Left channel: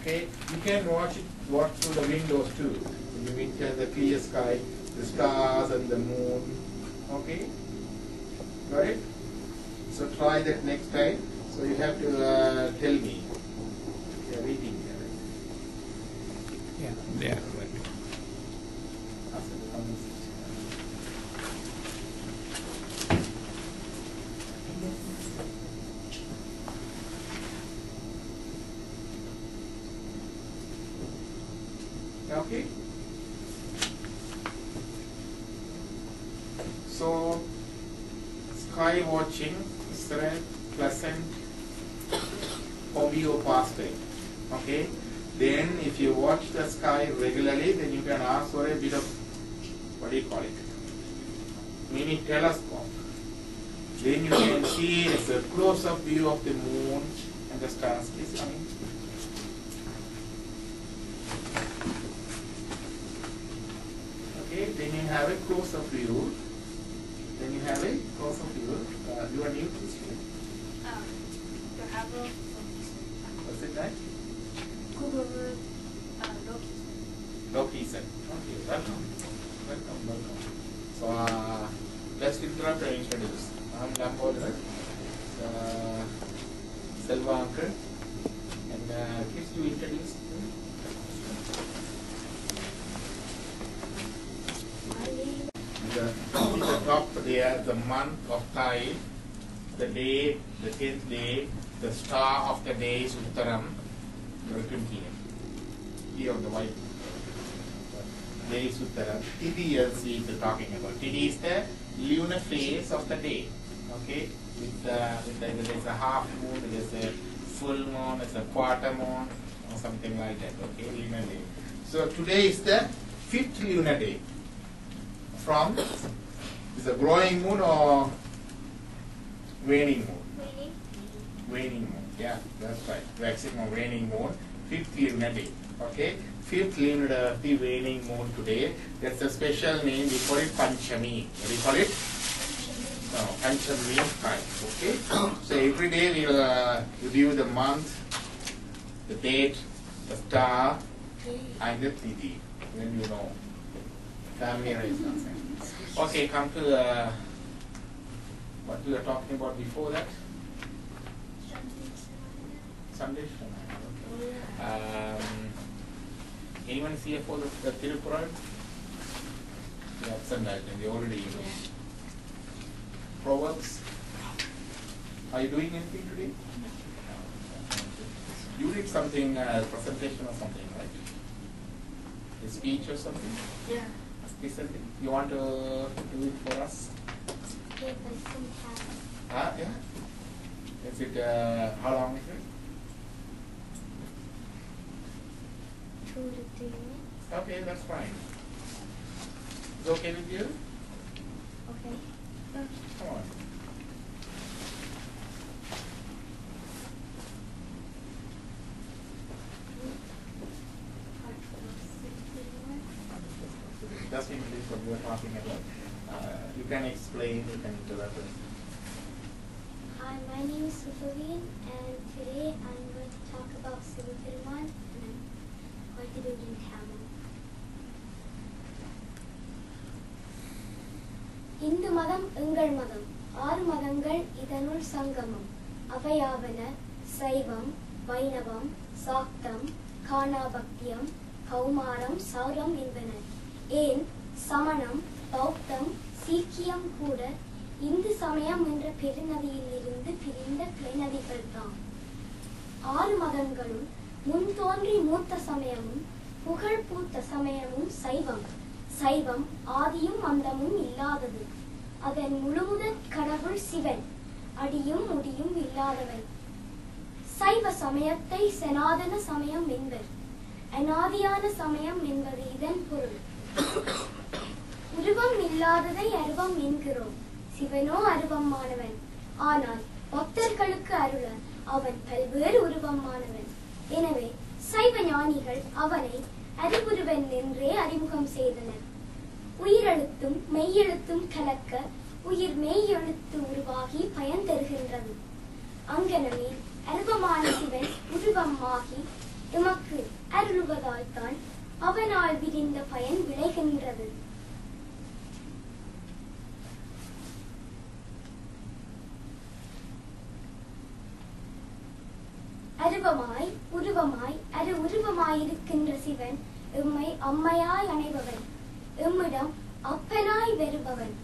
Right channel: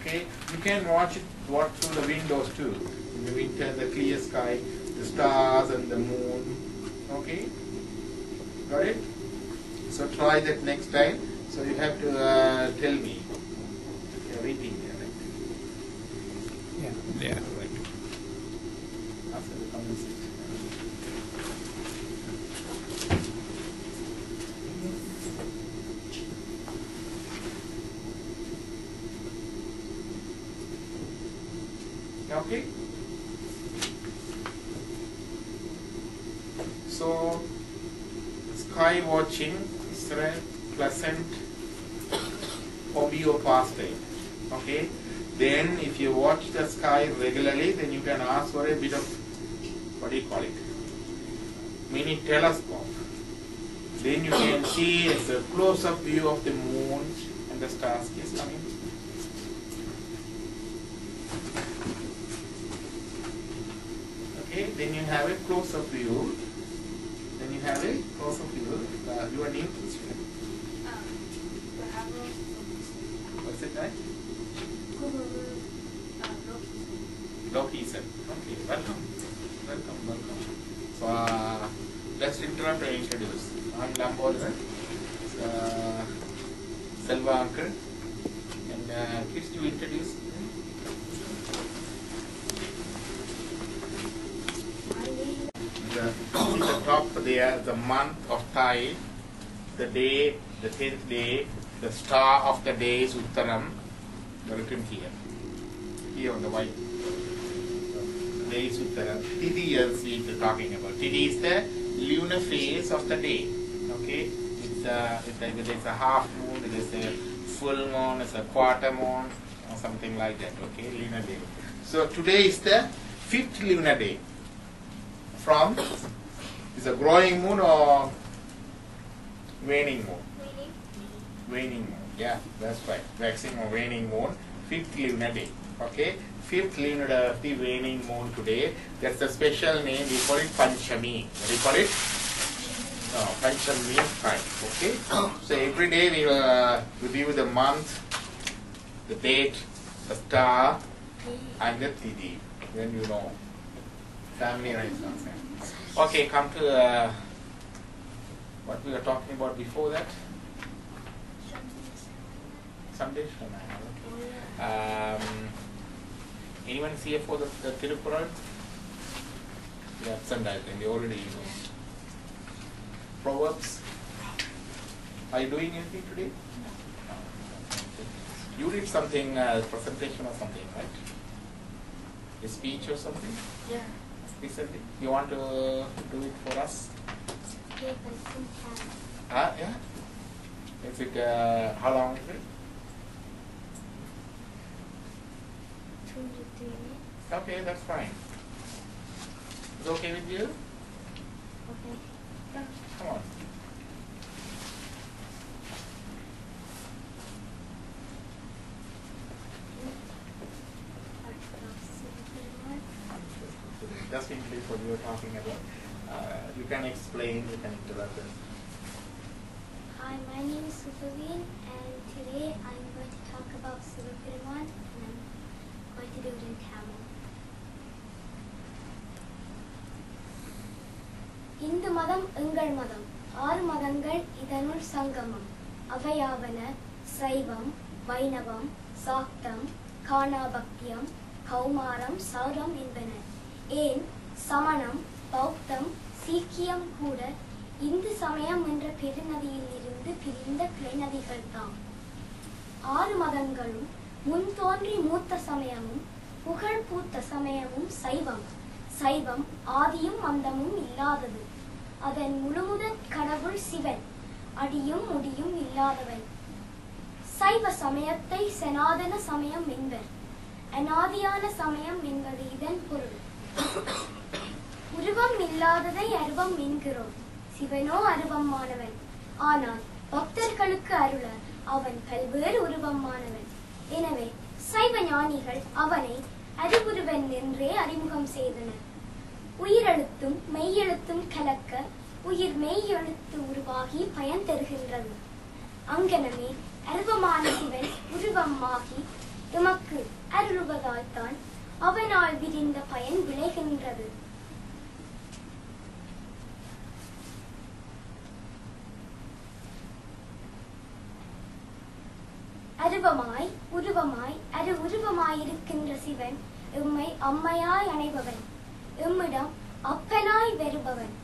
Okay, you can watch through the windows too. In the winter, the clear sky, the stars and the moon. Okay, got it? So try that next time. So you have to tell me. You are waiting there, right? Yeah, right. After the conversation. Okay. So sky watching is a pleasant hobby or pastime. Okay. Then if you watch the sky regularly, then you can ask for a bit of, what do you call it? Mini telescope. Then you can see a close-up view of the moon and the stars. Yes, coming. Okay, then you have a close-up view. Then you have a close-up view. You are new to this film. What's it, right? Loki said. Okay, welcome. Welcome. So, let's interrupt and introduce. I'm Lambotharan, Selva uncle. And kids, you introduce. The top there, the month of Thai, the day, the 10th day, the star of the day is Uttaram. Written here. Here on the white. The day is Uttaram. Tithi is we are talking about. Tithi is the lunar phase of the day. Okay? There is a half moon, there is a full moon, there is a quarter moon, or something like that. Okay? Lunar day. So today is the 5th lunar day. From is a growing moon or waning moon? Waning moon. Yeah, that's right. Waxing or waning moon. 5th lunar day. Okay, 5th lunar day of the waning moon today. That's a special name. We call it Panchami. What do you call it? No, Panchami means 5. Okay. So every day we will review the month, the date, the star, and the tithi. When you know. Family rights. Okay, come to what we were talking about before that. Sunday. Okay. Anyone is here for the Tiruppural? Yeah, Sunday. They already know. Proverbs. Are you doing anything today? You did something, presentation or something, right? A speech or something? Yeah. Recently. You want to do it for us? Yeah, but sometimes. Yeah. Is it, how long is it? 2 to 3 minutes. Okay, that's fine. Is it okay with you? Okay. Yeah, come on. Just introduce what you were talking about. You can explain, you can interrupt. Hi, my name is Supaveen, and today I'm going to talk about Sivaperuman, and I'm going to do it in Tamil. Hindu மதம் எங்கள் மதம் 6 மதங்கள் இதனுள் சங்கமம் அவையாவன சைவம் வைணவம் சாக்தம் காணாபக்தியம் கௌமாரம் சௌரம் என்பன ஏன் சமணம் பௌத்தம் சீக்கியம் கூட இந்து சமயம் என்ற பெருநதியில் இருந்து பிரிந்த கிளைநதிகள் தாம் 6 மதங்களும் முன் தோன்றி மூத்த சமயமும் புகழ் பூத்த சமயமும் சைவம் சைவம் ஆதியும் அந்தமும் இல்லாதது அதன் முழுமுதற் கடவுள் சிவன் அடியும் முடியும் இல்லாதவை சைவ சமயத்தை சனாதன சமயம் என்பர் அநாதியான சமயம் என்பது இதன் பொருள் உருவம் இல்லாததை அருவம் என்கிறோம் சிவனோ அருவமானவன் ஆனால் பக்தர்களுக்கு அருள அவன் பல்வேறு உருவமானவன் எனவே சைவ ஞானிகள் அவனை அறிவுருவன் என்றே அறிமுகம் செய்தனர் உயிரெழுத்தும் மெய்யெழுத்தும் கலக்க உயிர் மெய்யெழுத்து உருவாகி பயன் தருகின்றது அங்கனமே அருவமான சிவன் உருவமாகி எமக்கு அருள்வதால்தான் அவனால் விரிந்த பயன் விளைகின்றது. அருவமாய் உருவமாய் உருவமாயிருக்கின்ற சிவன் எம்மை அம்மையாய் அணைபவன், எம்மிடம் அப்பனாய் வருபவன்,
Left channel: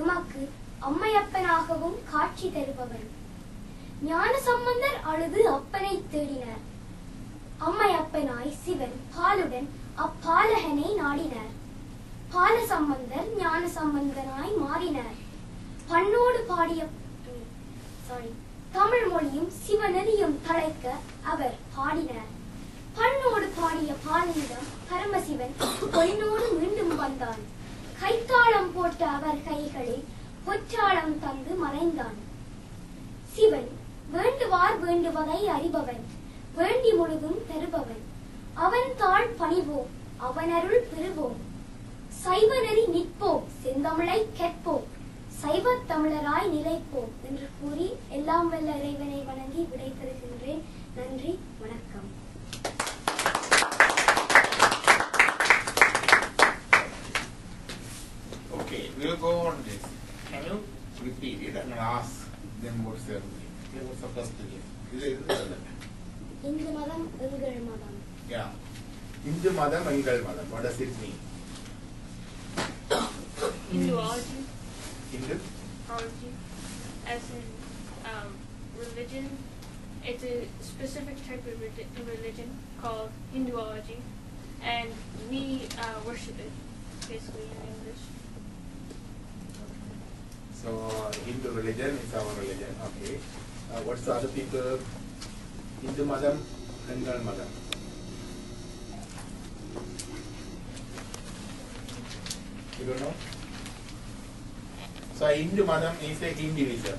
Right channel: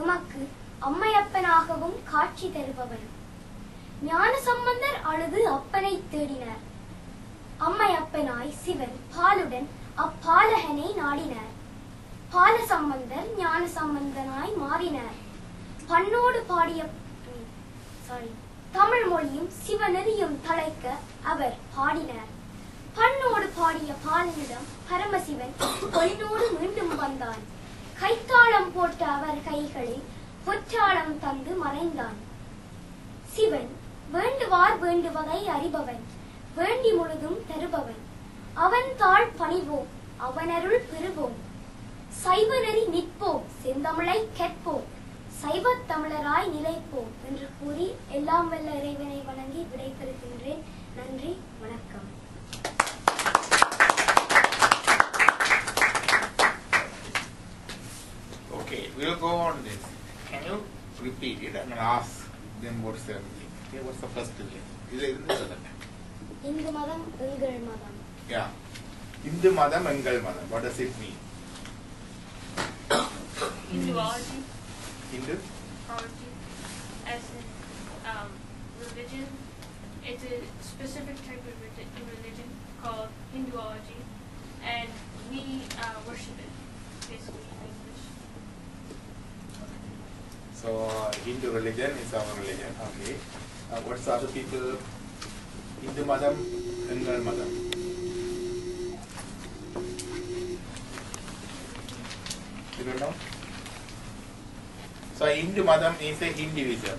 எமக்கு அம்மையப்பனாகவும் காட்சி தருபவன். ஞான சம்பந்தர் அழுது அப்பனை தேடினார். அம்மையப்பனாய் சிவன் பாலுடன் அப்பாலகனை நாடினார். பால சம்பந்தர் ஞான சம்பந்தனாய் மாறினார். பண்ணோடு பாடிய தமிழ் மொழியும் சிவநெறியும் தழைக்க அவர் பாடினார். பண்ணோடு பாடிய பாலனிடம் பரமசிவன் பொன்னோடு மீண்டும் வந்தான். கைத்தாளம் போட்ட அவர் கைகளில் பொற்றாளம் தந்து மறைந்தான். சிவன் வேண்டுவார் வேண்டுவதை அறிபவன், வேண்டி முழுதும் தருபவன். அவன் தாழ் பணிவோம், அவன் அருள் பெறுவோம். சைவ நெறி நிற்போம், செந்தமிழை கேட்போம், சைவ தமிழராய் நிலைப்போம் என்று கூறி எல்லாம் வல்ல இறைவனை வணங்கி விடைபெறுகின்றேன். நன்றி, வணக்கம். Okay, we'll go on this. Can you repeat it and ask them what's their name? Okay, what's the first name? Hindu மதம் எங்கள் மதம். Yeah. Hindu madam, engal madam. What does it mean? Hinduology. Hindu? As in religion. It's a specific type of religion called Hinduology, and we worship it, basically, in English. Okay. So, Hindu religion is our religion. Okay. What's the other people? Hindu madam, engal madam. You don't know? So Hindu madam is a individual.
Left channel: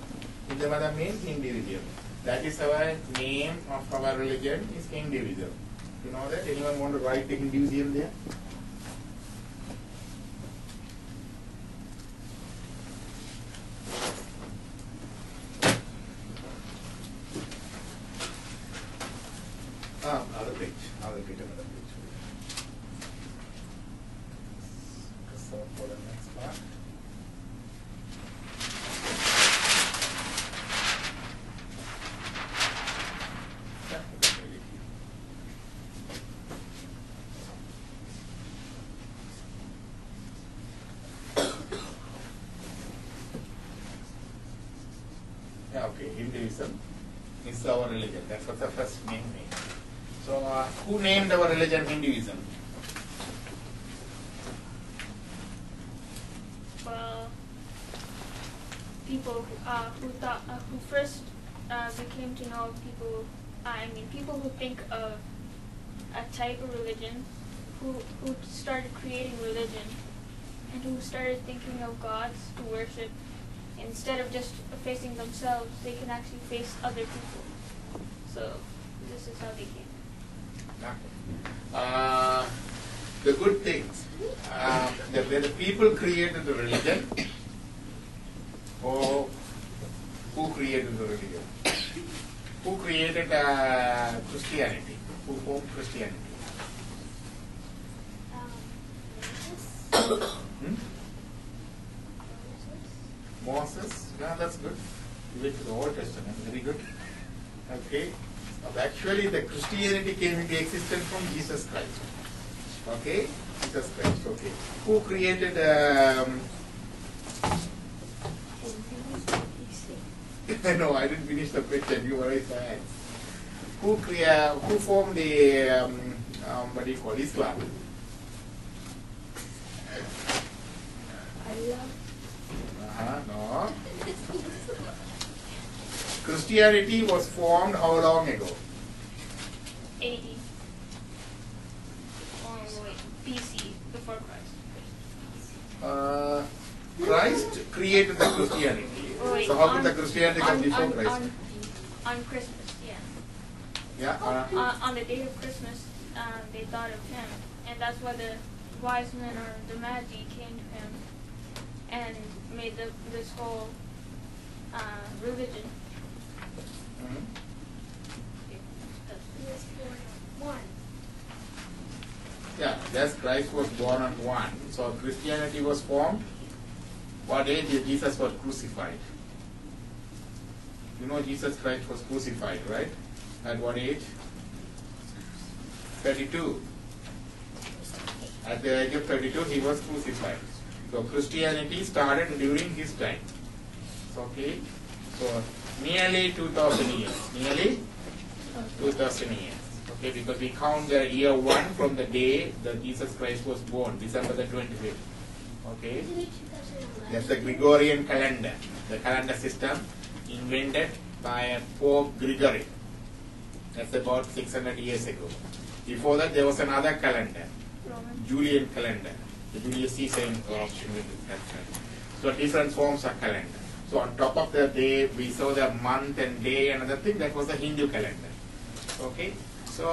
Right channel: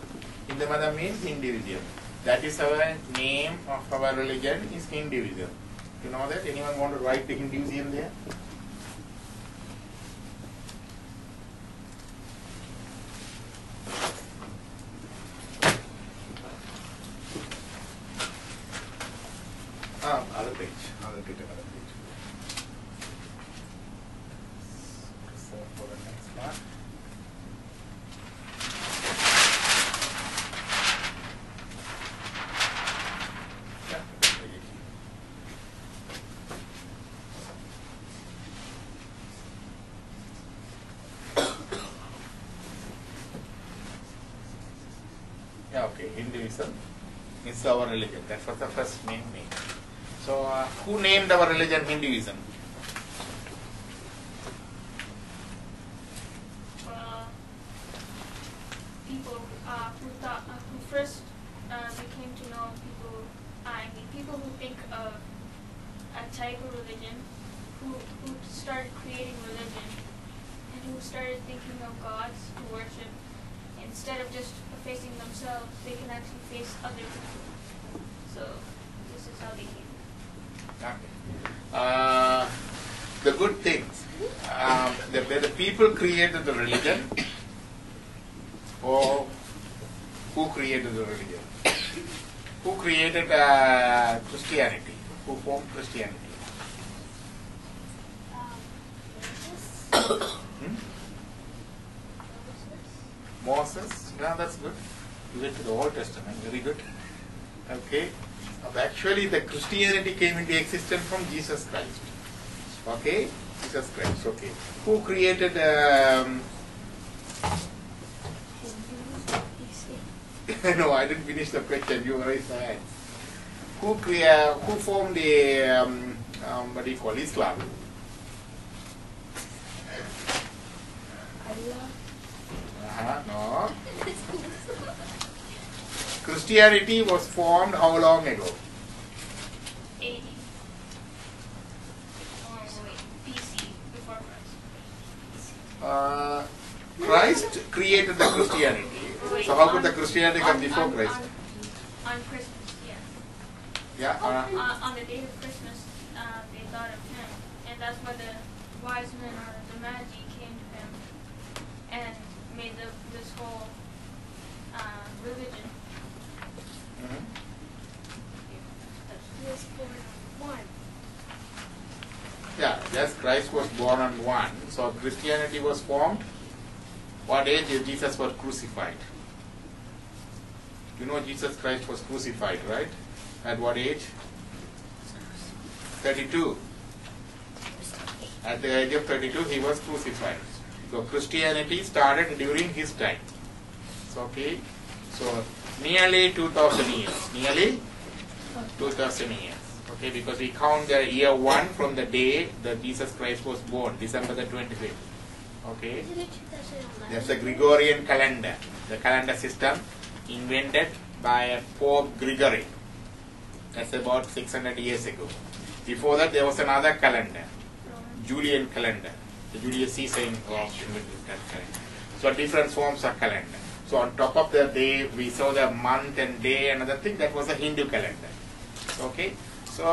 Hindu madam means individual. That is our name of our religion is individual. You know that? Anyone want to write the Hinduism there? Other page. I'll get another page. So for the next part. Yeah, okay. Hinduism is our religion. That's what the first name means. So, who named our religion Hinduism? Well, people who first became to know people who think of a type of religion, who started creating religion, and who started thinking of gods to worship. Instead of just facing themselves, they can actually face other people. So, this is how they came. Okay. The good things. The people created the religion, or who created the religion? Who created Christianity? Who formed Christianity? Moses? Yeah, that's good. You went to the Old Testament. Very good. Okay. Actually, the Christianity came into existence from Jesus Christ. Okay? Jesus Christ. Okay. Who created no, I didn't finish the question. You were very sad. Who formed the what do you call Islam? Allah. No. Christianity was formed how long ago? 80. BC, before Christ. Christ created the Christianity. So how could the Christianity come before Christ? On Christmas, yeah. Yeah. On the day of Christmas, they thought of him, and that's why the wise men or the Magi came to him and made this whole religion. Mm-hmm. He was born one. Yeah, just Christ was born on 1. So Christianity was formed. What age Jesus was crucified? You know Jesus Christ was crucified, right? At what age? 32. At the age of 32, he was crucified. So Christianity started during his time. So, okay. So nearly 2000 years. Nearly 2000 years. Okay, because we count the year 1 from the day that Jesus Christ was born, December the 25th. Okay. That's the Gregorian calendar. The calendar system invented by Pope Gregory. That's about 600 years ago. Before that, there was another calendar, Julian calendar. The Julius Caesar invented that calendar. So different forms of calendar. So on top of the day, we saw the month and day, another thing, that was the Hindu calendar. Okay. So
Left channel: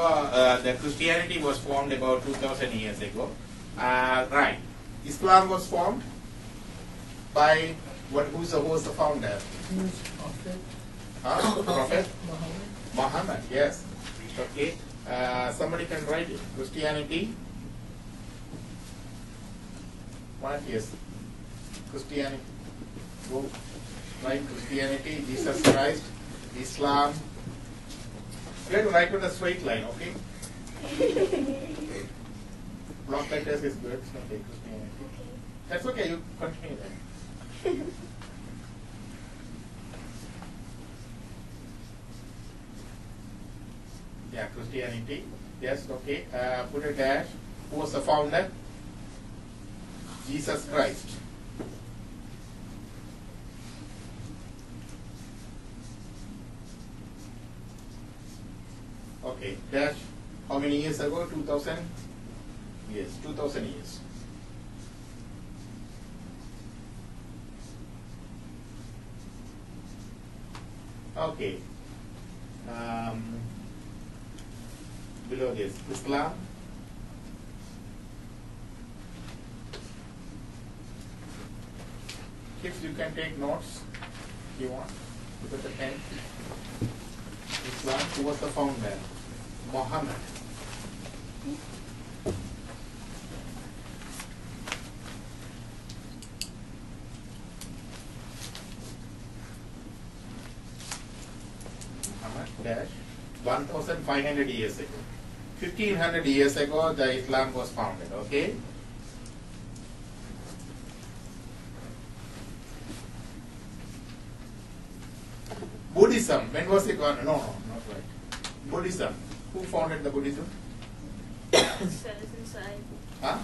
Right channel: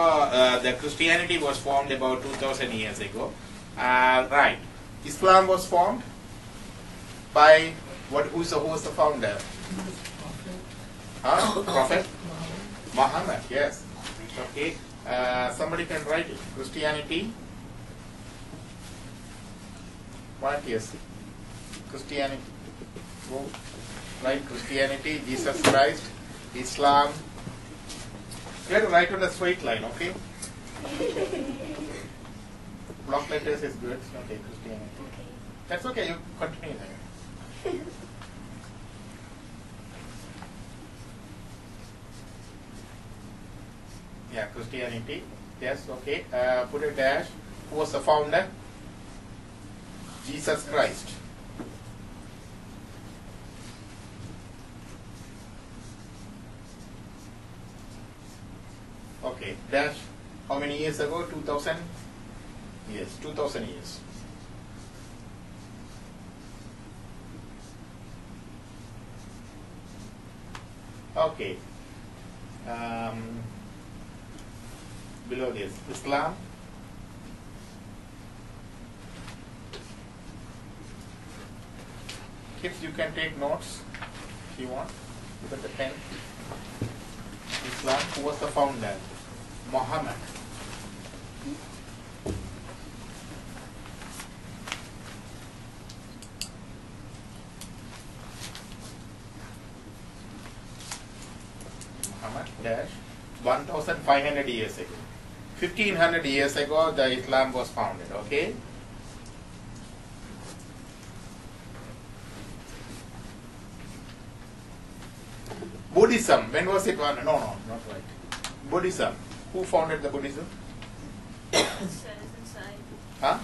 the Christianity was formed about 2000 years ago. Right. Islam was formed by who was the founder? Prophet Muhammad. Yes. Okay. Somebody can write it. Christianity. What is Christianity? Go write Christianity, Jesus Christ, Islam. You have to write on a straight line, okay? Block letters is good. Okay, Christianity. Okay. That's okay. You continue then. Yeah, Christianity. Yes, okay. Put a dash. Who was the founder? Jesus Christ. Okay, dash. How many years ago? 2000? Yes, 2000 years. Okay. Below this, Islam. Kids, you can take notes if you want. Look at the pen. Islam, who was the founder? Muhammad. Muhammad dash 1500 years ago. 1500 years ago the Islam was founded, okay? Buddhism, when was it? No, not right. Buddhism. Who founded the Buddhism? It says inside. Huh?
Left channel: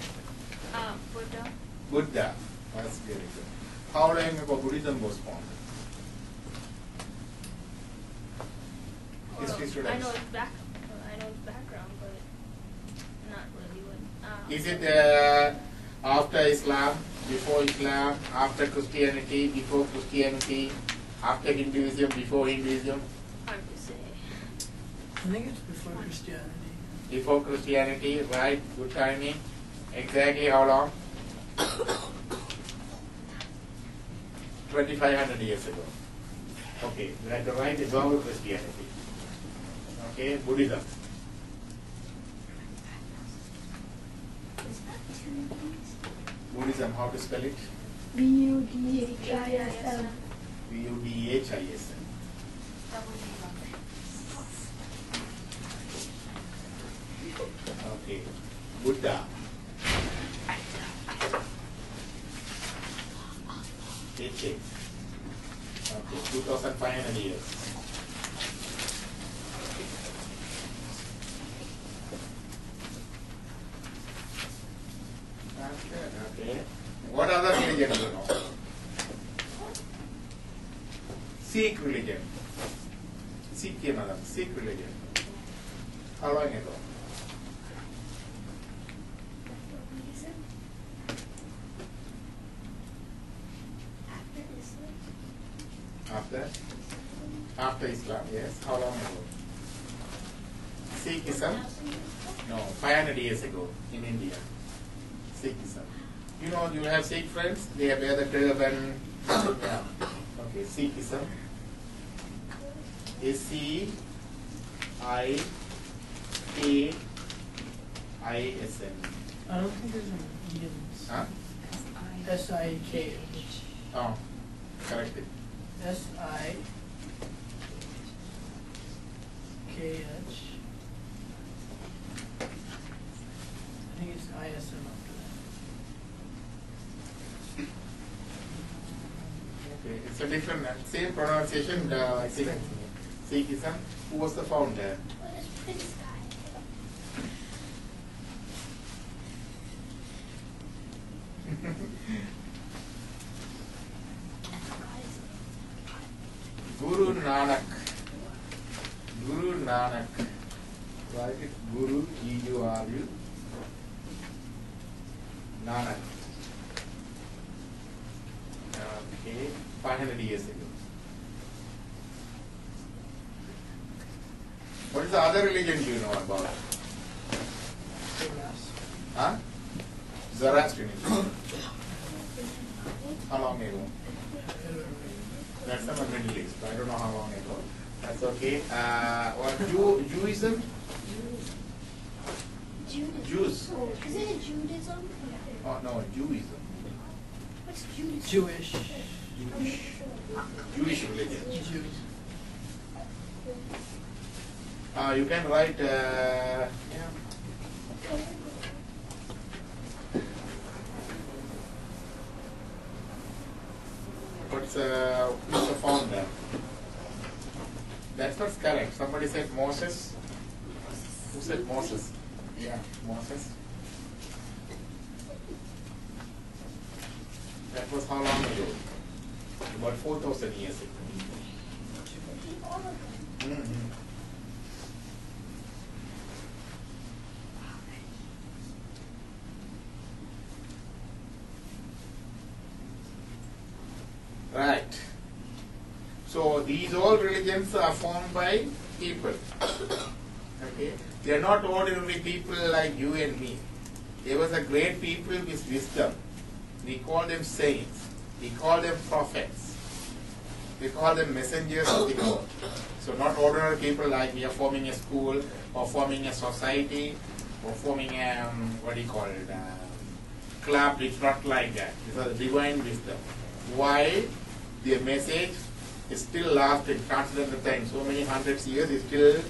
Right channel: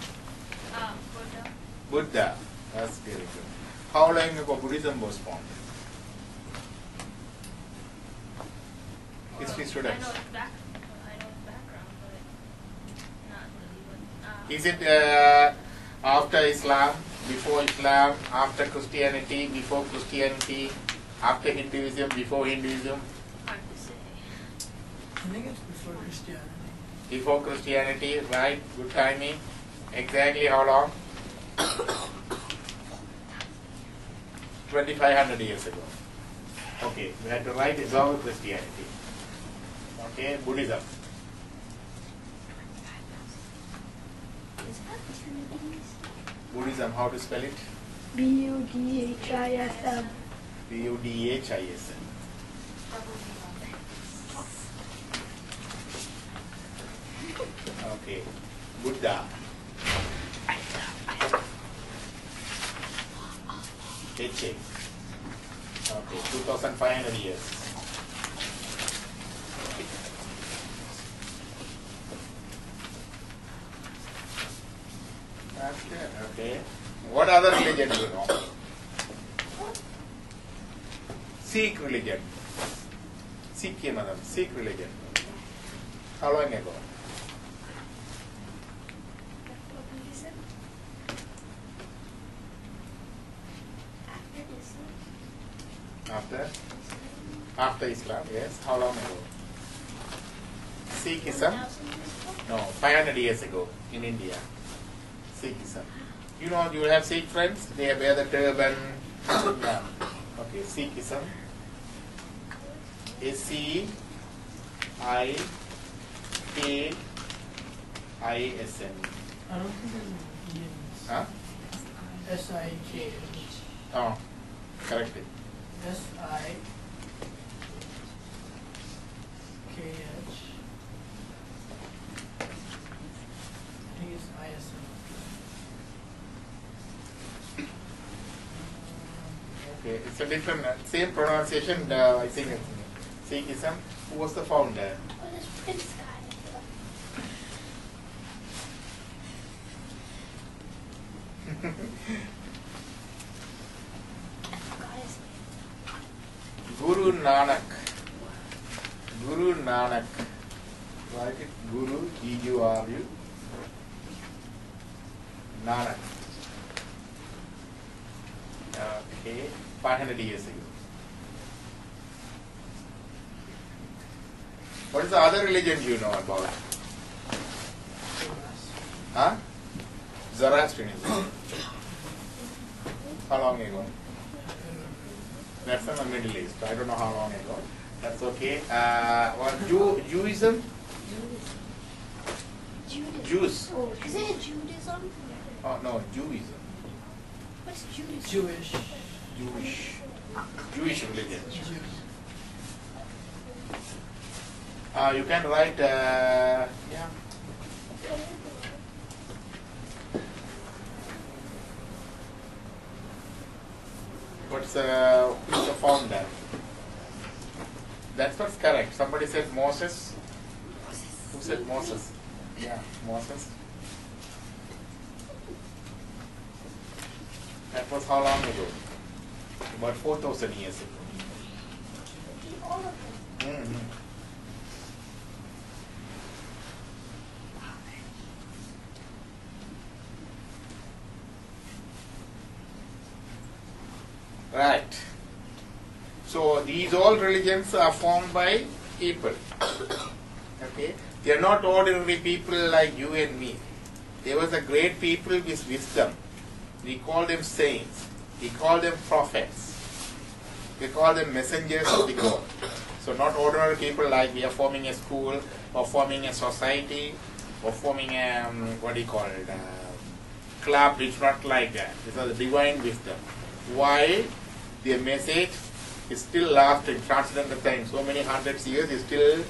Buddha. Buddha. That's very good. How long ago Buddhism was founded? History students. I know its background, but not really what. Is it after Islam, before Islam, after Christianity, before Christianity, after Hinduism, before Hinduism? Hard to say. I think it's before Christianity. Before Christianity, right? Good timing. Exactly how long? 2500 years ago. Okay, we have to write it down with Christianity. Okay, Buddhism. Buddhism, how to spell it? Budhism. Budhism. Okay, Buddha. H-A. Okay, 2500 years. That's good, okay. What other religion do you know? Sikh religion. Sikh religion. How long ago? After Islam, yes. How long ago? Sikhism? No, 500 years ago in India. Sikhism. You know, you have Sikh friends? They wear the turban. Yeah. Okay, Sikhism. ISN. I don't think there's an Indian. Huh? SIKH. Oh, correct it. SIKH. I think it's ISN up Okay, it's a different, same pronunciation, I think. Sikhism. Who was the founder? Guru Nanak. Guru Nanak. Write it Guru, G-U-R-U. Nanak. Okay, 500 years ago. What is the other religion you know about? Huh? Zoroastrianism. How long ago? That's in the Middle East. I don't know how long ago. That's okay. What Jewism? Judaism. Jews. Oh, is it Judaism? Oh no, Jewism. What's Judaism? Jewish. Jewish religion. Jews. You can write. Yeah. Who's the founder? That's what's correct. Somebody said Moses. Who said Moses? Yeah, Moses. That was how long ago? About 4,000 years ago. Mm-hmm. Right. So these all religions are formed by people. Okay? They are not ordinary people like you and me. There was a great people with wisdom. We call them saints. We call them prophets. We call them messengers of the God. So not ordinary people like we are forming a school or forming a society or forming a, club. It's not like that. These are the divine wisdom. Why? Their message is still lasting, transcendental time. So many hundreds of years is still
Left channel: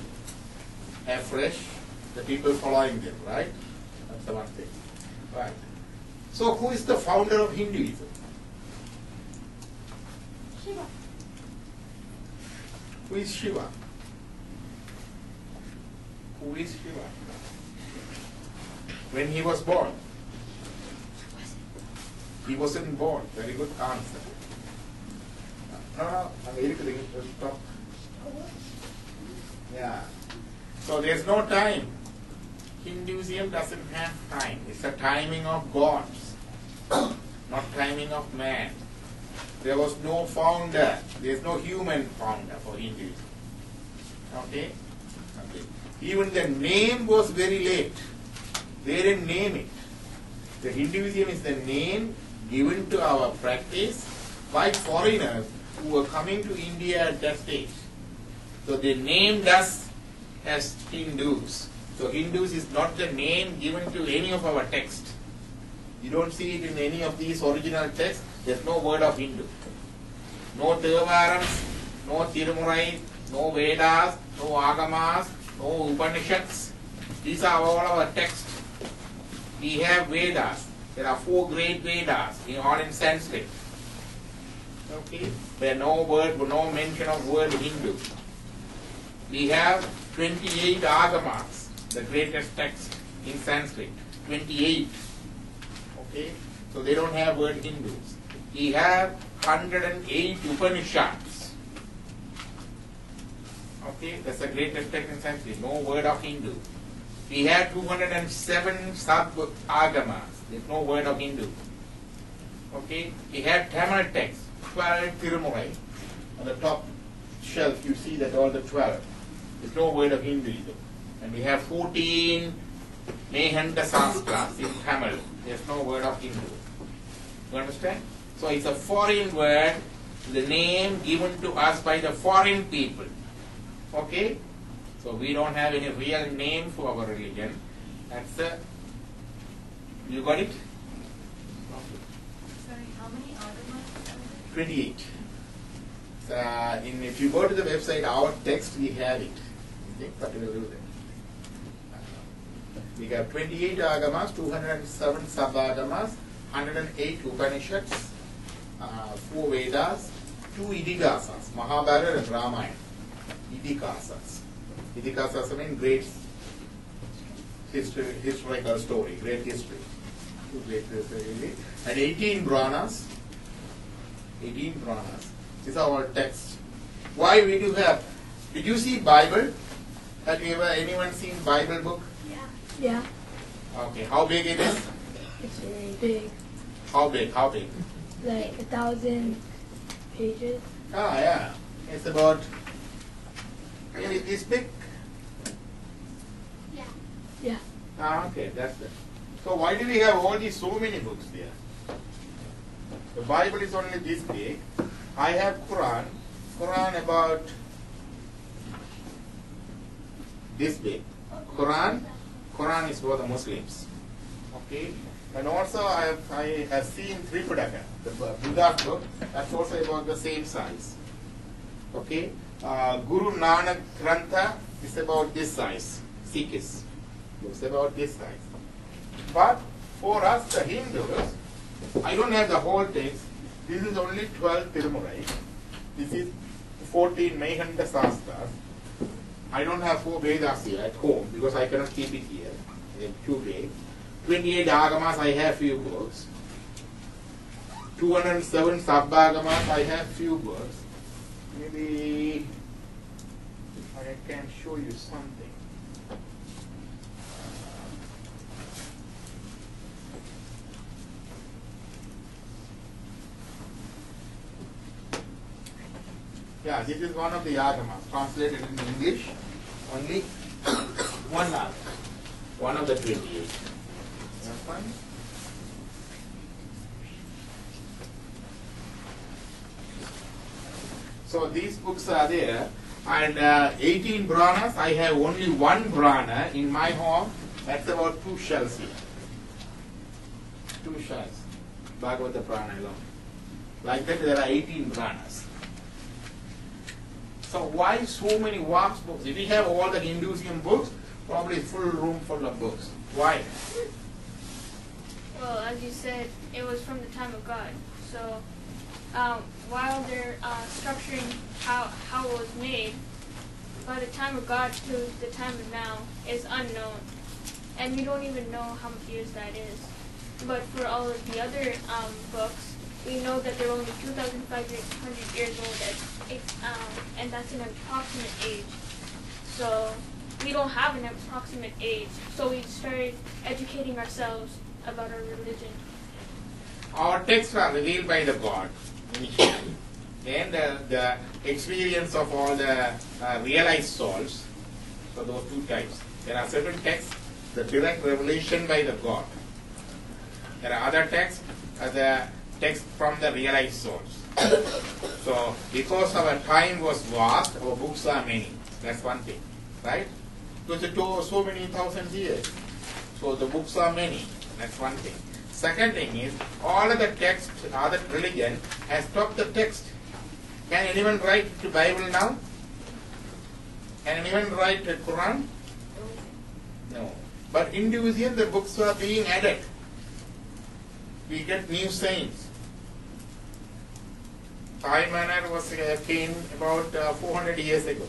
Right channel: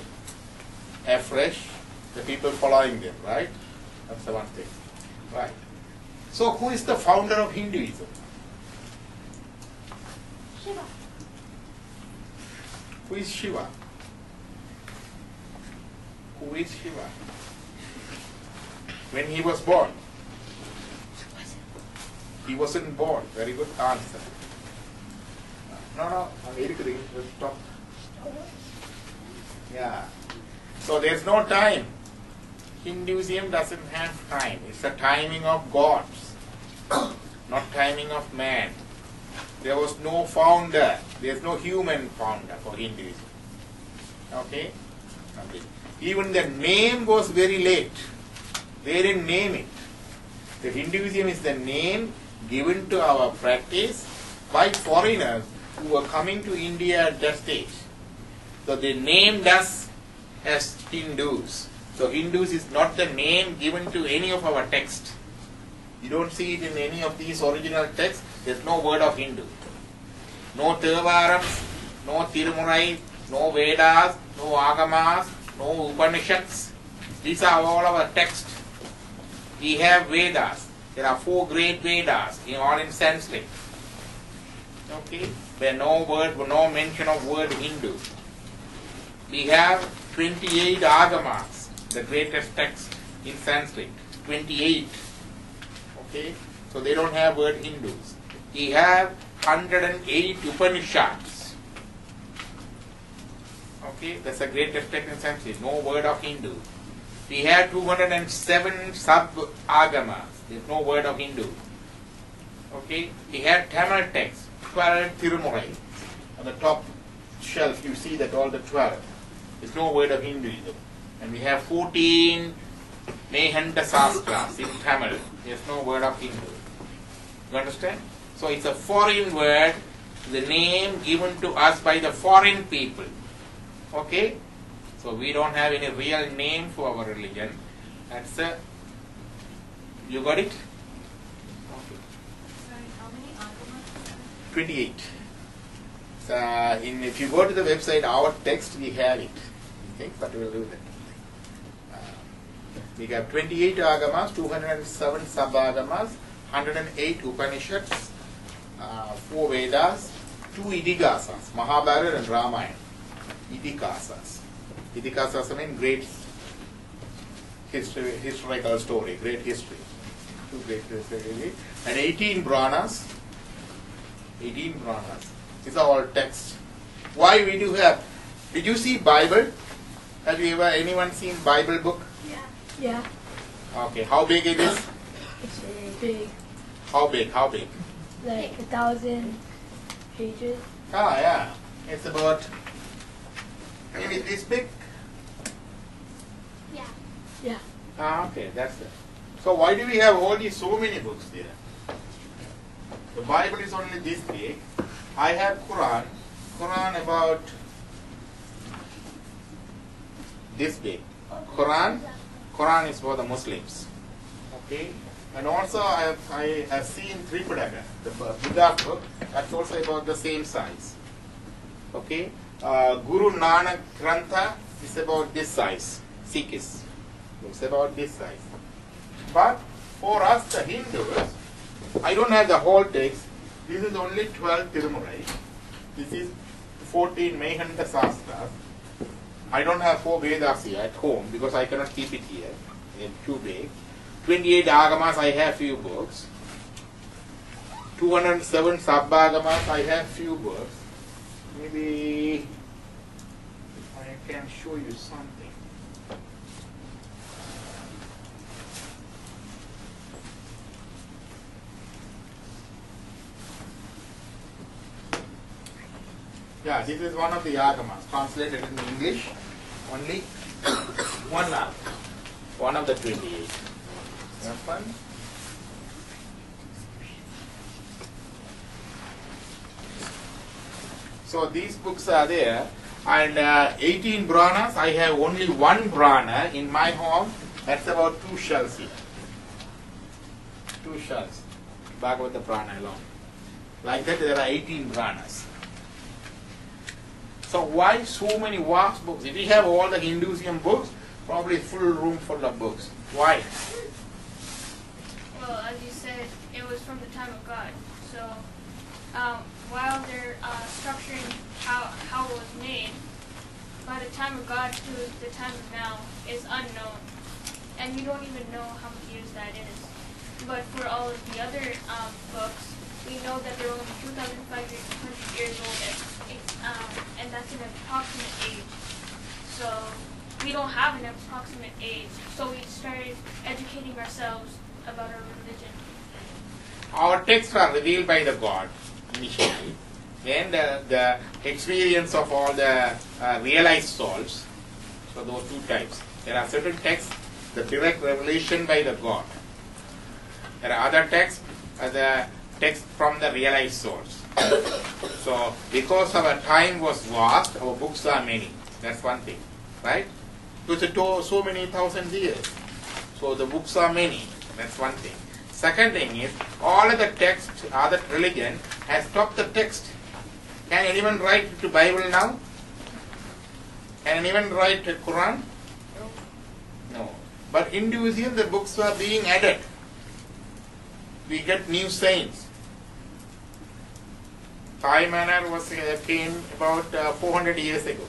afresh. The people following them, right? That's the one thing. Right. So who is the founder of Hinduism? Shiva. Who is Shiva? Who is Shiva? When he was born? He wasn't born. Very good answer. No, I'm irritating. Just stop. Yeah. So there's no time. Hinduism doesn't have time. It's the timing of gods, not timing of man. There was no founder. There's no human founder for Hinduism. Okay? Okay. Even the name was very late. They didn't name it. The Hinduism is the name given to our practice by foreigners who were coming to India at that stage. So they named us as Hindus. So Hindus is not the name given to any of our texts. You don't see it in any of these original texts. There's no word of Hindu. No Thevarams, no Tirumurai, no Vedas, no Agamas, no Upanishads. These are all our texts. We have Vedas. There are 4 great Vedas, all in Sanskrit. Okay? There no mention of word Hindu. We have 28 Agamas, the greatest text in Sanskrit. 28. Okay? So they don't have word Hindus. We have 108 Upanishads. Okay? That's the greatest text in Sanskrit. No word of Hindu. We have 207 sub-agamas. There's no word of Hindu. Okay? We have Tamil text, 12 Tirumurai. On the top shelf you see that all the 12. There's no word of Hinduism. And we have 14 Mehanta Sastras in Tamil. There's no word of Hindu. You understand? So it's a foreign word, the name given to us by the foreign people. Okay? So we don't have any real name for our religion. That's you got it? Sorry, how many agamas? 28. So if you go to the website, our text, we have it. Okay, but we will do that. We have 28 agamas, 207 sub-agamas, 108 Upanishads, 4 Vedas, 2 Idikasas, Mahabharata and Ramayana. Idikasas. Idikasas mean great historical story, great history. 2 great history. And 18 Branas. 18 Branas. These are all texts. Why we do have? Did you see Bible? Have you ever anyone seen Bible book? Yeah. Okay, how big it is? It's really big. How big? How big? Like 1,000 pages. Ah, yeah. It's about maybe this big. Yeah. Yeah. Ah, okay, that's it. So why do we have all these so many books there? The Bible is only this big. I have Quran. Quran about this big. Quran is for the Muslims. Okay. And also I have seen Tripitaka, the Buddha book. That's also about the same size. Okay. Guru Nanak Grantha is about this size. Sikhs. It's about this size. But for us, the Hindus, I don't have the whole text. This is only 12 Tirumurai. This is 14 Mehanda Sastras. I don't have 4 Vedas here at home because I cannot keep it here. It's too big. 28 Agamas, I have few books. 207 Sub-Agamas, I have few books. Maybe I can show you something. Yeah, this is one of the Agamas, translated in English. Only one Agama. One of the 28. Have fun? So these books are there. And 18 Branas, I have only one Brana in my home. That's about 2 shells here. 2 shells. Bhagavata Prana alone. Like that, there are 18 Branas. So why so many vast books? If we have all the Hinduism books, probably full room full of books. Why? Well, as you said, it was from the time of God. So while they're structuring how it was made, by the time of God to the time of now is unknown. And we don't even know how many years that is. But for all of the other books, we know that they're only 2,500 years old, and that's an approximate age. So we don't have an approximate age. So we started educating ourselves about our religion. Our texts are revealed by the God initially. Then the experience of all the realized souls. So those 2 types. There are certain texts, the direct revelation by the God. There are other texts, the text from the realized souls. So because our time was vast, our books are many. That's one thing, right? Because so many thousands years. So the books are many. That's one thing. Second thing is, all of the text, other religion has stopped the text. Can anyone write to Bible now? Can anyone write to Quran? No. But Hinduism, the books are being added. We get new saints. Sai Manor came about 400 years ago.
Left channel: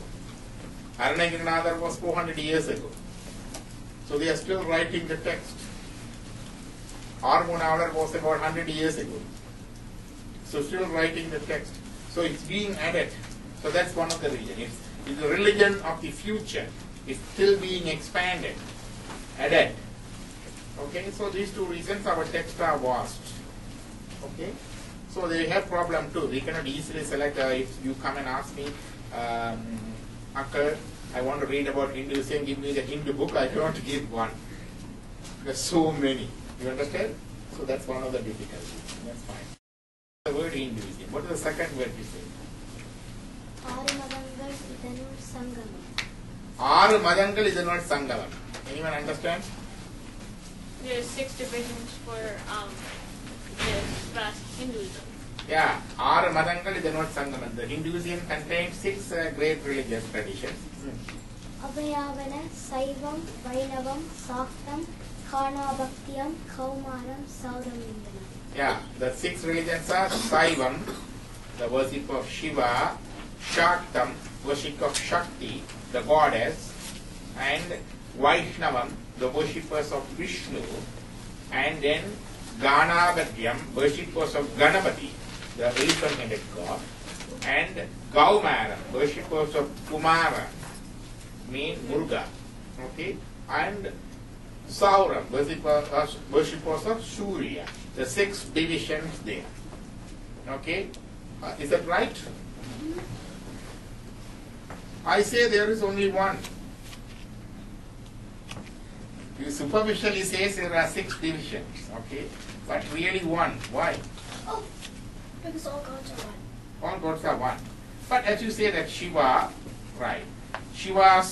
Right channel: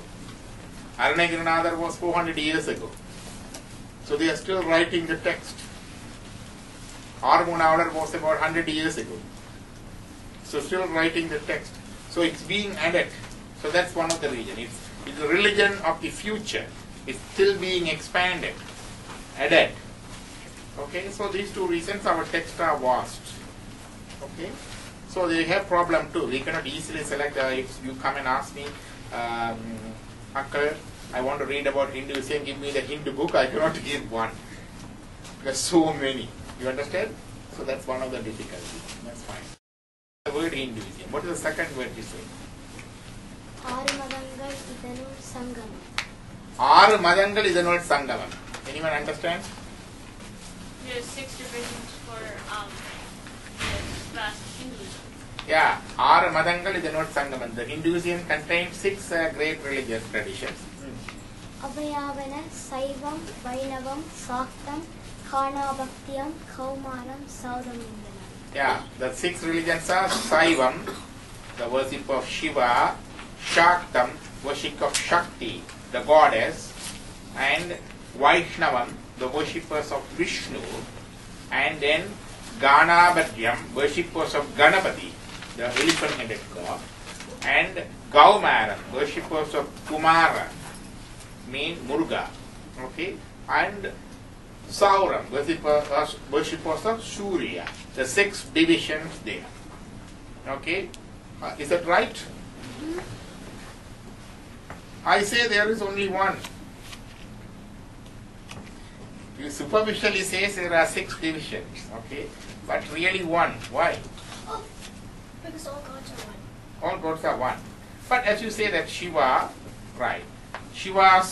Aranagirinathar was 400 years ago. So they are still writing the text. Armunavalar was about 100 years ago. So still writing the text. So it's being added. So that's one of the reasons. It's the religion of the future. It's still being expanded, added. Okay, so these 2 reasons our texts are vast. Okay, so they have problem too. We cannot easily select. If you come and ask me, Uncle, I want to read about Hinduism, give me the Hindu book, I cannot give one. There's so many. You understand? So that's one of the difficulties. That's fine. The word Hinduism. What is the second word you say? Madangal idanul sangamam. 6 Madangal idanul sangamam. Anyone understand? there's 6 divisions for this vast Hinduism. Yeah, Ara Madangal is the North Sangaman. The Hinduism contains 6 great religious traditions. அபயாவன சைவம் வைணவம் சாக்தம் காணாபக்தியம் கௌமாரம் சௌதம் என்பன. Yeah, the 6 religions are Saivam, the worship of Shiva, Shaktam, worship of Shakti, the goddess, and Vaishnavam, the worshippers of Vishnu, and then Ganabhadyam, worshippers of Ganapati, the elephant-headed god, and Gaumaram, worshippers of Kumara, mean Muruga, okay, and Sauram, worshippers of Surya, the 6 divisions there, okay, is that right? I say there is only one. You superficially say there are 6 divisions, okay, but really one. Why? Oh, because all gods are one. All gods are one. But as you say that Shiva, right, Shiva's,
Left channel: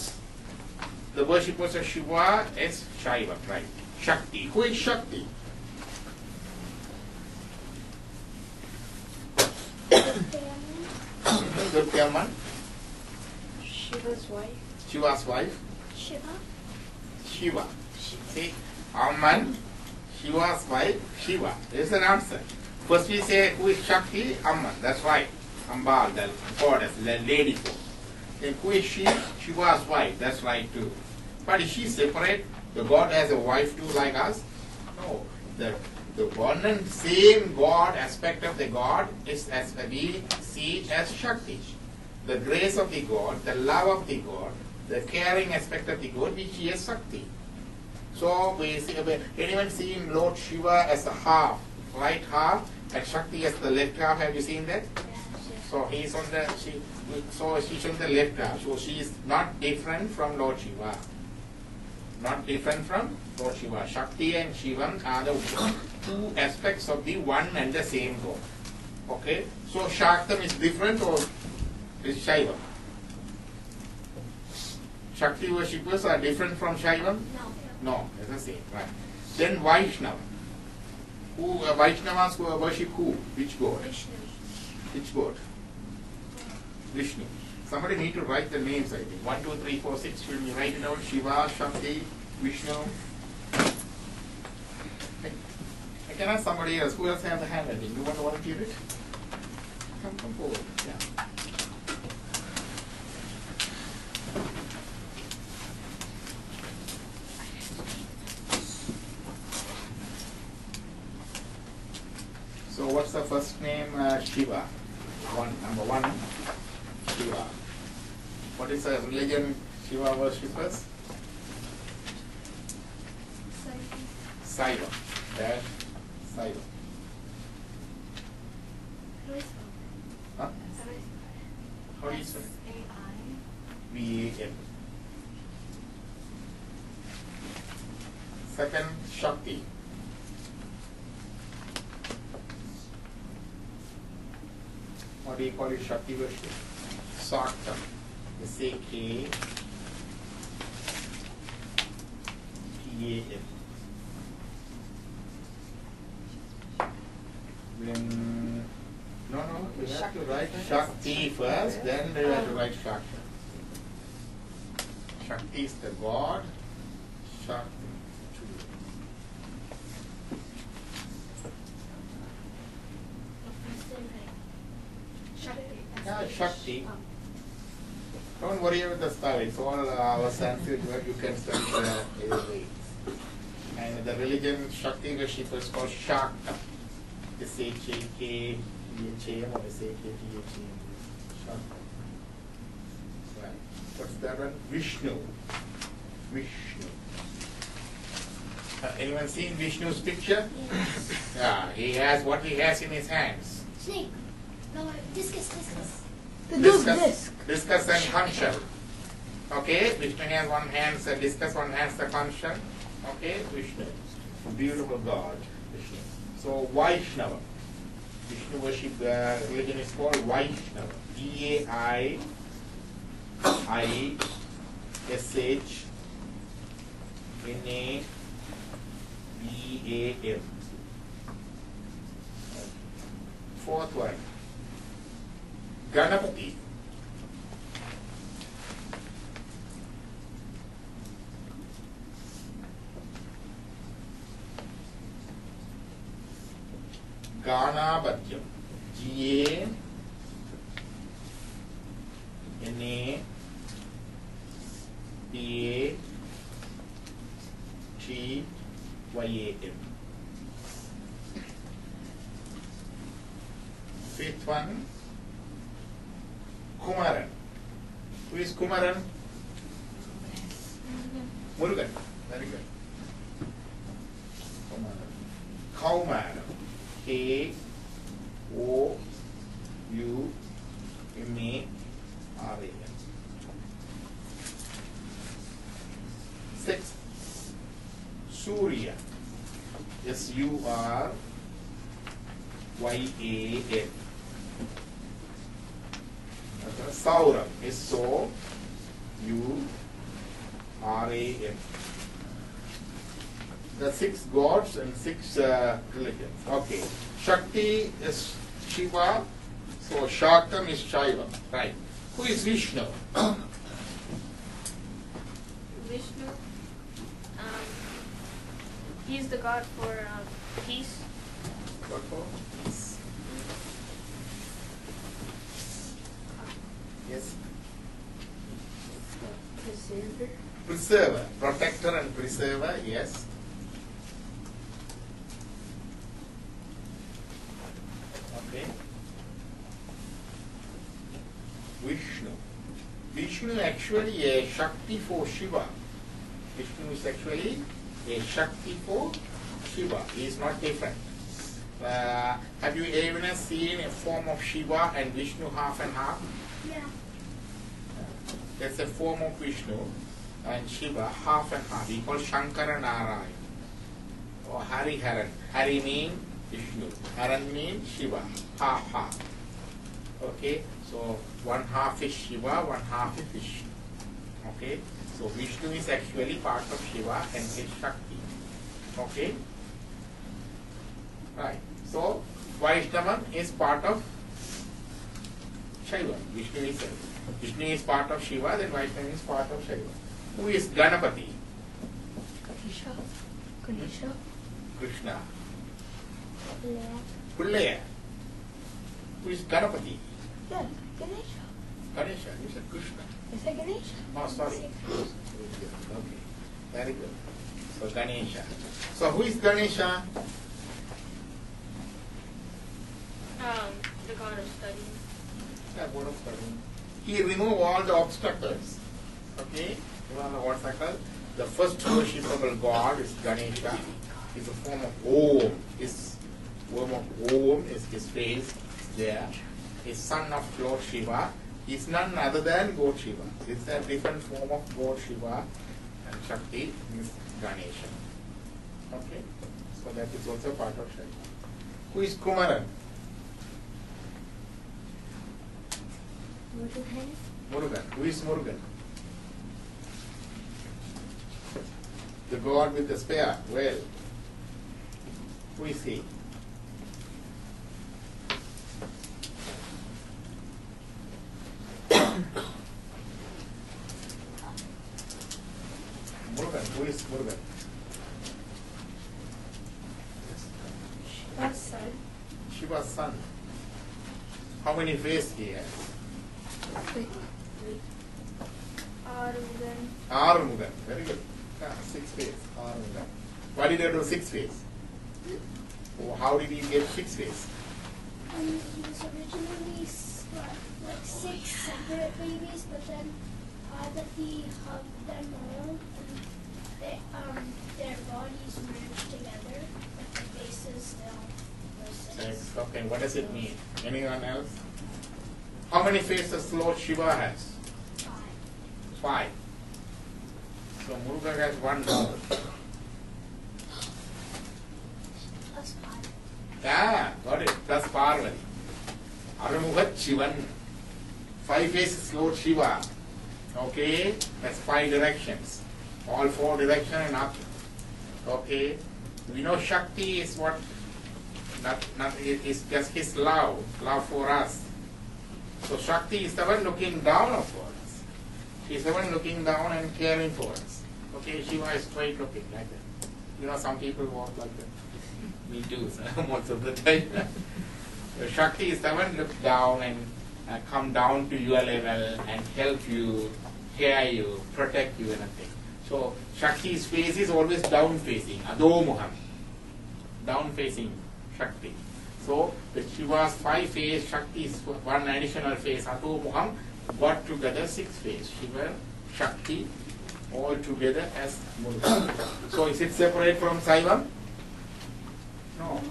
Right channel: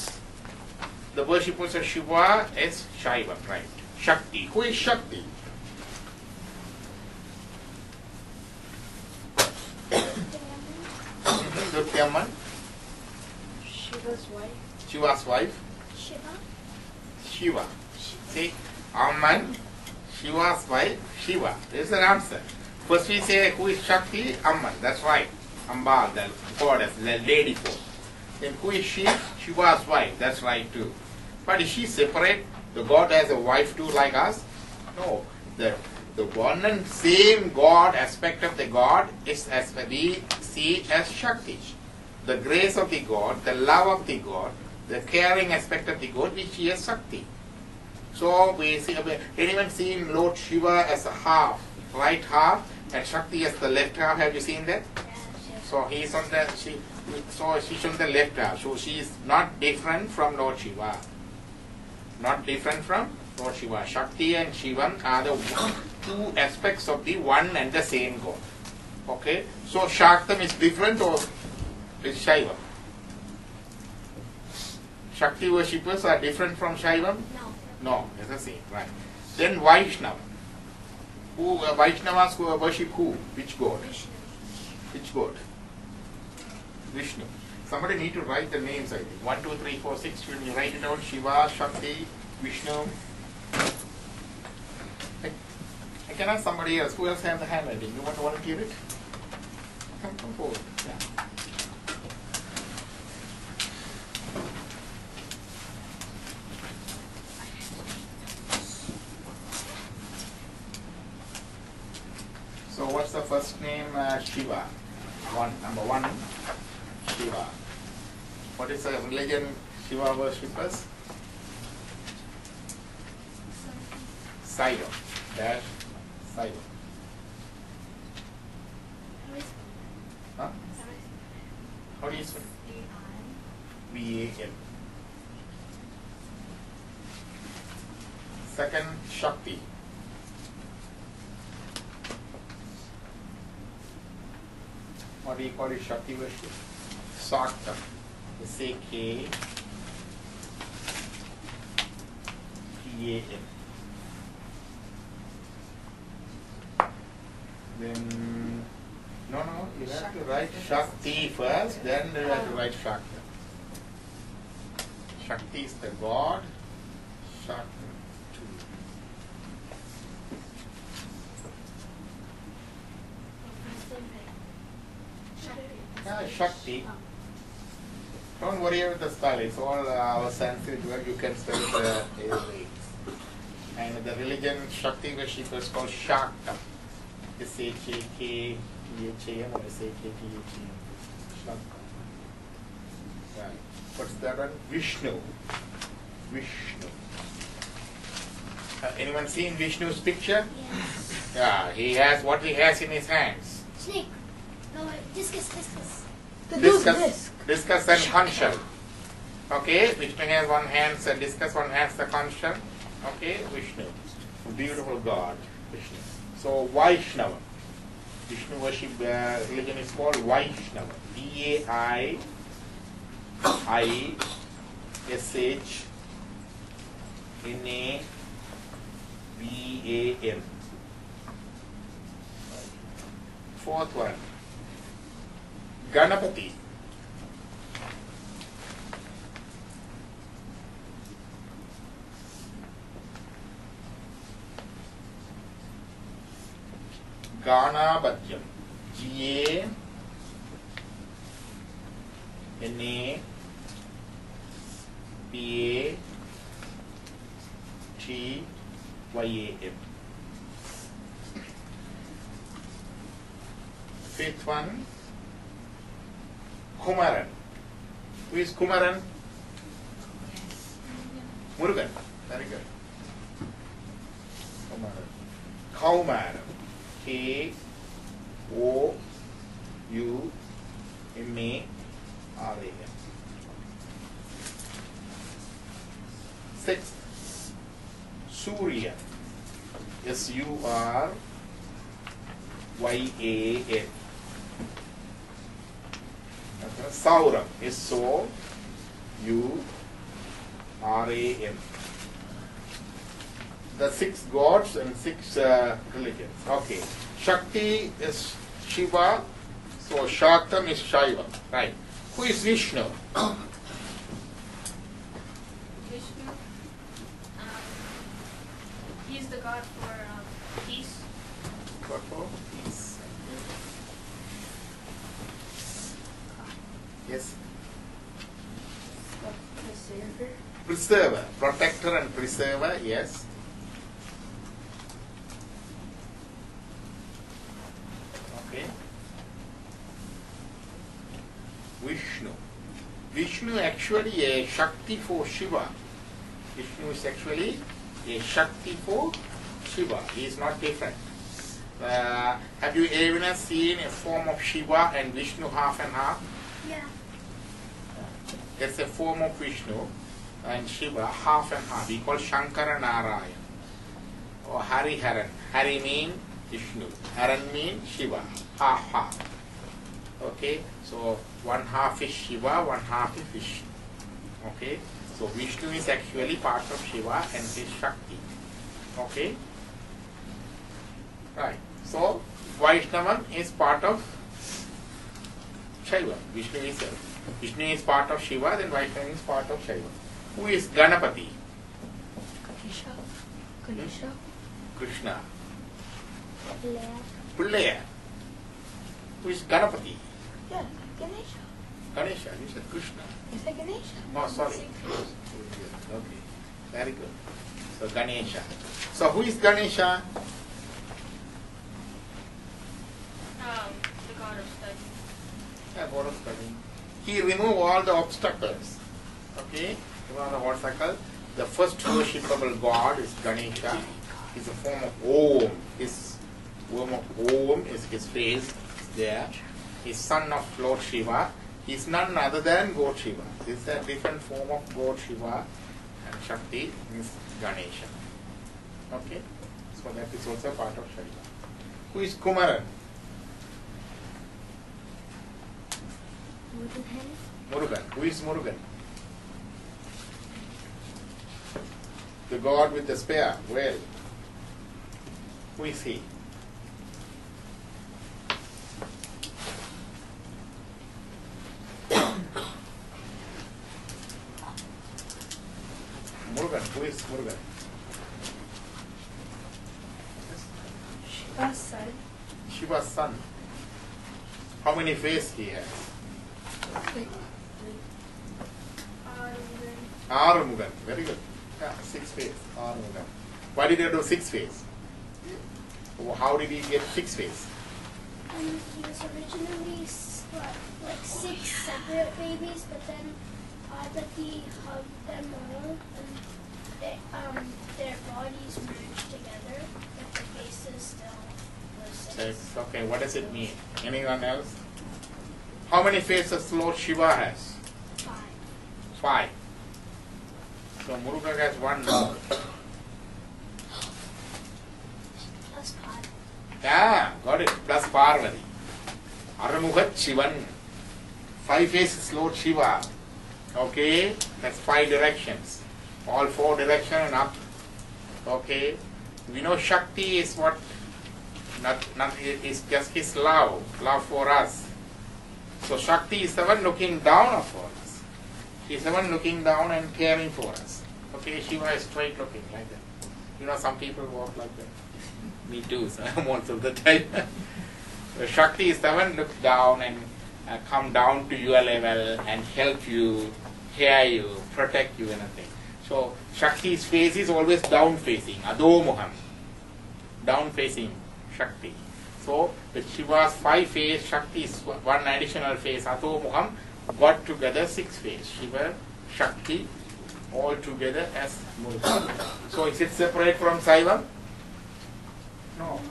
the worshippers of Shiva is Shaiva, right? Shakti. Who is Shakti? Durtyaman. Shiva's wife. Shiva's wife. Shiva. Shiva. See, Amman, Shiva's wife, Shiva. This is an answer. First we say who is Shakti? Amman. That's right. Amba, the goddess, the lady force. Then who is she? Shiva's wife. That's right too. But is she separate? The god has a wife too like us? No. The one and same God aspect of the God is as we see as Shakti. The grace of the God, the love of the God, the caring aspect of the God, which is Shakti. So we see anyone seeing Lord Shiva as a half, right half, and Shakti as the left half. Have you seen that? So he's on the she's on the left half. So she is not different from Lord Shiva. Not different from Lord Shiva. Shakti and Shiva are the 2 aspects of the one and the same God. Okay? So Shaktam is different or is Shaiva? Shakti worshippers are different from Shaiva? No. No, it's the same, right. Then Vaishnava. Who Vaishnavas who worship who? Which god? Vishnu. Which god? Vishnu. Somebody need to write the names, I think. 1, 2, 3, 4, 6. Will you write it down? Shiva, Shakti, Vishnu. I can ask somebody else. Who else has the handwriting? You want to volunteer it? Come forward. Yeah. So what's the first name? Shiva. Number 1. Shiva. What is the religion Shiva worshippers? Saiva. Dash Saiva. Huh? How do you spell it? V-A-N. Second, Shakti. What do you call it? Shakti worship? Saktam. S-A-K-T-A-M. Then, no, you have to write Shakti first, then you have to write Shakti. Shakti is the god. Shakti. Yeah, Shakti. Don't worry about the spell. It's all our Sanskrit word. You can spell it either way. And the religion Shakti worship is called Shaktam. S-H-A-K-T-H-A-M or S-H-A-T-H-A-M. Shaktam. Right. What's that one? Vishnu. Vishnu. Anyone seen Vishnu's picture? Yes. Yeah, he has what he has in his hands. Snake. No, discus. Discus and conch shell. Okay, Vishnu has one hand, the discus, one hand, the conch shell. Okay, Vishnu. Beautiful God, Vishnu. So, Vaishnava. Vishnu worship religion is called Vaishnava. V-A-I-S-H-N-A-V-A. G-A-N. Fourth one, Ganapati. Ganapathyam. G-A-N-A-P-A-T-Y-A-M. Fifth one, Kumaran. Who is Kumaran? Murugan. Very good. Kumaran. Kaumaran. K-O-U-M-A-R-A-N. Sixth, Surya. S-U-R-Y-A-N. Sauram. S-O-U-R-A-M. The 6 gods and 6 religions. Okay. Shakti is Shiva. So Shaktam is Shaiva. Right. Who is Vishnu? Vishnu. He's the god for peace. God for peace. Yes. Preserver. Preserver. Protector and preserver. Yes. Okay. Vishnu. Vishnu actually a Shakti for Shiva. Vishnu is actually a Shakti for Shiva. He is not different. Have you ever seen a form of Shiva and Vishnu half and half? Yeah. That's a form of Vishnu and Shiva half and half. We call Shankara Narayan or Hari Haran. Hari means Vishnu. Haran means Shiva. Half half. Okay. So one half is Shiva, one half is Vishnu. Okay. So Vishnu is actually part of Shiva and his Shakti. Okay. Right. So Vaishnavan is part of Shaiva. Vishnu is part of Shiva, then Vaishnava is part of Shaiva. Who is Ganapati? Ganesha. Krishna. Lea. Pulleya. Who is Ganapati? Yeah, Ganesha. Ganesha. You said Krishna. I said Ganesha. Oh, sorry. Okay. Very good. So Ganesha. So who is Ganesha? The god of study. Yeah, god of study. He removes all the obstacles. Okay? Remove the obstacle. The first worshipable god is Ganesha. He's a form of Om. His form of Om is his face there. He's son of Lord Shiva. He's none other than God Shiva. It's a different form of God Shiva and Shakti is Ganesha. Okay? So that is also part of Shiva. Who is Kumaran? Murugan. Who is Murugan? The god with the spear. Well, who is he? Murugan. Who is Murugan? Shiva's son. Shiva's son. How many faces he has? Arumugan. Very good. Yeah, 6 faces. Arumugan. Why did you do 6 faces? How did he get 6 faces? He was originally like 6 separate babies, but then Parvati hugged them all, and their bodies merged together, but the faces still were 6. Okay, what does it mean? Anyone else? How many faces Lord Shiva has? 5. 5. So Murugan has 1 now. Plus Parvati. Yeah, got it. Plus Parvati. Aramugat Shivan. 5 faces Lord Shiva. Okay, that's 5 directions. All 4 directions and up. Okay, We know Shakti is what, not it is just his love for us. So Shakti is the one looking down upon us. She is the one looking down and caring for us. Okay, Shiva is straight looking like that. You know, some people walk like that. Me too, so most of the time. So Shakti is the one look down and come down to your level and help you, hear you, protect you and everything. So Shakti's face is always down facing, Adomuham. Down facing Shakti. So the Shiva's 5 face, Shakti's one additional face, Adomuham, got together 6 face. Shiva, Shakti, all together as Murga. So is it separate from Saivam? No.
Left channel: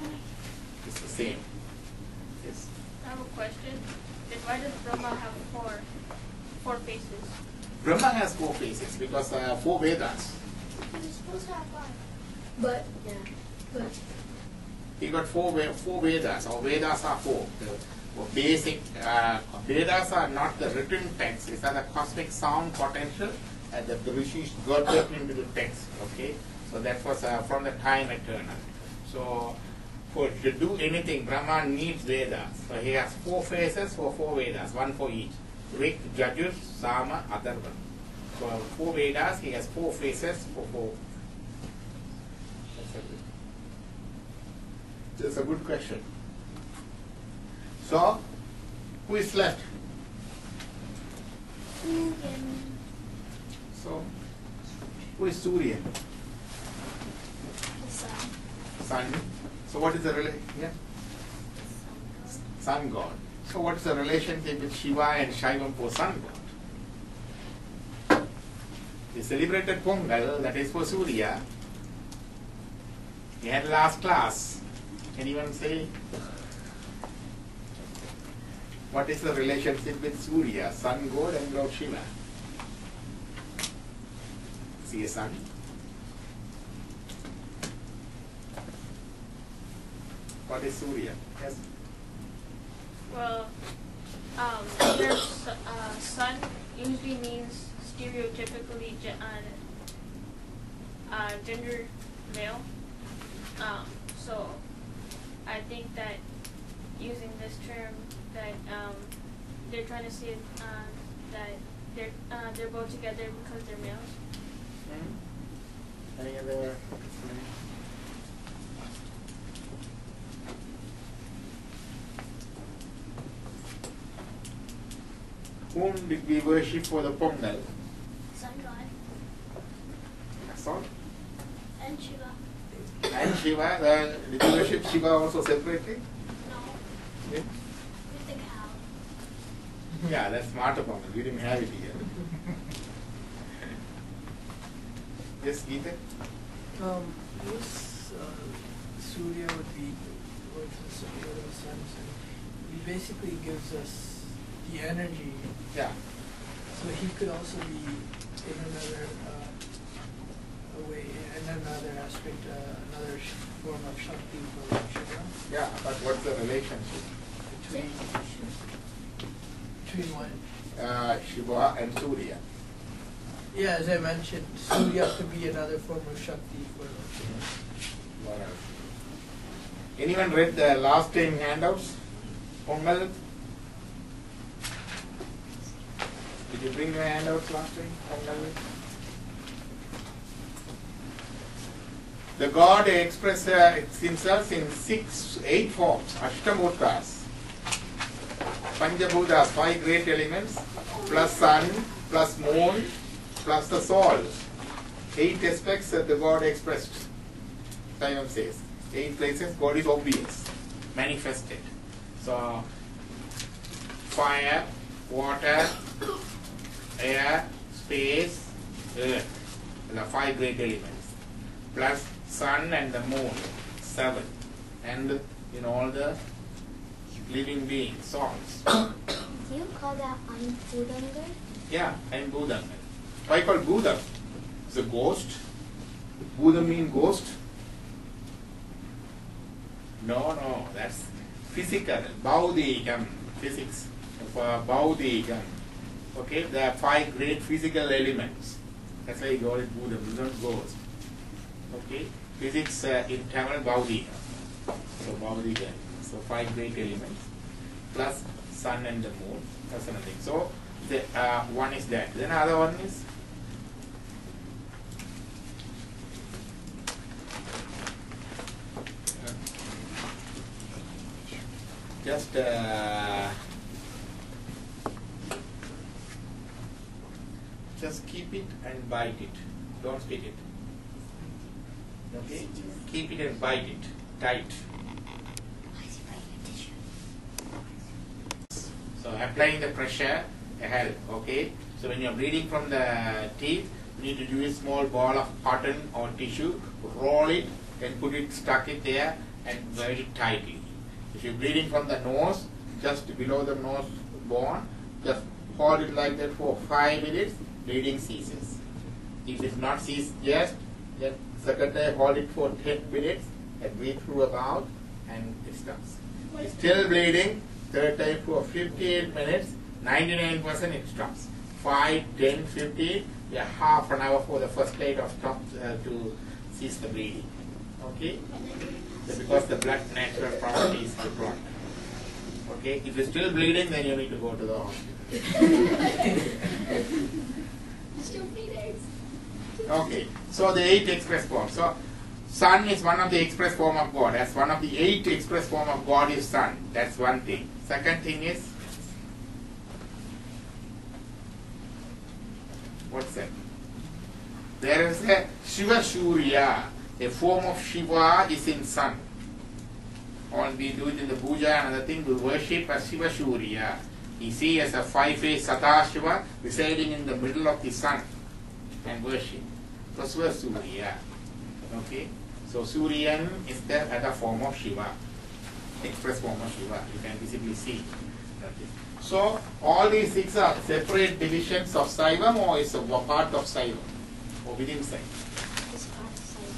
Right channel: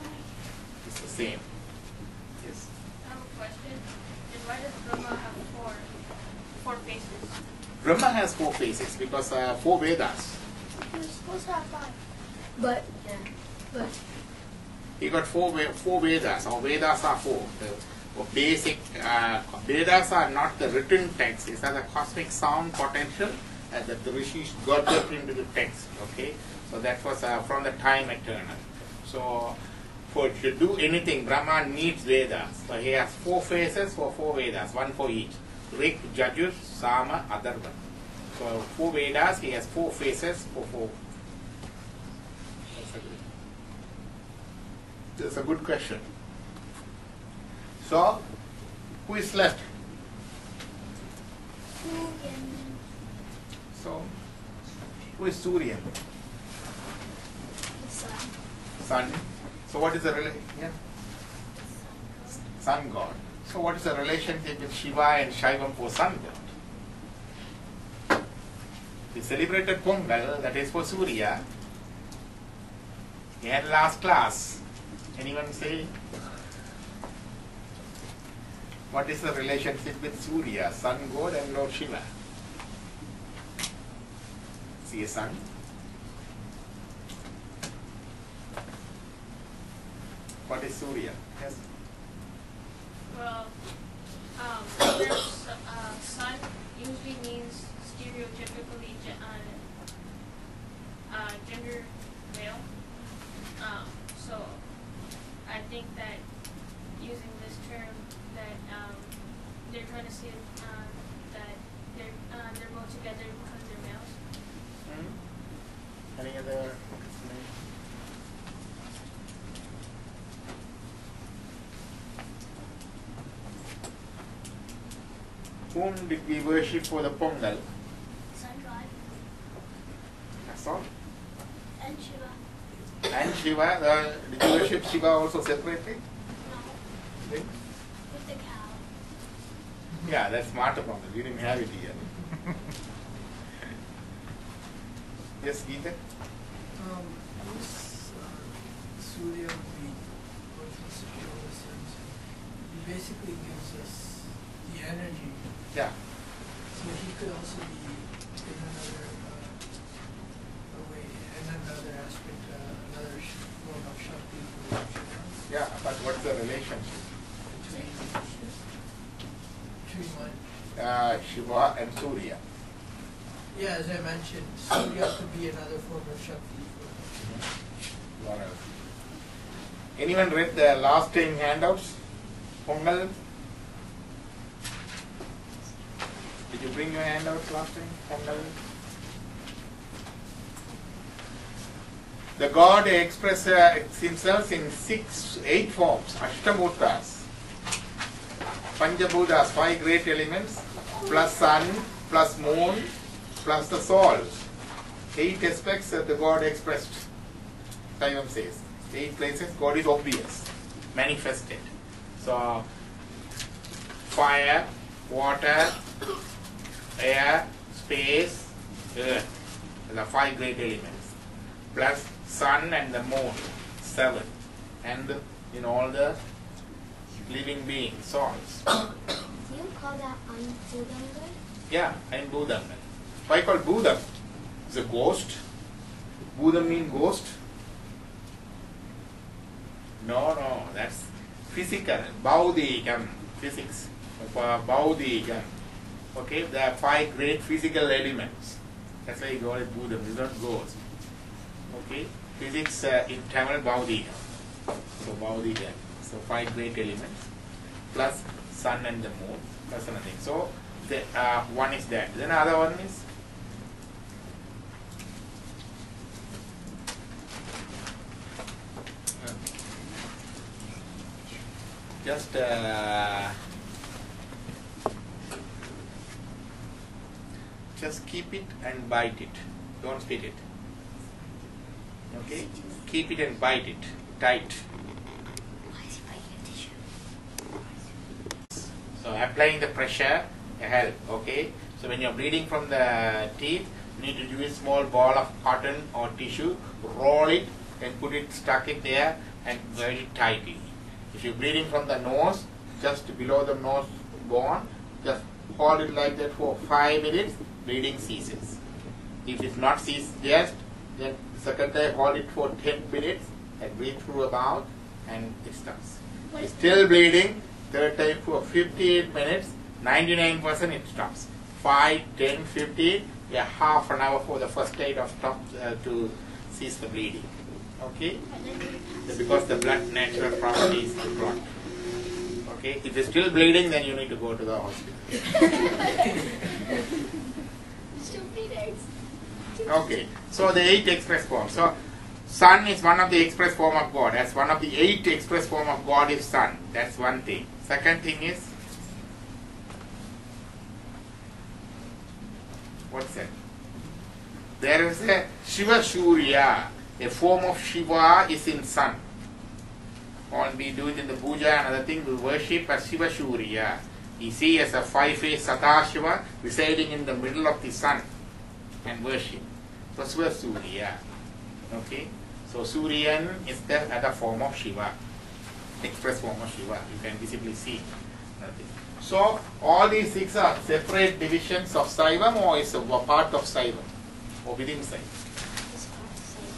It's the same. Yes. I have a question. Then why does Brahma have four faces? Brahma has 4 faces because 4 Vedas. You're supposed to have 5. But He got 4 Vedas. Our Vedas are 4. The basic Vedas are not the written text. These are the cosmic sound potential that the rishis got that into the text. Okay, so that was from the time eternal. So to do anything, Brahma needs Vedas. So he has 4 faces for 4 Vedas, 1 for each. Rik, Jajur, Sama, Atharva. So 4 Vedas, he has 4 faces for 4. That's a good question. So, who is left? So, who is Surya? The sun. Sun. So, what is the relation? Yeah. Sun god. So, what is the relationship with Shiva and Shaivam for Sun god? We celebrated Pongal, that is for Surya. We had last class. Anyone say? What is the relationship with Surya, Sun god and Lord Shiva? See a sun? What is Surya? Yes. Well, there's sun usually means stereotypically gender male. So I think that using this term that they're trying to say that they're both together because they're males. Any other explanation? Whom did we worship for the Pongal? Sun god. That's all. And Shiva. And Shiva, did you worship Shiva also separately? No. Yeah, With the cow. yeah, that's smarter Pongal. We didn't have it here. Yes, Geeta? This Surya would be both the superior sense, and he basically gives us the energy. Yeah. So he could also be in another way, in another aspect, another form of Shakti for Shiva. Yeah, but what's the relationship? Between one. Shiva and Surya. Yeah, as I mentioned, Surya could be another form of Shakti for What else? Anyone read the last time handouts? Pongal? Did you bring your handouts last time? Pongal? The God expresses himself in 8 forms, Ashtamurtas. Panjabhutas, 5 great elements, plus sun, plus moon, plus the soul. 8 aspects that the God expressed. Simon says. 8 places God is obvious, manifested. So, fire, water, air, space, earth. The 5 great elements. Plus sun and the moon, 7. And in all the living beings, souls. Do you call that Ansudangar? Yeah, and Budam. Why called Budam? It's a ghost. Budam means ghost. No, that's physical. Baudigam, physics. Baudigam. Okay, there are 5 great physical elements. That's why you call it Budam, it's not ghost. Okay, Physics in Tamil Baudiga. So Baudiga. So 5 great elements plus sun and the moon plus another thing. So the one is that. Then other one is just keep it and bite it. Don't spit it. Okay? Keep it and bite it tight. So applying the pressure help. Okay? So when you're bleeding from the teeth, you need to use a small ball of cotton or tissue, roll it and put it, stuck it there and very tightly. If you're bleeding from the nose, just below the nose bone, just hold it like that for 5 minutes, bleeding ceases. If it's not ceased just, then second time hold it for 10 minutes and breathe through the mouth and it stops. It's still bleeding, third time for 15 minutes, 99% it stops. 5, 10, 15, yeah, half an hour for the first aid of stop to cease the bleeding. Okay? Because the blood natural property is the blood. Okay? If it's still bleeding, then you need to go to the hospital. Still bleeding. Okay. So the 8 express forms. So sun is one of the express form of God. As one of the 8 express form of God is sun. That's one thing. Second thing is, what's that? There is a Shiva Surya. A form of Shiva is in sun. When we do it in the puja and other thing, we worship as Shiva Surya. You see as a 5-faced Satashiva residing in the middle of the sun and worship. So Shiva Surya. Okay? So Suryan is the other form of Shiva. Express form of Shiva. You can visibly see. So all these 6 are separate divisions of Saivam, or is a part of Saivam or within Saivam?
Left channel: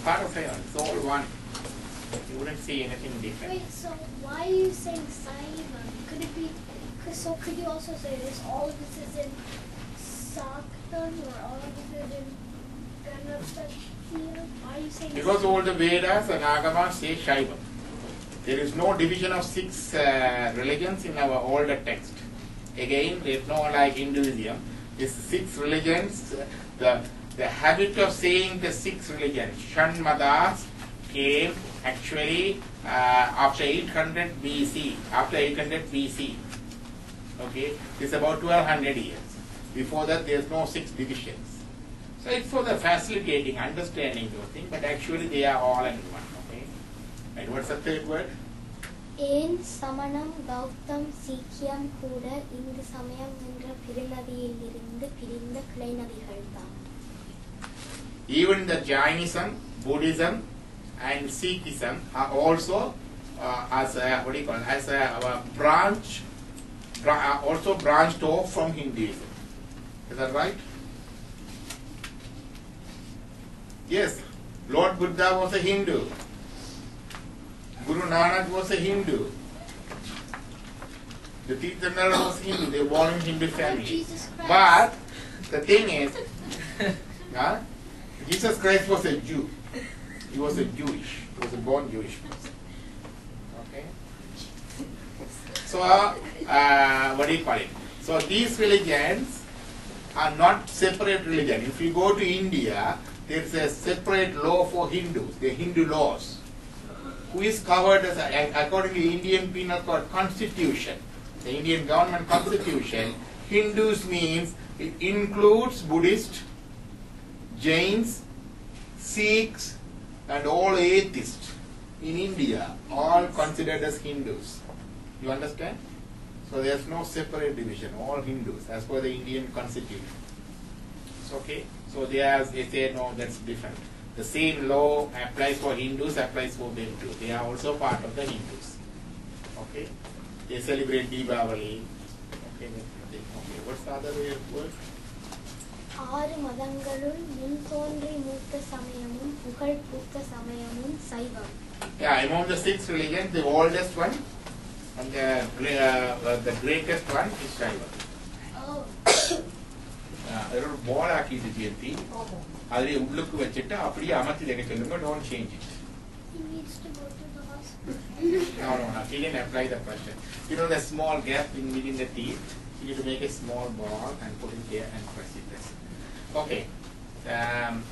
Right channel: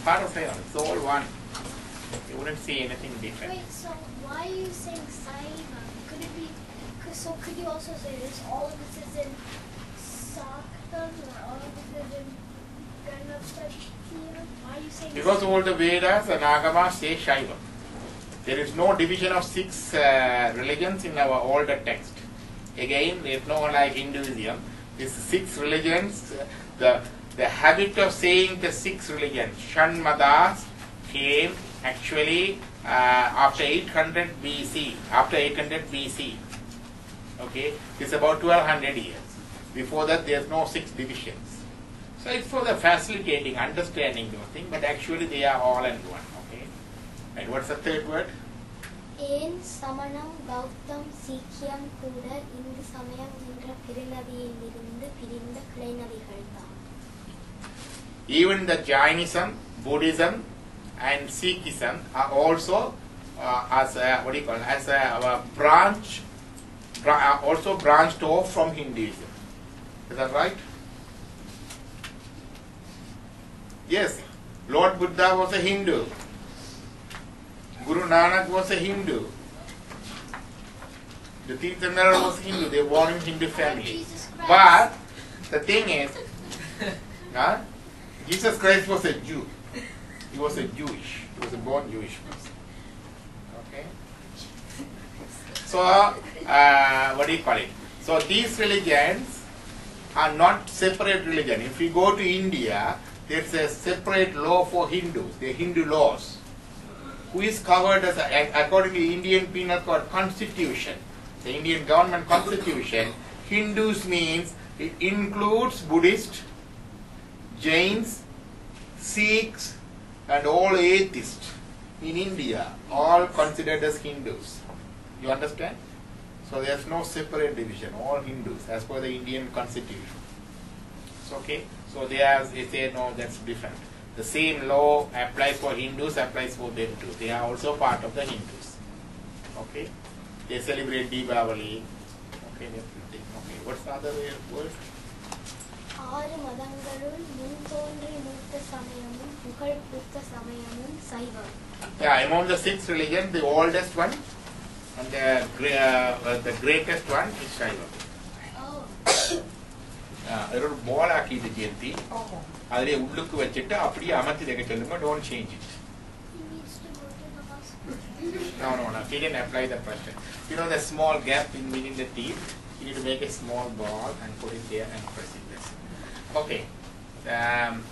Part of Saivam. It's all one. You wouldn't see anything different. Wait, so why are you saying Saivam? Could it be, so could you also say this, all of this is in Saktam or all of this is in Ganapatiya? Why are you saying Because this? all the Vedas and Agamas say Shaivam. There is no division of 6 religions in our older text. Again, there is no like Hinduism. These 6 religions, the habit of saying the 6 religions, Shanmadas, came actually after 800 BC. After 800 BC. Okay, it's about 1200 years. Before that, there's no 6 divisions. So it's for the facilitating, understanding those things, but actually they are all in one. Okay, and what's the third word? ஏன் சமணம் பௌத்தம் சீக்கியம் கூட இந்து சமயம் என்ற பெருநதியிலிருந்து பிரிந்த கிளைநதிகள் தான். Even the Jainism, Buddhism, and Sikhism are also as a, what do you call it, as a branch, also branched off from Hinduism. Is that right? Yes, Lord Buddha was a Hindu. Guru Nanak was a Hindu. The Tirthankara was Hindu. They were born in Hindu family. But the thing is, Jesus Christ was a Jew. He was a Jewish. He was a born Jewish person. Okay. So, what do you call it? So these religions are not separate religion. If you go to India, there's a separate law for Hindus. The Hindu laws. Who is covered as according to the Indian Penal Code Constitution, the Indian government constitution, Hindus means it includes Buddhists, Jains, Sikhs, and all atheists in India, all considered as Hindus. You understand? So there's no separate division, all Hindus as per the Indian constitution. It's okay? So they say no, that's different. The same law applies for Hindus, applies for them too. They are also part of the Hindus. Okay? They celebrate Deepavali. Okay, okay. What's the other word? ஆறு மதங்களுள் முன் தோன்றி மூத்த சமயமும் புகழ் பூத்த சமயமும் சைவம். Yeah, among the 6 religions, the oldest one and the greatest one is Shaiva. Oh. ஒரு பால் ஆக்கிட்டு சேர்த்தி அதிலே உள்ளுக்கு வச்சுட்டு அப்படியே அமர்த்தி வைக்க சொல்லுங்க. Don't change it. needs to go to the hospital. No. He didn't apply the pressure. You know the small gap in between the teeth? You need to make a small ball and put it there and press it. That's it. Okay.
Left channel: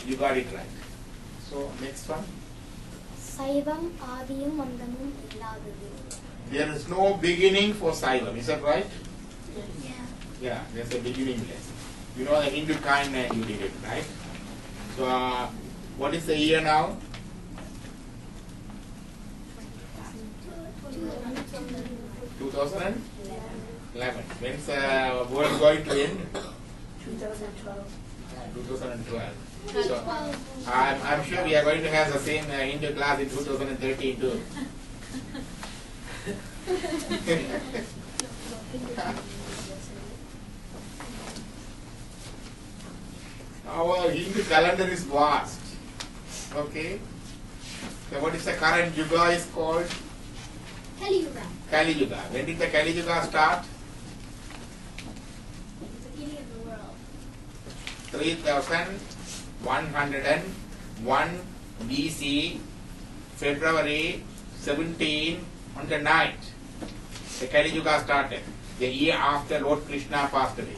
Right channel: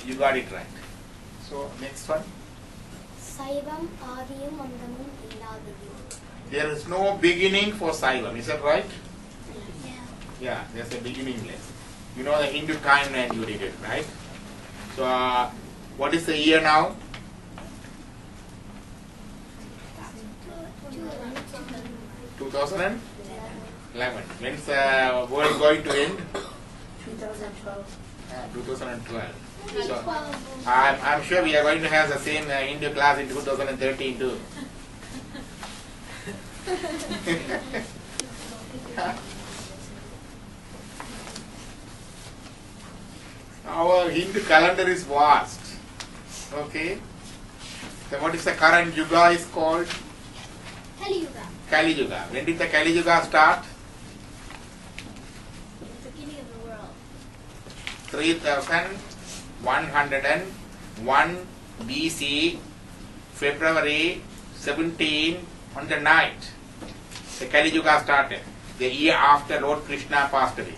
You got it right. So, next one. சைவம் ஆதியும் அந்தமும் இல்லாதது. There is no beginning for Saivam. Is that right? Yeah. Yeah, there's a beginningless. You know the Hindu timeline you did it, right? So, what is the year now? 2011. When's the world going to end? 2012. 2012. So, I'm sure we are going to have the same Hindu class in 2013 too. Our Hindu calendar is vast. Okay. So what is the current Yuga is called? Kali Yuga. Kali Yuga. When did the Kali Yuga start? The beginning of the world. 3101 BC, February 17 on the night. The Kali Yuga started. The year after Lord Krishna passed away.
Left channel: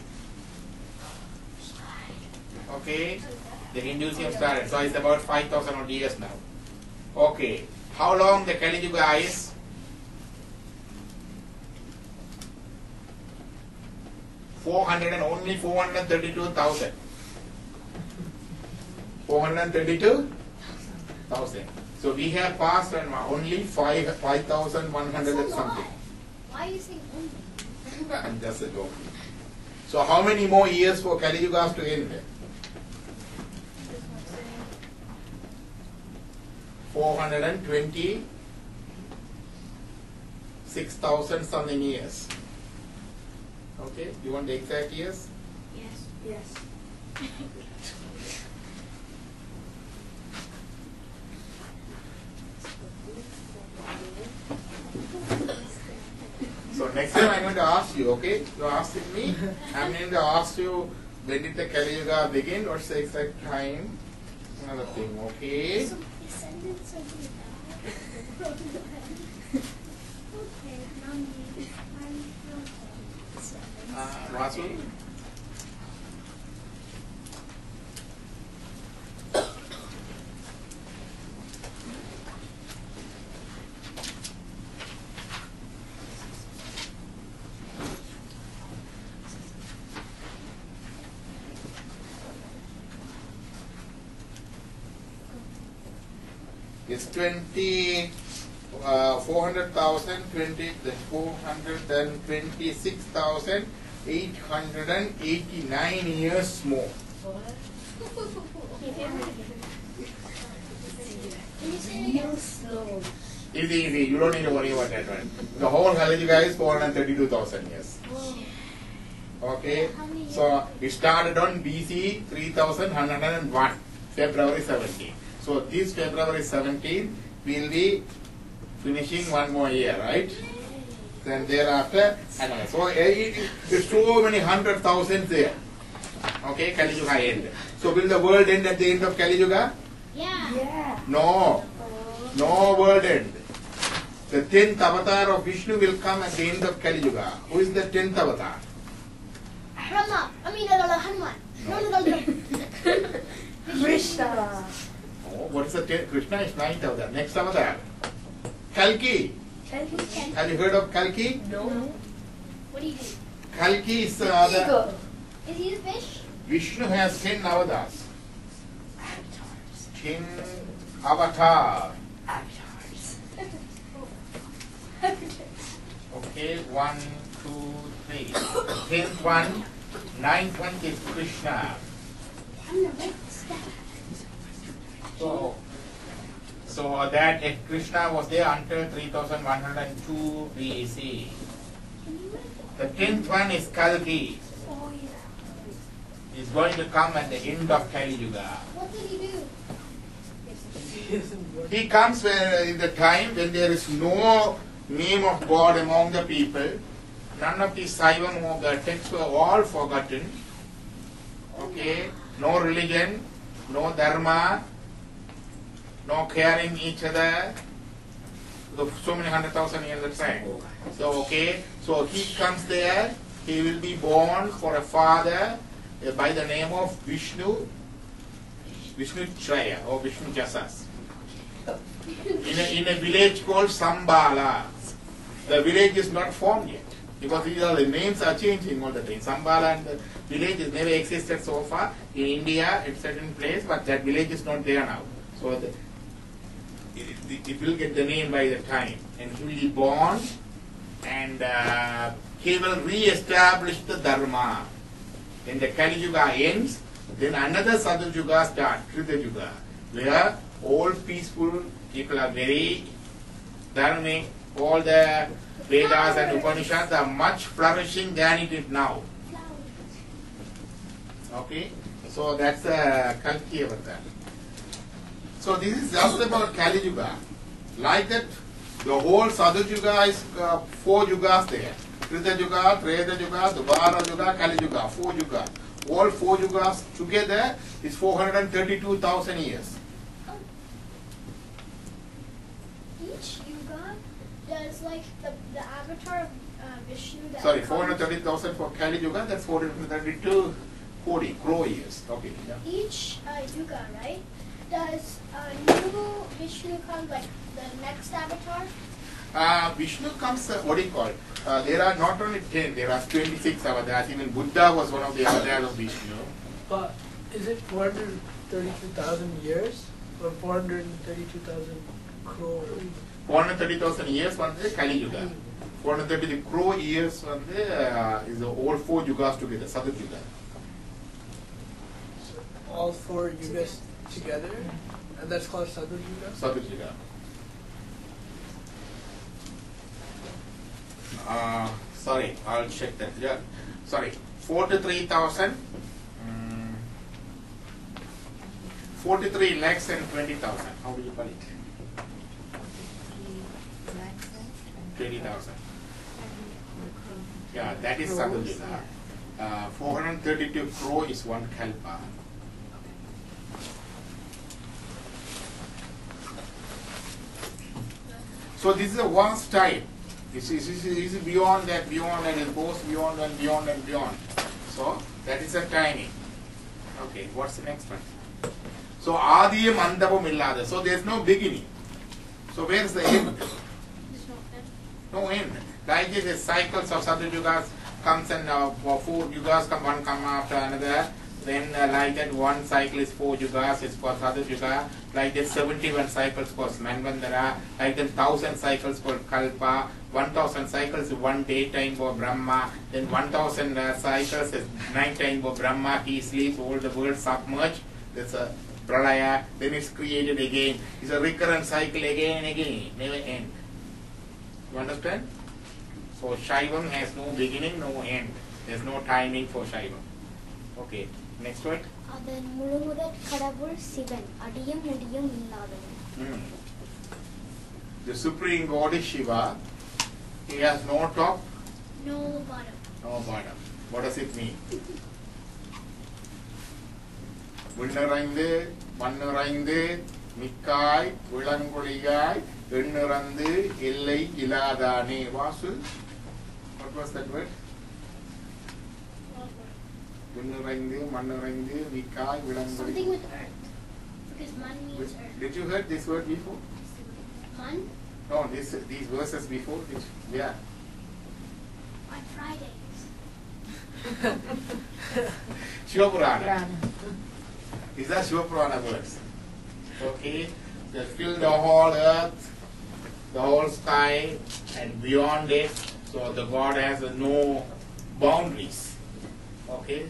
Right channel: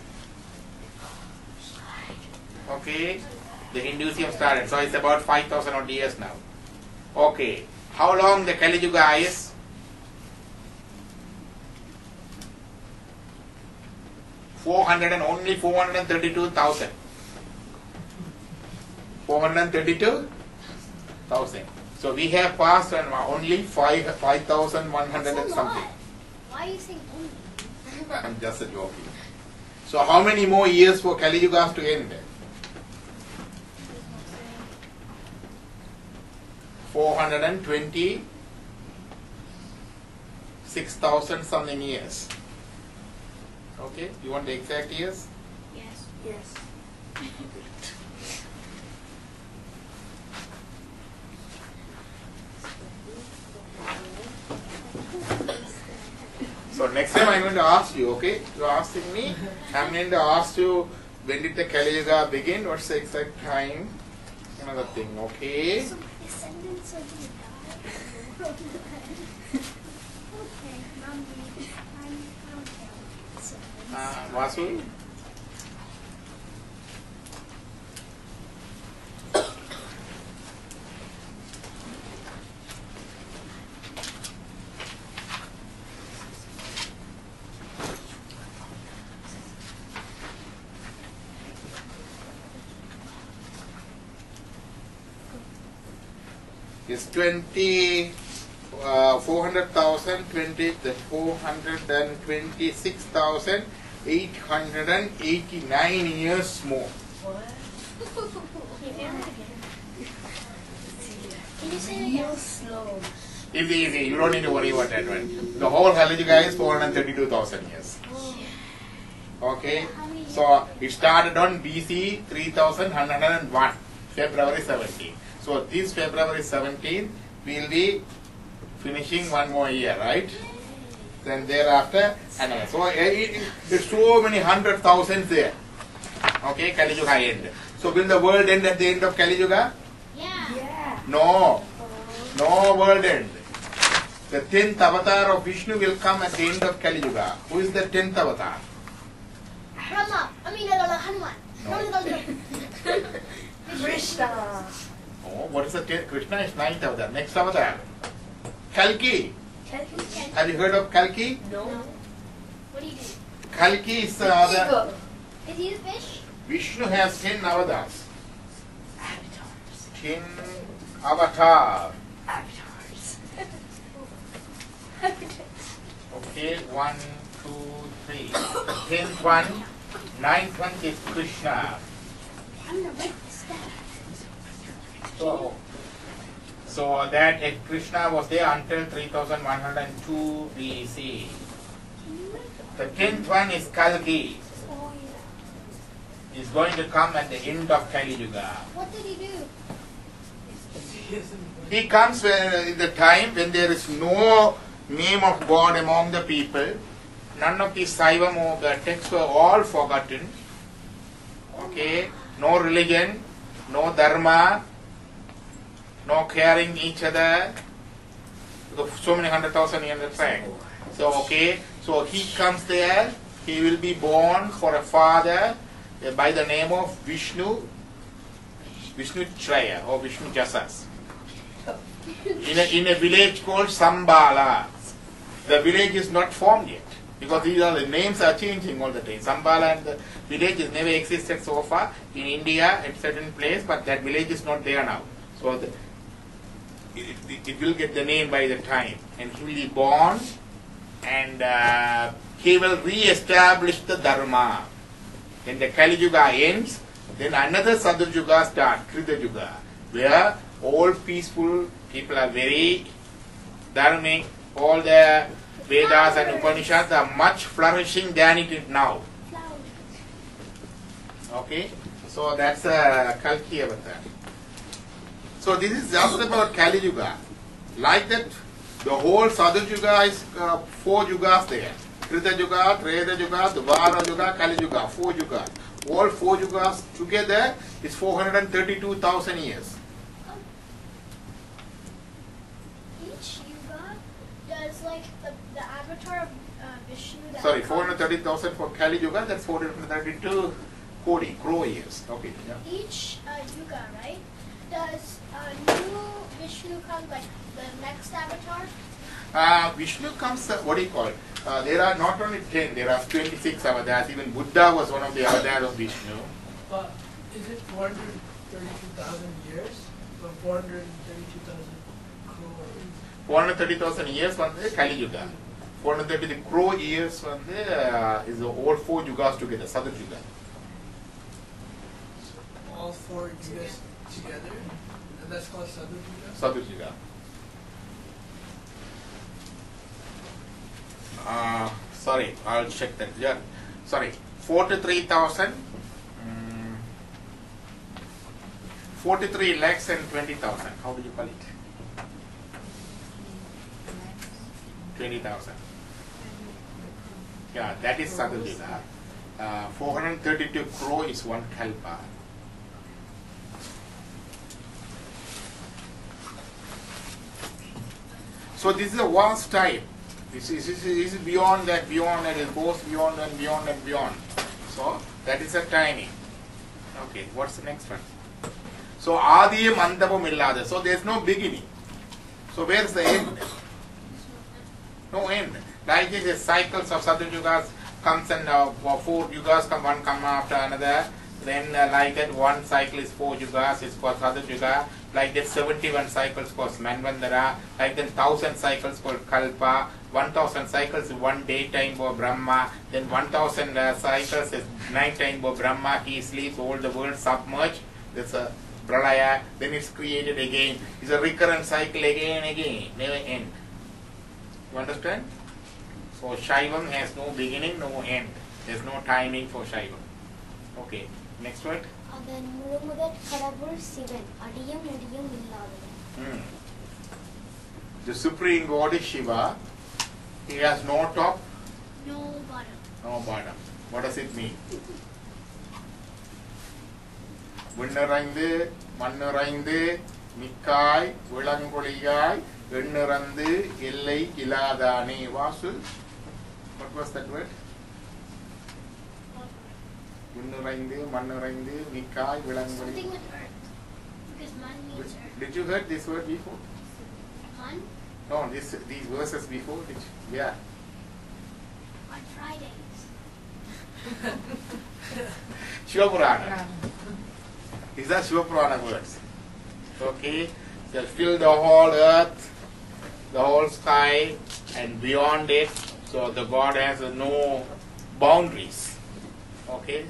Okay, the Hinduism started. So it's about 5,000 odd years now. Okay, how long the Kali Yuga is? Only 432,000. 432,000. So we have passed on only 5,100 and something. Why are you saying only? I'm just a joke. So how many more years for Kali Yuga to end? 426,000 something years. Okay, you want the exact years? Yes. Yes. So next time I'm going to ask you, okay? You're asking me, I'm going to ask you when did the Kali Yuga begin, what's the exact time, another thing, okay? So my descendants are going to die. Okay, mommy, I'm okay. Vasu? It's 400,000, 426,889 years more. Can you say it again? Real slow. Easy. You don't need to worry about that one. The whole Kali Yuga is 432,000 years. Okay? How many years? So it started on BC 3101, February 17. So this February 17, we'll be finishing one more year, right? Then thereafter, another. So it's so many 100,000 there. Okay, Kali Yuga end. So will the world end at the end of Kali Yuga? Yeah. Yeah. No. No world end. The 10th avatar of Vishnu will come at the end of Kali Yuga. Who is the 10th avatar? Hanuman. No. Krishna. Oh, what is the 10th? Krishna is 9th avatar. Next avatar. Kalki. Have you heard of Kalki? No. What do you do? Kalki is the Eagle. Is he the fish? Vishnu has 10 avatars. Avatars. 10 avatar. Avatars. Okay, 1, 2, 3. 10th one, 9th one is Krishna. I'm gonna write this down. So that Krishna was there until 3102 BC. Can you write The 10th one is Kalki. Oh, yeah. He's going to come at the end of Kali Yuga. What did he do? He comes in the time when there is no name of God among the people. None of the Saivam or the texts were all forgotten. Okay, no religion, no dharma, no caring each other, So many 100,000 years the track. So okay, so he comes there. He will be born for a father by the name of Vishnu Chaya or Vishnu Jasas. In a village called Sambala. The village is not formed yet because these are the names are changing all the time. Sambala and the village has never existed so far in India at certain place, but that village is not there now. So it will get the name by the time, and he will be born, and he will re-establish the Dharma. When the Kali Yuga ends, then another Sadhu Yuga starts, Krita Yuga, where all peaceful people are very dharmic. All the Vedas and Upanishads are much flourishing than it is now. Okay, so that's Kalki Avatar. So this is just about Kali Yuga. Like that, the whole Sadhu Yuga is 4 yugas there. Krita Yuga, Treta Yuga, Dvara Yuga, Kali Yuga, 4 yugas. All 4 yugas together is 432,000 years. Each yuga does like the avatar of Vishnu. That Sorry, 430,000 for Kali Yuga, that's 432 Kodi, crore years. Okay. Yeah. Each yuga, right? Does new Vishnu come like the next avatar? Vishnu comes, what do you call it? There are not only 10, there are 26 avatars. Even Buddha was one of the avatars of Vishnu. But is it 432,000 years or 432,000 crores? 430,000 years from the Kali Yuga. 430 crore years from the is all 4 yugas together, Sadhu Yuga. So all 4 yugas together, and that's called Sadhu Yuga? Sadhu Yuga. Sorry, I'll check that. Yeah, sorry, 43,000, 43 lakhs and 20,000. How do you call it? 20,000. Yeah, that is Sadhu Yuga. 432 crore is 1 kalpa. So this is a vast time. This is beyond that, it goes beyond and beyond and beyond. So that is the timing. Okay, what's the next one? So Adiyam Andapam Illada. So there is no beginning. So where is the end? No end. Like this, the cycles of Sadhu Yugas comes and 4 yugas come, one come after another. Then like that, one cycle is 4 yugas, it's called Sadhu Yuga. Like that, 71 cycles called Manvandara. Like that, 1,000 cycles called Kalpa. 1,000 cycles is 1 daytime for Brahma. Then 1,000 cycles is night time for Brahma. He sleeps, all the world submerged. That's a Pralaya. Then it's created again. It's a recurrent cycle again and again. Never end. You understand? So Shaivam has no beginning, no end. There's no timing for Shaivam. Okay, next word. அதன் முழுமுதற் கடவுள் சிவன் அடியும் முடியும் இல்லாதவன். The Supreme God is Shiva. He has no top, No bottom. no bottom. What does it mean? விண்ணிறைந்து மண்ணிறைந்து மிக்காய் விளங்கொழியாய் எண்ணிறந்து எல்லை இலாதானே. Vasu, what was that word? விண்ணிறைந்து மண்ணிறைந்து மிக்காய் விளங்கொழி. Something with earth. Because man means earth. Did you heard this word before? Man? No, these verses before. Yeah. On Fridays. Shiva Purana. These are Shiva Purana words. Okay, they fill the whole earth, the whole sky, and beyond it. So the God has no boundaries. Okay,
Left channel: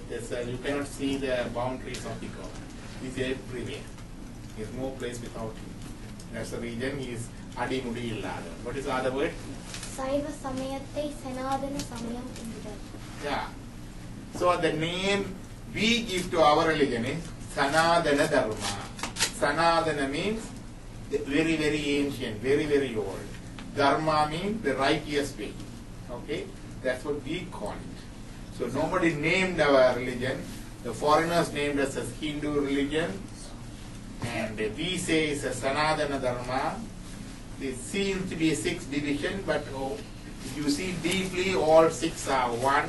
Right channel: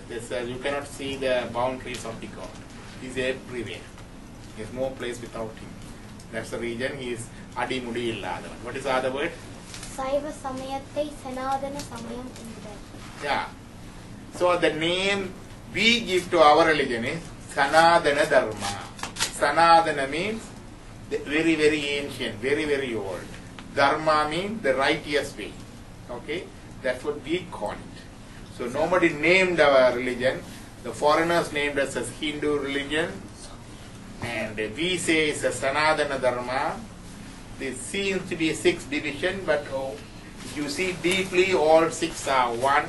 you cannot see the boundaries of the God. He is everywhere. There is no place without him. That's the reason he is Adi Mudi Illadavan. What is the other word? சைவ சமயத்தை சனாதன சமயம் என்கிறார். Yeah. So the name we give to our religion is Sanadana Dharma. Sanadana means very, very ancient, very, very old. Dharma means the righteous way. Okay, that's what we call it. So nobody named our religion. The foreigners named us as Hindu religion, and we say it's a Sanadana Dharma. There seems to be 6 division, but if you see deeply, all 6 are one.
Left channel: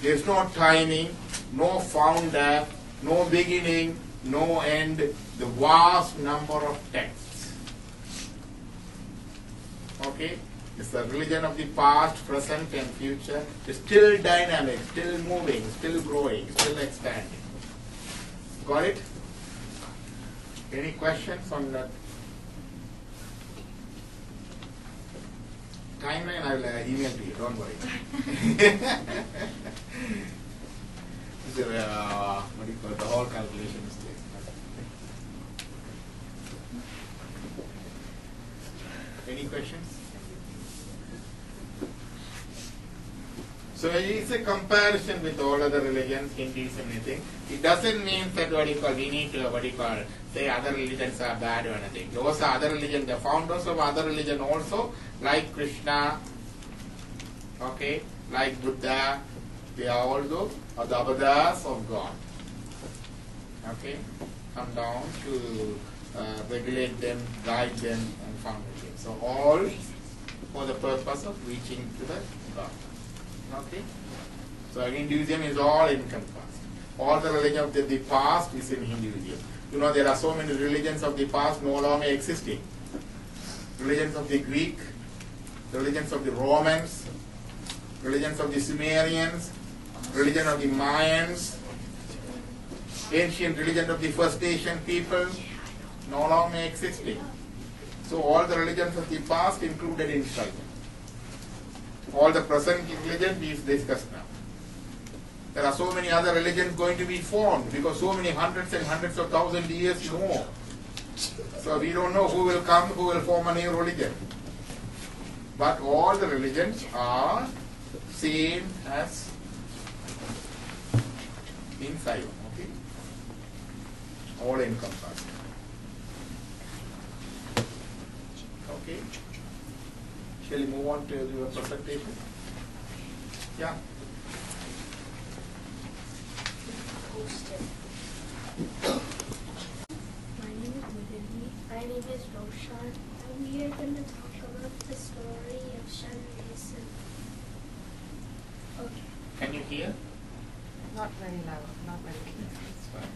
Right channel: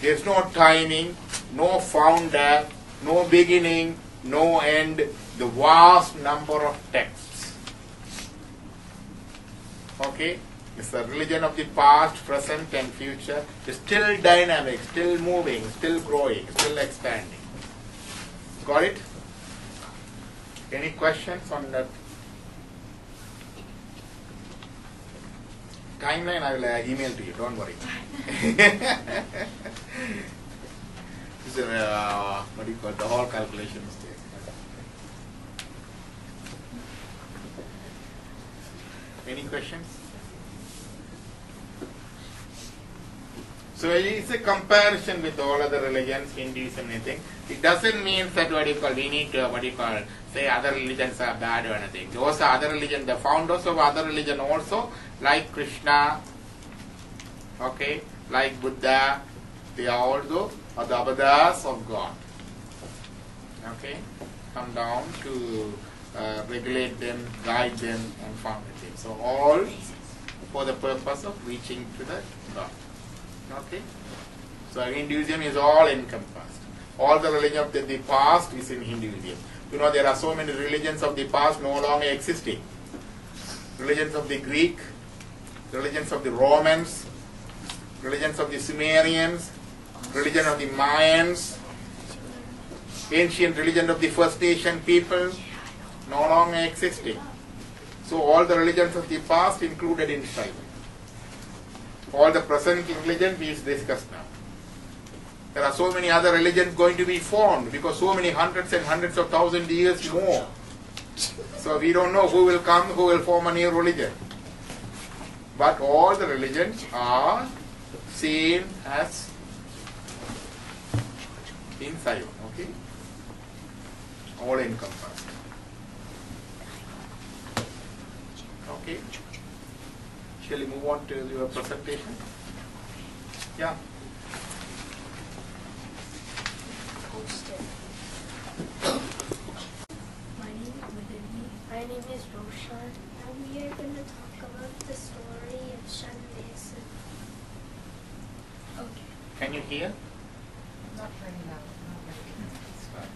There's no timing, no founder, no beginning, no end. The vast number of texts. Okay? It's the religion of the past, present, and future. It's still dynamic, still moving, still growing, still expanding. Got it? Any questions on that? Timeline I will email to you, don't worry. This is what do you call it? The whole calculation mistake. Any questions? So it's a comparison with all other religions, Hinduism, anything. It doesn't mean that we need to say other religions are bad or anything. Those are other religions. The founders of other religion also, like Krishna, okay, like Buddha, they are also the avatars of God. Okay, come down to regulate them, guide them, and found them. So all for the purpose of reaching to the God. Okay, so Hinduism is all encompassed. All the religion of the past is in Hinduism. You know, there are so many religions of the past no longer existing. Religions of the Greek, religions of the Romans, religions of the Sumerians, religion of the Mayans, ancient religion of the First Nation people, no longer existing. So all the religions of the past included inside. All the present religion we discussed now. There are so many other religions going to be formed because so many hundreds and hundreds of thousand years more. So we don't know who will come, who will form a new religion. But all the religions are seen as inside, okay? All encompassed. Okay. Shall we move on to your presentation? Yeah. My name is Vidhi. My name is Roshan. And we are going to talk about the story of Shandesan. Okay. Can you hear? Not very loud, not very loud. It's fine.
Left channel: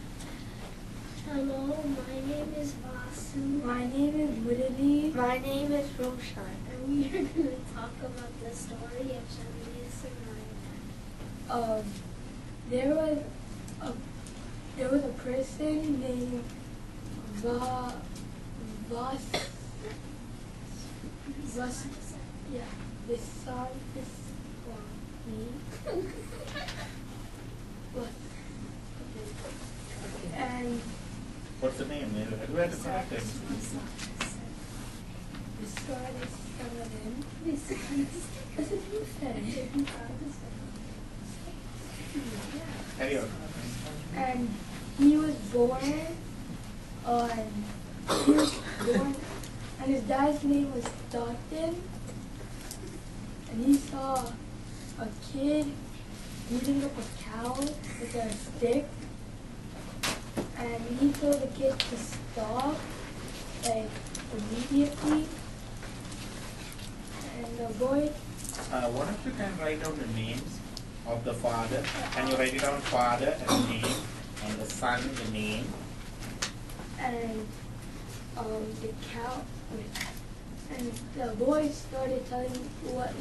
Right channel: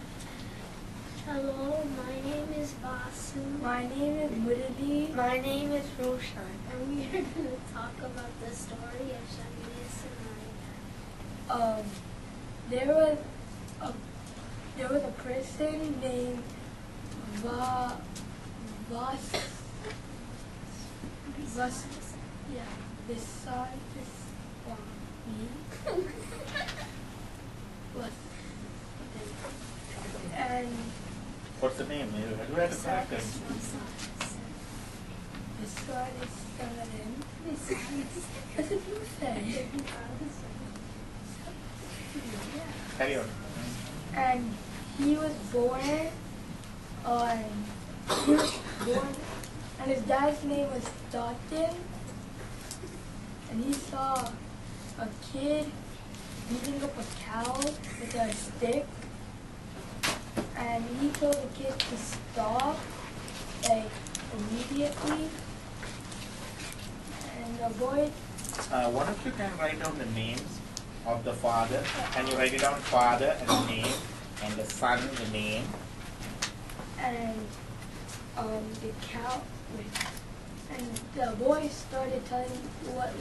Hello, my name is Vasu. My name is Murali. My name is Roshan. And we are going to talk about the story of Shandesan. There was a person named and What's the name? You have to correct it. That's what you said. Carry on. And he was born and his dad's name was Dalton, and he saw a kid beating up a cow with a stick, and he told the kid to stop, like, immediately, and the boy... What if you can write down the names of the father? Can you write it down, father and the name, and the son, the name? And the cow, and the boy started telling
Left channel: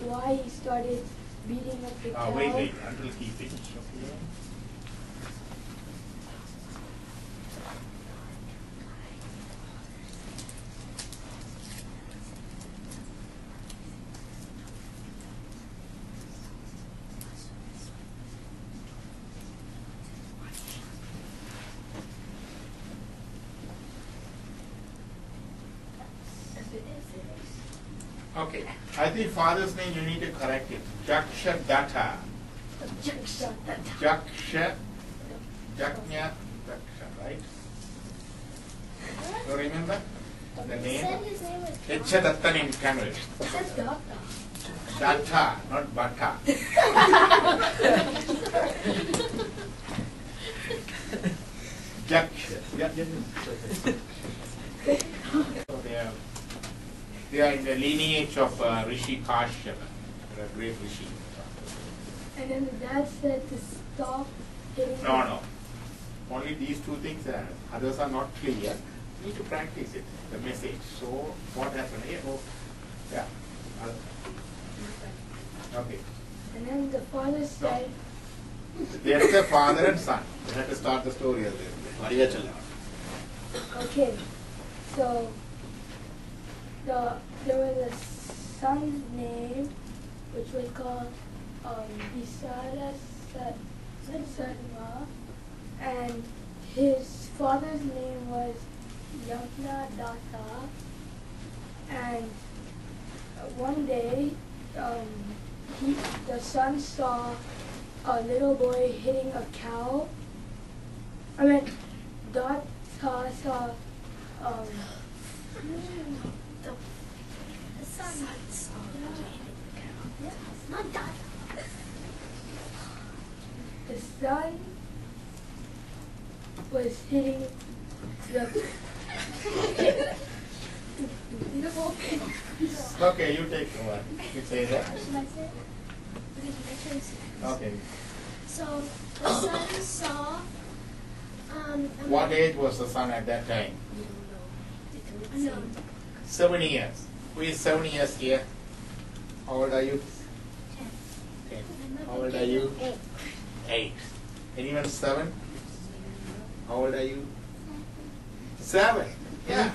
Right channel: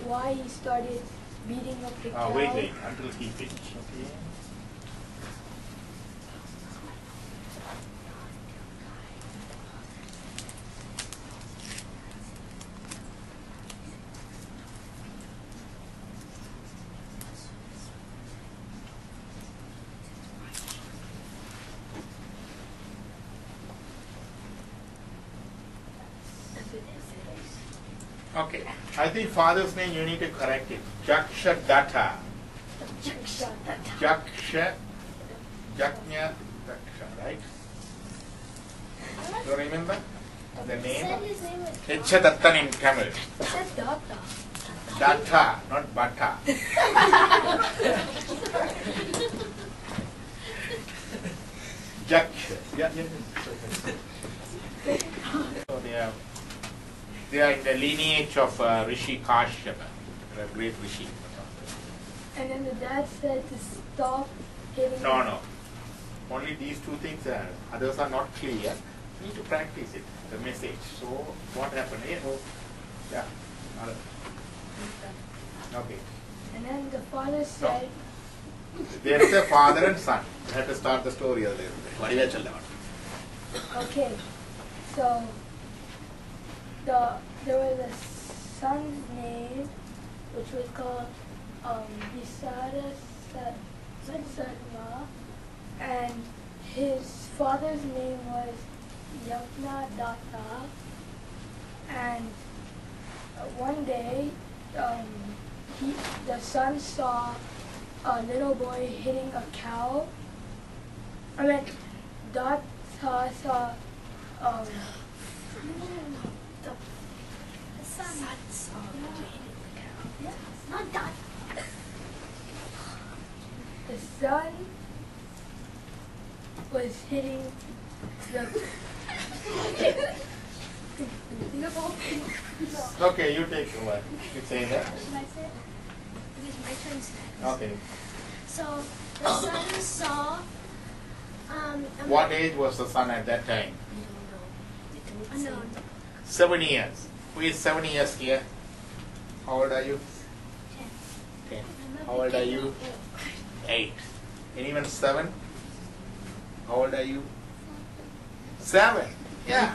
why he started beating up the cow. Wait, until he finishes. Okay. Okay, I think father's name you need to correct it. Jaksha Datta. Jaknya Daksha, right? You remember the name? Dattan in Tamil. It says Data. Datta, not Bata. Jaksha. So they are They are in the lineage of Rishi Kashyapa, a great Rishi. And then the dad said to stop hitting. No. Only these two things are. Others are not clear. You need to practice it, the message. So what happened? Yeah. Okay. And then the father said. There is a father and son. You have to start the story earlier. Okay, so there was a son's name which was called Visara Sarma, and his father's name was Yagna Datta. And one day, the son saw a little boy hitting a cow. Datta saw The sun saw hitting the cow. Yeah, it's not that. the son was hitting the Okay, you take over. You say that. Should I say it? Because my turn's next. Okay. So the sun saw. What age was the son at that time? Unknown. 7 years. Who is 7 years here? How old are you? 10. How old are you? 8. Anyone 7? How old are you? 7. Yeah.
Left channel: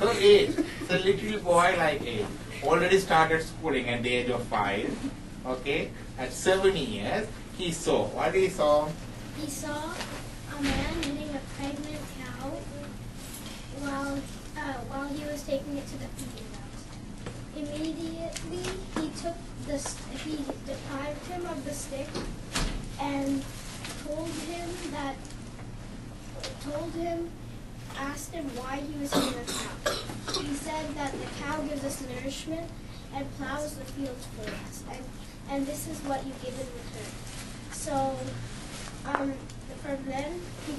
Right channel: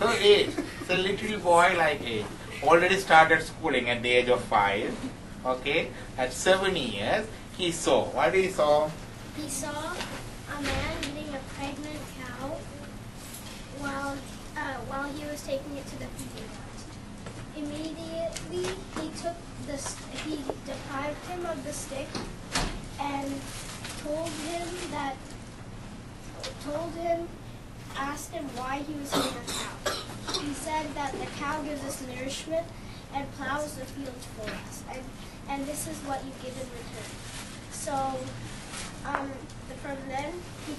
So 8. So little boy like 8. Already started schooling at the age of 5. Okay. At 7 years, he saw. What he saw? He saw a man eating a pregnant cow while he was taking it to the feeding grounds. Immediately, he deprived him of the stick and asked him why he was eating a cow. He said that the cow gives us nourishment and plows the fields for us, and this is what you give in return. So, from then, he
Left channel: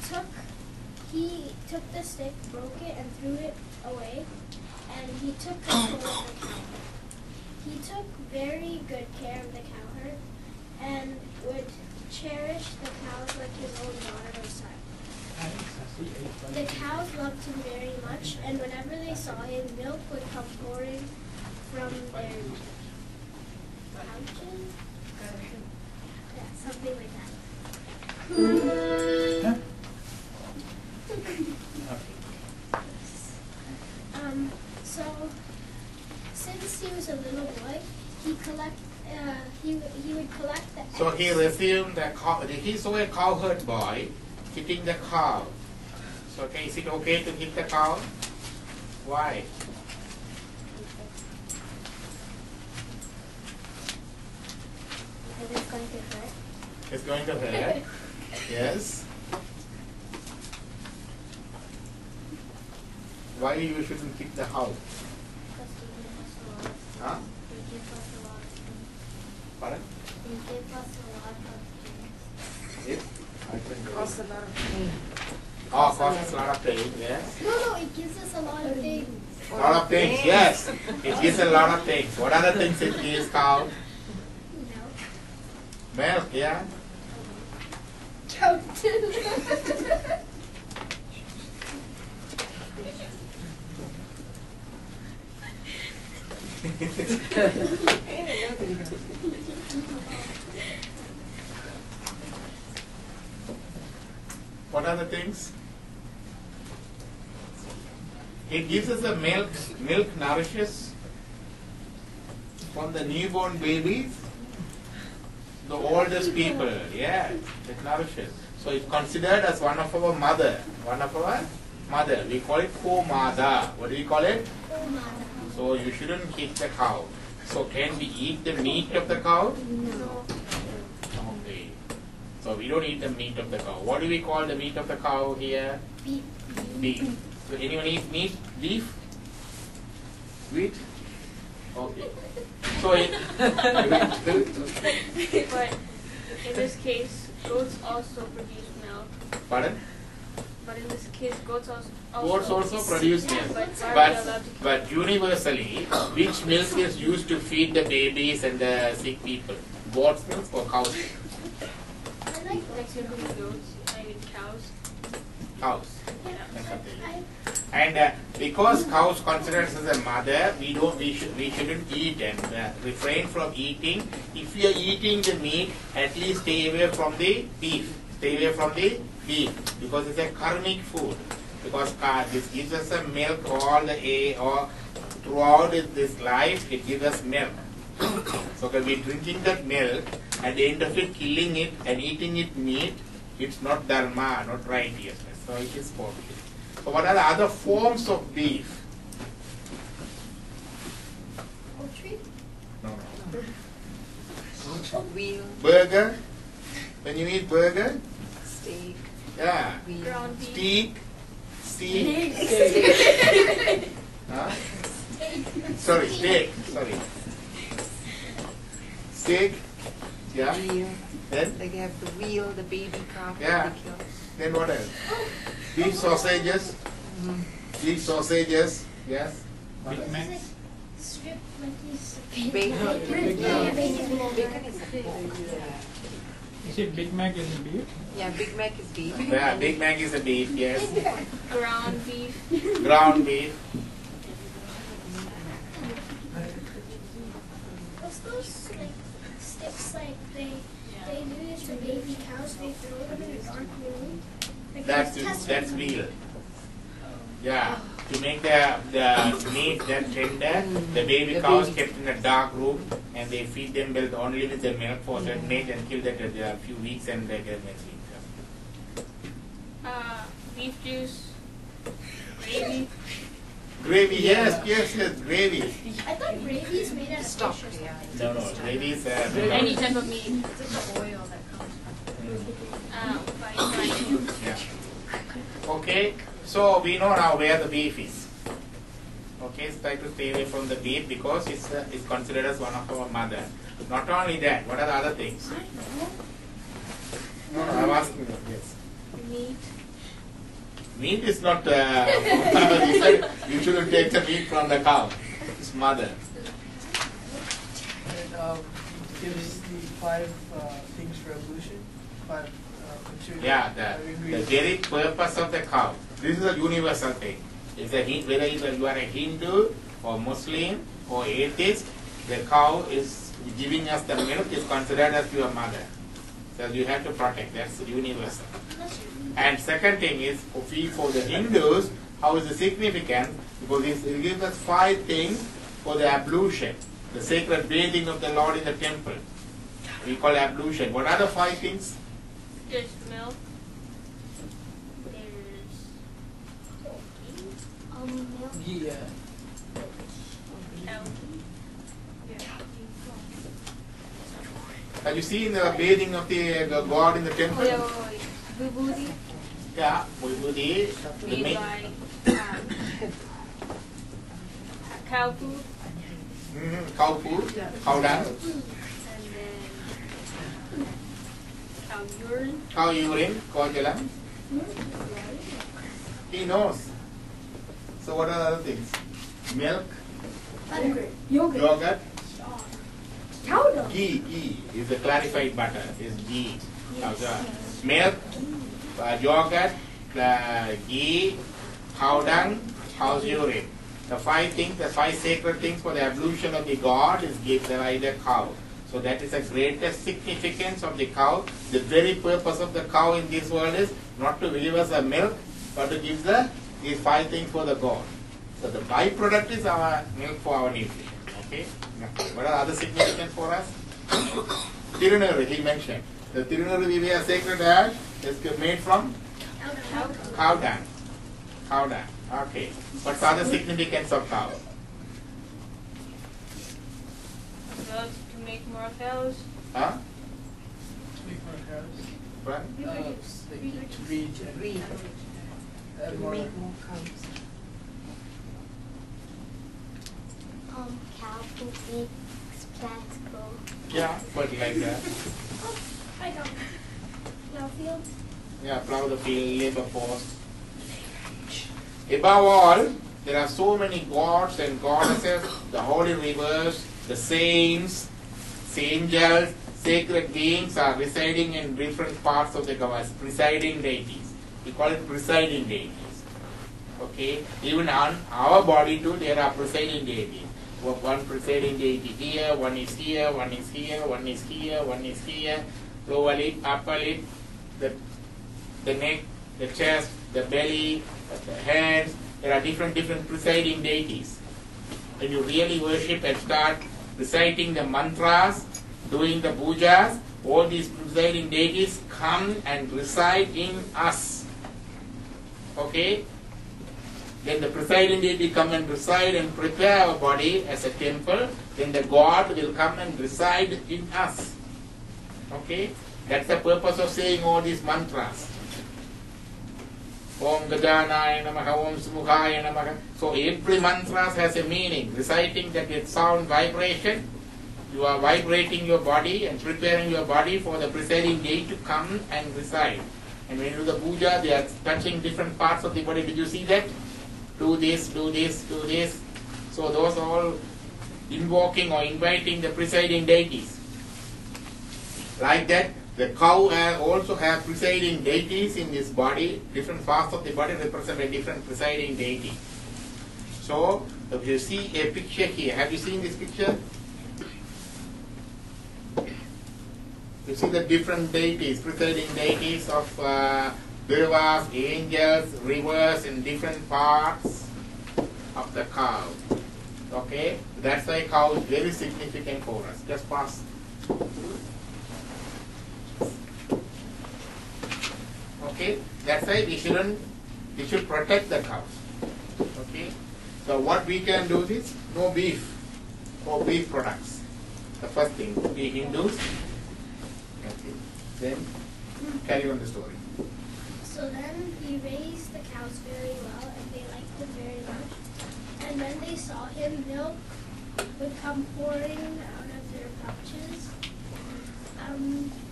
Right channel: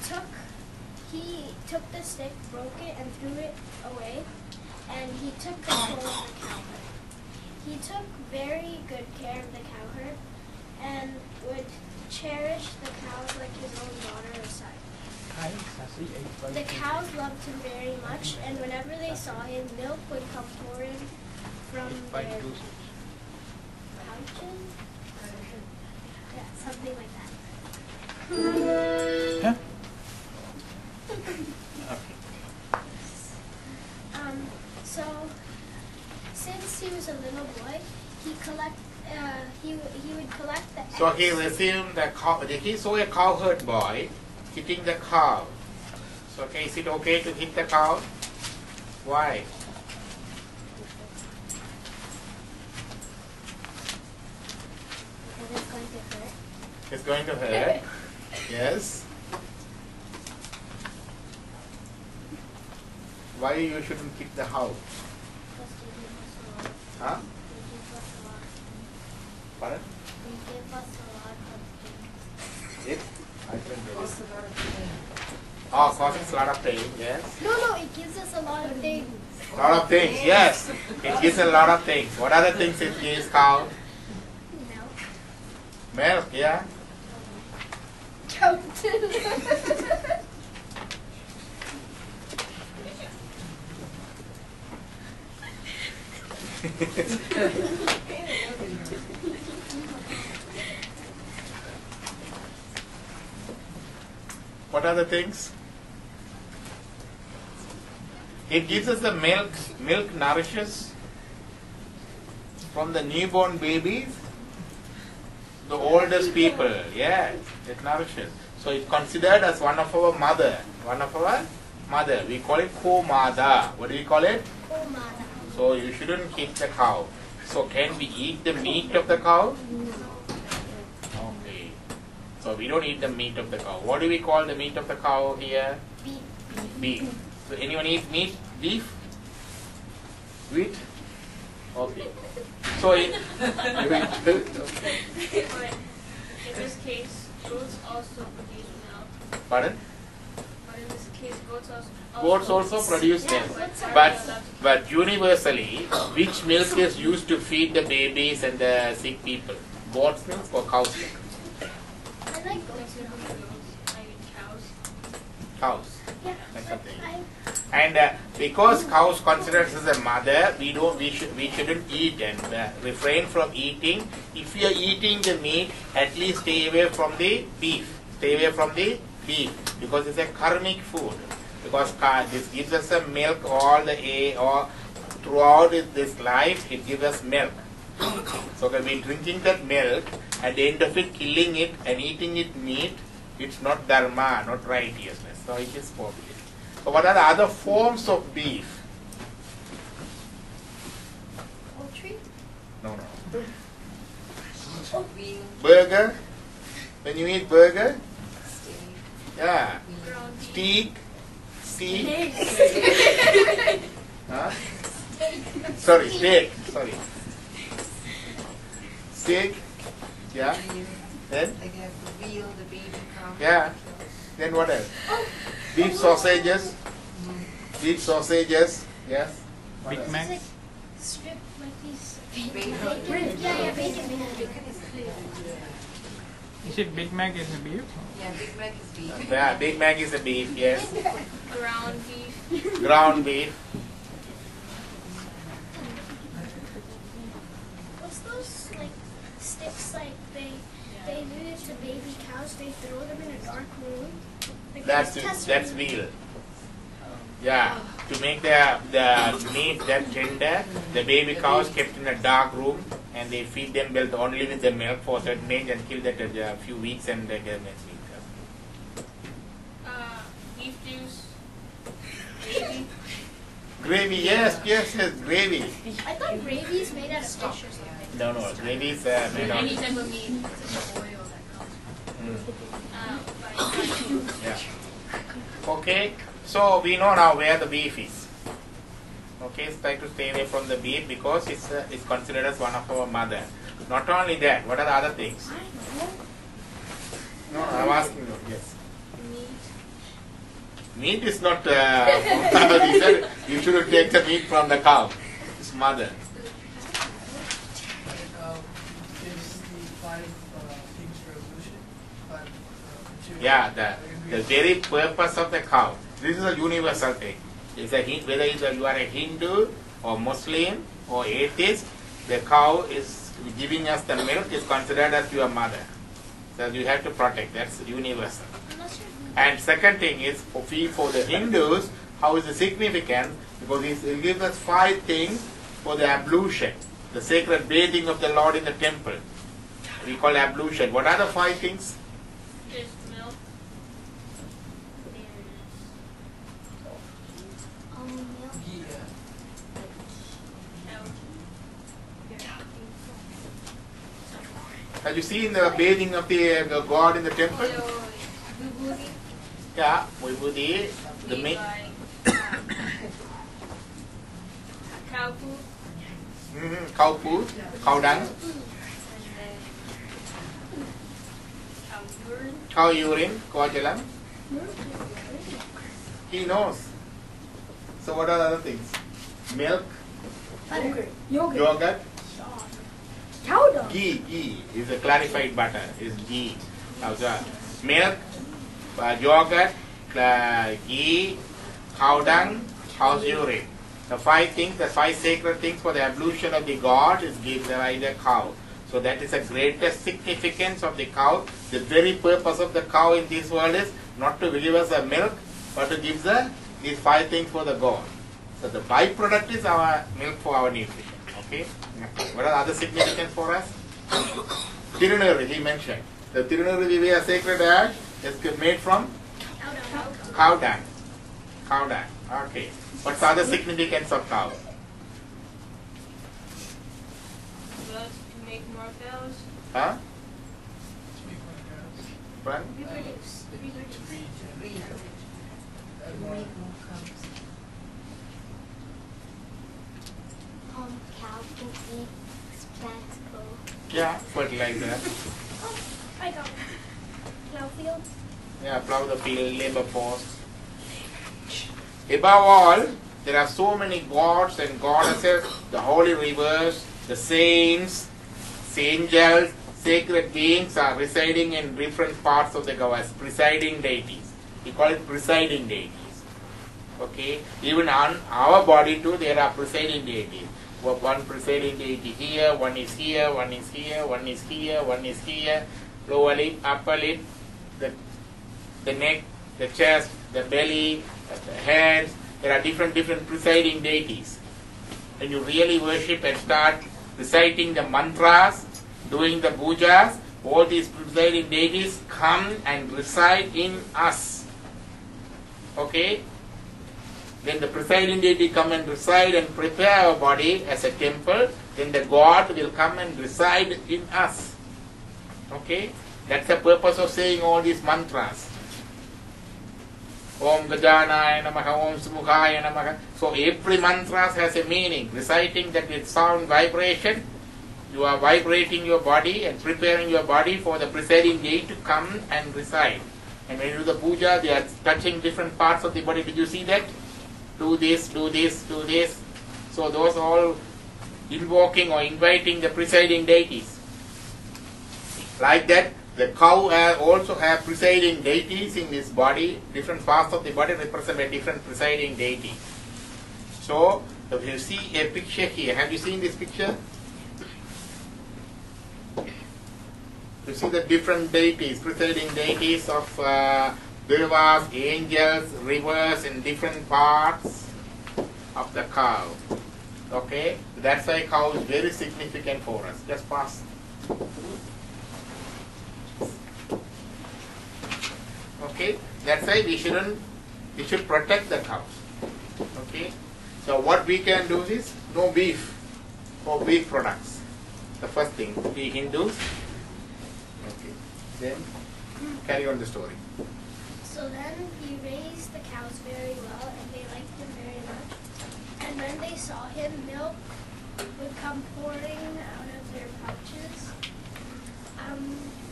took the stick, broke it, and threw it away, and he took control of the cow herd. He took very good care of the cow herd and would cherish the cows like his own daughter or son. The cows loved him very much, and whenever they saw him, milk would come pouring from their pouches. Yeah, something like that. Huh? So, since he was a little boy, he would collect the eggs. So he resumed the cow. He saw a cowherd boy hitting the cow. So okay, is it okay to hit the cow? Why? It's going to hurt. It's going to hurt. Yes. Why you shouldn't hit the cow? Huh? Pardon? It? I couldn't get it. Oh, causes a lot of pain, yes. No, it gives us a lot of things. A lot of things, yes. It gives a lot of things. What other things it gives cow? Milk, yeah. What are the things? It gives us the milk. Milk nourishes from the newborn babies, the oldest people. Yes, it nourishes. So it's considered as one of our mother. One of our mother. We call it ko-mada. What do we call it? Ko-mada. So you shouldn't hit the cow. So can we eat the meat of the cow? Okay. So we don't eat the meat of the cow. What do we call the meat of the cow here? Beef. Beef. So anyone eat meat? Beef? Wheat? Okay. So it. But in this case, goats also produce milk. Pardon? But But in this case, goats Goats also produce milk. But universally, which milk is used to feed the babies and the sick people? Goat's milk or cow's milk? I like goats. I eat cows. Cows. That's something. And because cows considered as a mother, we shouldn't eat and refrain from eating. If you are eating the meat, at least stay away from the beef. Stay away from the beef because it's a karmic food. Because this gives us a milk all throughout this life. It gives us milk. So when we're drinking that milk, at the end of it, killing it and eating it meat, it's not dharma, not righteousness. So it is forbidden. So what are the other forms of beef? Poultry? No. Wheel, Burger. When you eat burger, steak, yeah. wheel. Ground beef. Steak. Huh? Sorry, steak. Sorry. Steak. Yeah. Wheel. Then? Like they have to wheel the baby calf. Yeah. Then what else? Beef sausages. Beef sausages. Yes. What Big else? Mac. Strip like these. Bacon. Yeah, bacon. Bacon is a beef. Is it Big Mac is a beef? Yeah, Big Mac is beef. Yeah, Big Mac is a beef. Yes. Ground beef. Ground beef. What's those like sticks like they do it to baby cows? They throw them in a dark room. Like That's veal. Yeah, to make the meat that tender, the baby cows kept in a dark room and they feed them milk only with the milk for a certain age and kill that a few weeks and they get next week. Beef juice. Gravy. Gravy, yes, gravy. I thought gravy is made out of fish or something. No, gravy is made Any of. type of meat. It's the oil that comes. Yeah. Okay, so we know now where the beef is. Okay, so try to stay away from the beef because it's considered as one of our mother. Not only that, what are the other things? No, I'm asking you. Yes. Meat is not. He said you shouldn't take the meat from the cow. It's mother. And gives the 5 things revolution. 5 Yeah, the very purpose of the cow. This is a universal thing. It's whether you are a Hindu or Muslim or atheist, the cow is giving us the milk is considered as your mother. So you have to protect. That's universal. And second thing is for the Hindus, how is the significance? Because it gives us 5 things for the ablution, the sacred bathing of the Lord in the temple. We call ablution. What are the 5 things? There's milk. Milk. Yeah. Have you seen the bathing of the God in the temple? Vibhuti. Yeah, Vibhuti, the We main. buy cow food. Cow food, cow dung, And then cow urine. cow urine, cow jalam. He knows. So what are the other things? Milk, yogurt, Cow dung. ghee is a clarified butter, is ghee. Now, so, milk, yogurt, ghee, cow dung, cow's urine. The 5 things, the 5 sacred things for the ablution of the God is given by the cow. So that is the greatest significance of the cow. The very purpose of the cow in this world is not to give us a milk, but to give these 5 things for the God. So the byproduct is our milk for our nutrition. Okay? What are the other significance for us? Tirunuri, he mentioned. The Tirunuri we wear sacred ash is made from cow dung. Cow dung. Okay. What's the other significance of cow? Milk to make more cows. Huh? Speak for us. What? Reproduce. To read and Wheel. add To more. make more cows. Cow food makes plants grow. Yeah, fertilizer. I got it. Plow fields. Yeah, plow the field, labor force. Above all, there are so many gods and goddesses, the holy rivers, the saints, angels, sacred beings are residing in different parts of the universe, presiding deities. We call it presiding deities. Okay? Even on our body too, there are presiding deities. One presiding deity here, one is here, one is here, one is here, one is here, lower lip, upper lip, the neck, the chest, the belly, the hands. There are different presiding deities. When you really worship and start reciting the mantras, doing the pujas, all these presiding deities come and reside in us. Okay? Then the presiding deity come and reside and prepare our body as a temple. Then the God will come and reside in us. Okay? That's the purpose of saying all these mantras. Om Gajanaya Namaha, Om Sumukhaya Namaha. So every mantra has a meaning. Reciting that with sound vibration, you are vibrating your body and preparing your body for the presiding deity to come and reside. And when you do the puja, they are touching different parts of the body. Did you see that? Do this, do this, do this. So those all invoking or inviting the presiding deities. Like that, the cow also have presiding deities in his body. Different parts of the body represent a different presiding deity. So, if you see a picture here, have you seen this picture? You see the different deities, presiding deities of devas, angels, rivers in different parts of the cow. Okay? That's why cow is very significant for us. Just pass. Okay? That's why we should protect the cows. Okay? So what we can do is no beef or beef products. The first thing, we Hindus. Okay. Then carry on the story. So then he raised the cows very well, and they liked him very much. And when they saw him, milk would come pouring out of their pouches.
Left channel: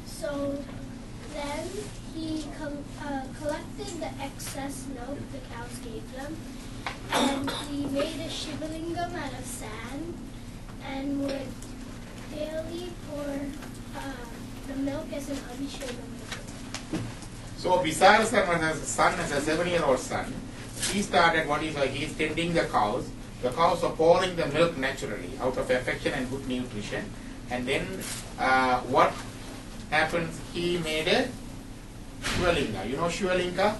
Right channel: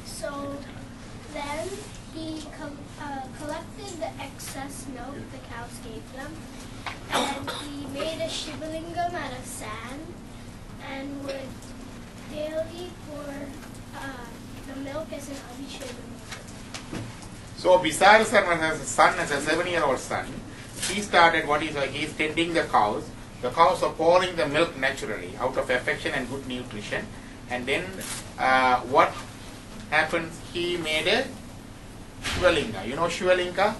So then he collected the excess milk the cows gave them, and he made a shivalingam out of sand, and would daily pour the milk as an abhishekam. So Visarasan has a son, as a 7-year-old son. He started he's tending the cows. The cows are pouring the milk naturally out of affection and good nutrition. And then what happens? He made a Shivalinga. You know Shivalinga?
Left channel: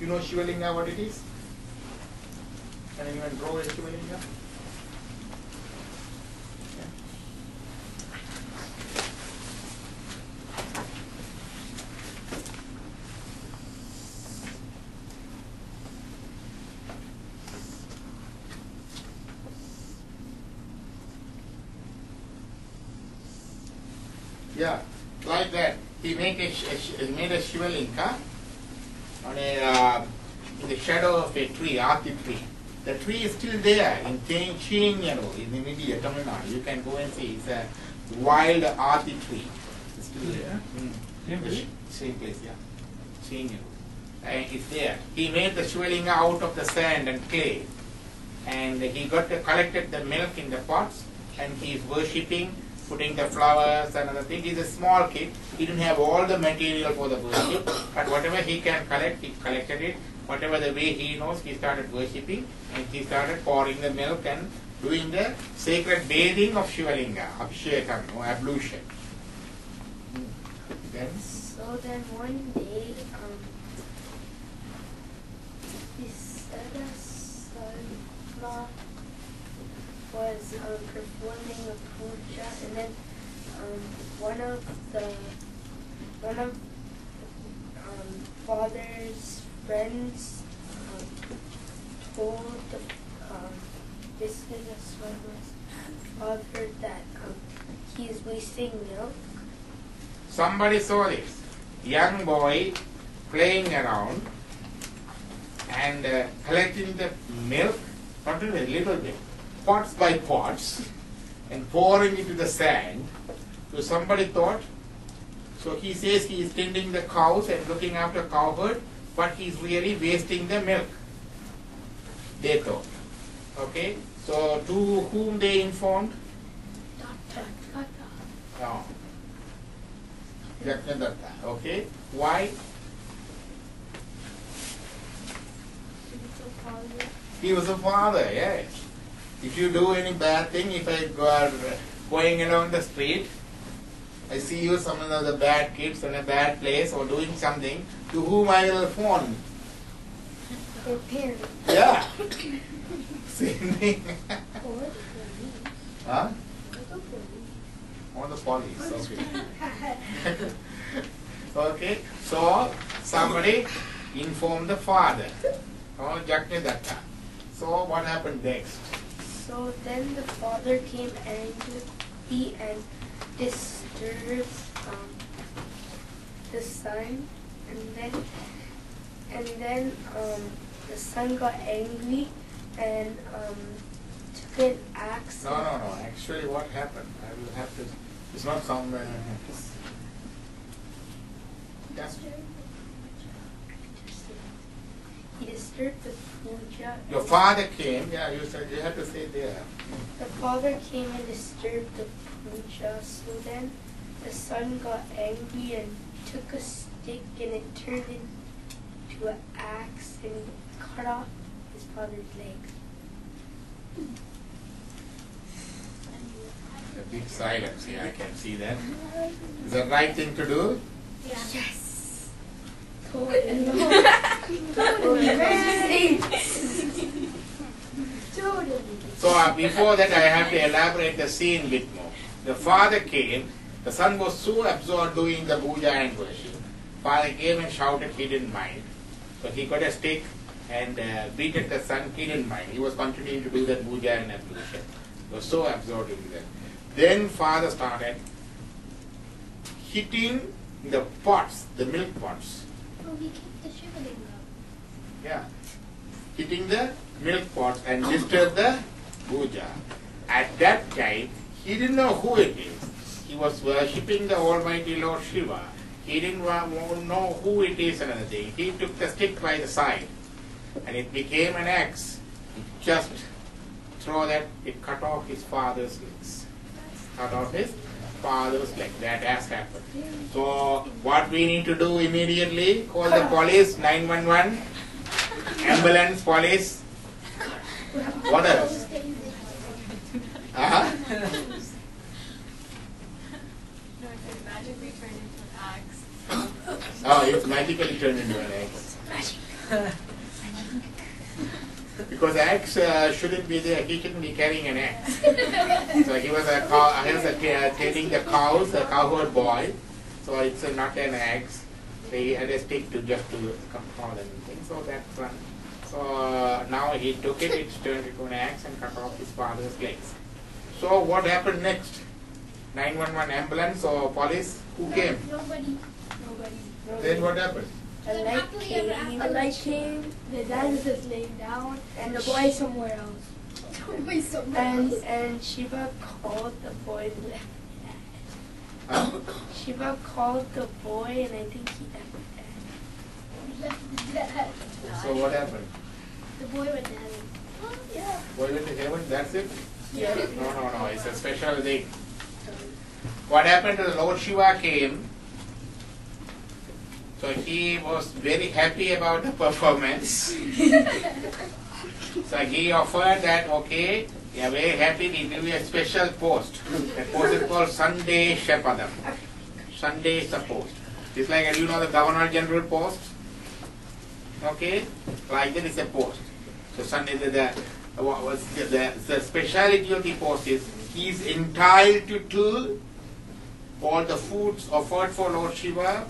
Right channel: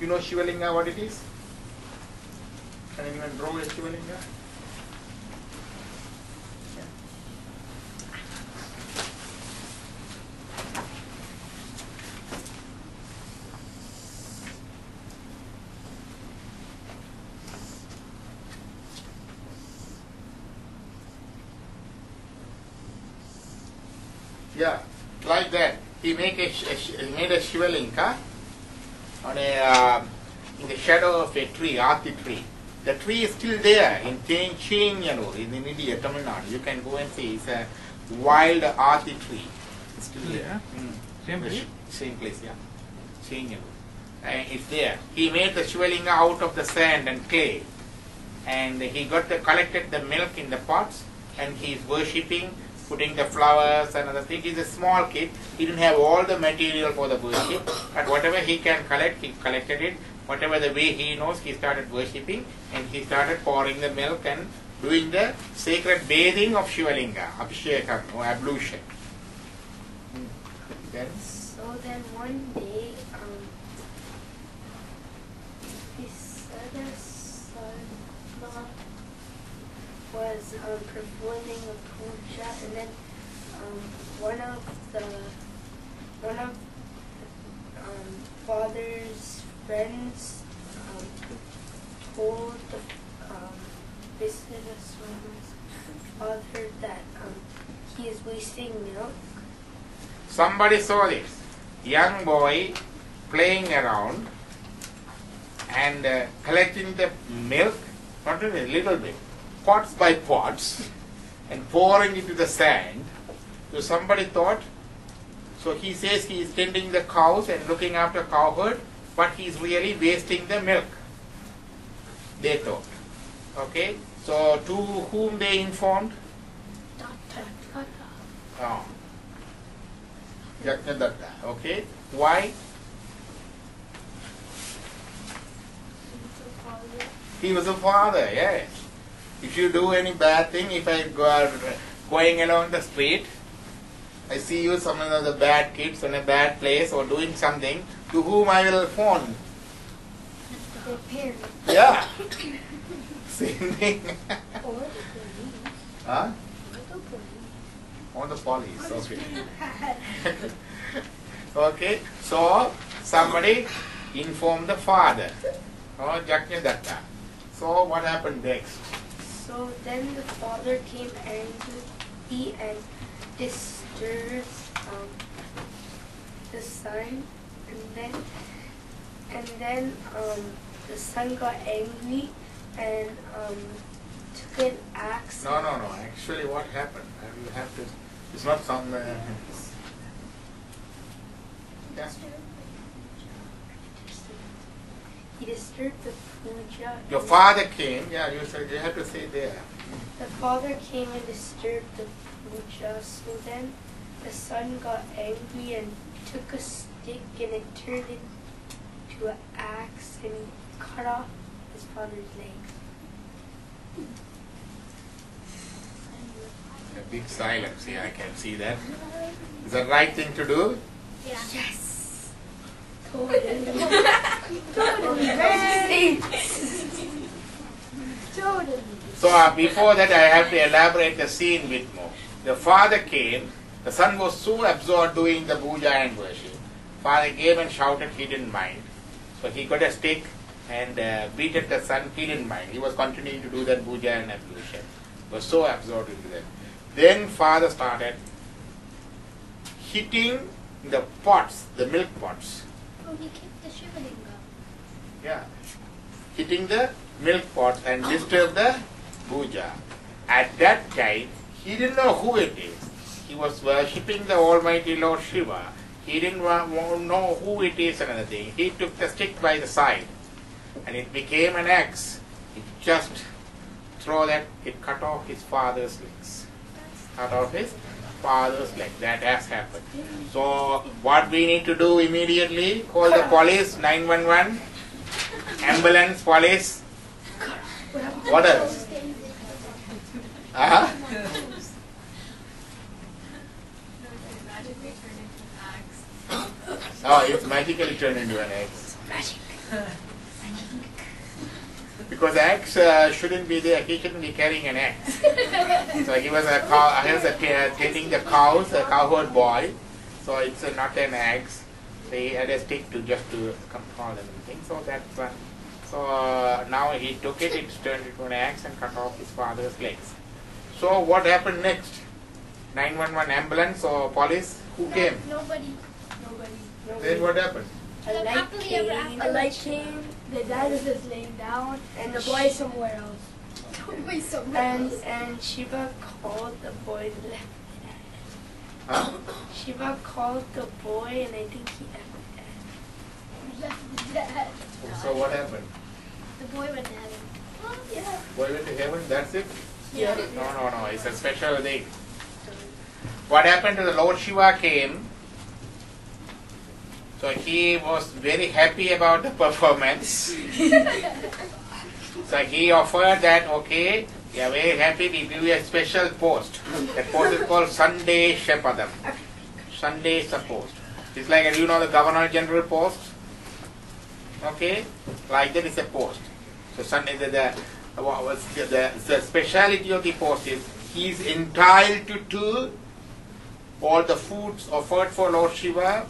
You know Shivalinga what it is? Can anyone draw a Shivalinga? Yeah, like that. He made a Shivalinga on in the shadow of a tree, Ati tree. The tree is still there in Chinyanur, in India, Tamil Nadu. You can go and see. It's a wild Ati tree. It's still there. Same place? Same place, yeah. Chinyanur. It's there. He made the Shivalinga out of the sand and clay. And he collected the milk in the pots, and he is worshipping, putting the flowers and other things. He's a small kid. He didn't have all the material for the worship, but whatever he can collect, he collected it. Whatever the way he knows, he started worshipping, and he started pouring the milk and doing the sacred bathing of Shivalinga, Abhishekam or ablution. Then? So then one day, Visarasana was performing a puja, and then one of father's friends told the Visarasana's father that he is wasting milk. Somebody saw this young boy playing around and collecting the milk, not a little bit, pots by pots, and pouring into the sand. So somebody thought, so he says he is tending the cows and looking after cow herd, but he is really wasting the milk. they thought. Okay, so to whom they informed? Oh. Yajnadatta. Okay, why? He was a father, yes. If you do any bad thing, if I go going along the street, I see you, some of the bad kids in a bad place or doing something, to whom I will phone? Their parents. Yeah. Same thing. Or the police. Huh? Or the police. Or the police, okay. Okay, so somebody informed the father, or Yajnadatta. So what happened next? So then the father came angry and disturbed the son, and then the son got angry and took an axe. No. Actually, what happened? I will have to. It's not some. Yeah. He disturbed the puja. Your father came. Yeah, you said you have to say there. The father came and disturbed the puja. So then the son got angry and took a stick and it turned into an axe and cut off his father's leg. A big silence here. I can see that. Is that right thing to do? Yeah. Yes. Totally, totally. So before that, I have to elaborate the scene bit more. The father came. The son was so absorbed doing the puja and worship. Father came and shouted. He didn't mind. So he got a stick and beat at the son. He didn't mind. He was continuing to do that puja and ablution. He was so absorbed into that. Then father started hitting the pots, the milk pots. Oh, he kicked the Shivalingam. Yeah, hitting the milk pots and disturb the puja. At that time, he didn't know who it is. He was worshipping the Almighty Lord Shiva. He didn't know who it is and another thing. He took the stick by the side and it became an axe. He just threw that, it cut off his father's legs. Cut off his father's leg. That has happened. So what we need to do immediately, call the police, 911, ambulance, police. What else? Uh-huh. Oh, it's magically turned into an axe. Because axe shouldn't be there. He shouldn't be carrying an axe. So he was tending the cows, a cowherd boy. So it's not an axe. So he had a stick to just to control them and things. So that's one. So now he took it. It's turned into an axe and cut off his father's legs. So what happened next? 911 ambulance or police? Who came? Nobody. Then what happened? A light Happily ever came. after. A light came. The dad was just laying down, and the boy somewhere else. Nobody somewhere else. And Shiva called the boy and left it at Huh? Shiva called the boy, and I think he left it Left dad. So what happened? The boy went to heaven. at. Yeah. Boy went to heaven, that's it? Yeah. No, it's a special thing. What happened to the Lord Shiva came, so he was very happy about the performance. So he offered that, okay, we are very happy, we give you a special post. That post is called Sunday Shepadam. Sunday is the post. It's like, you know, the Governor General post? Okay? Like that is a post. So Sunday, the speciality of the post is, he is entitled to all the foods offered for Lord Shiva,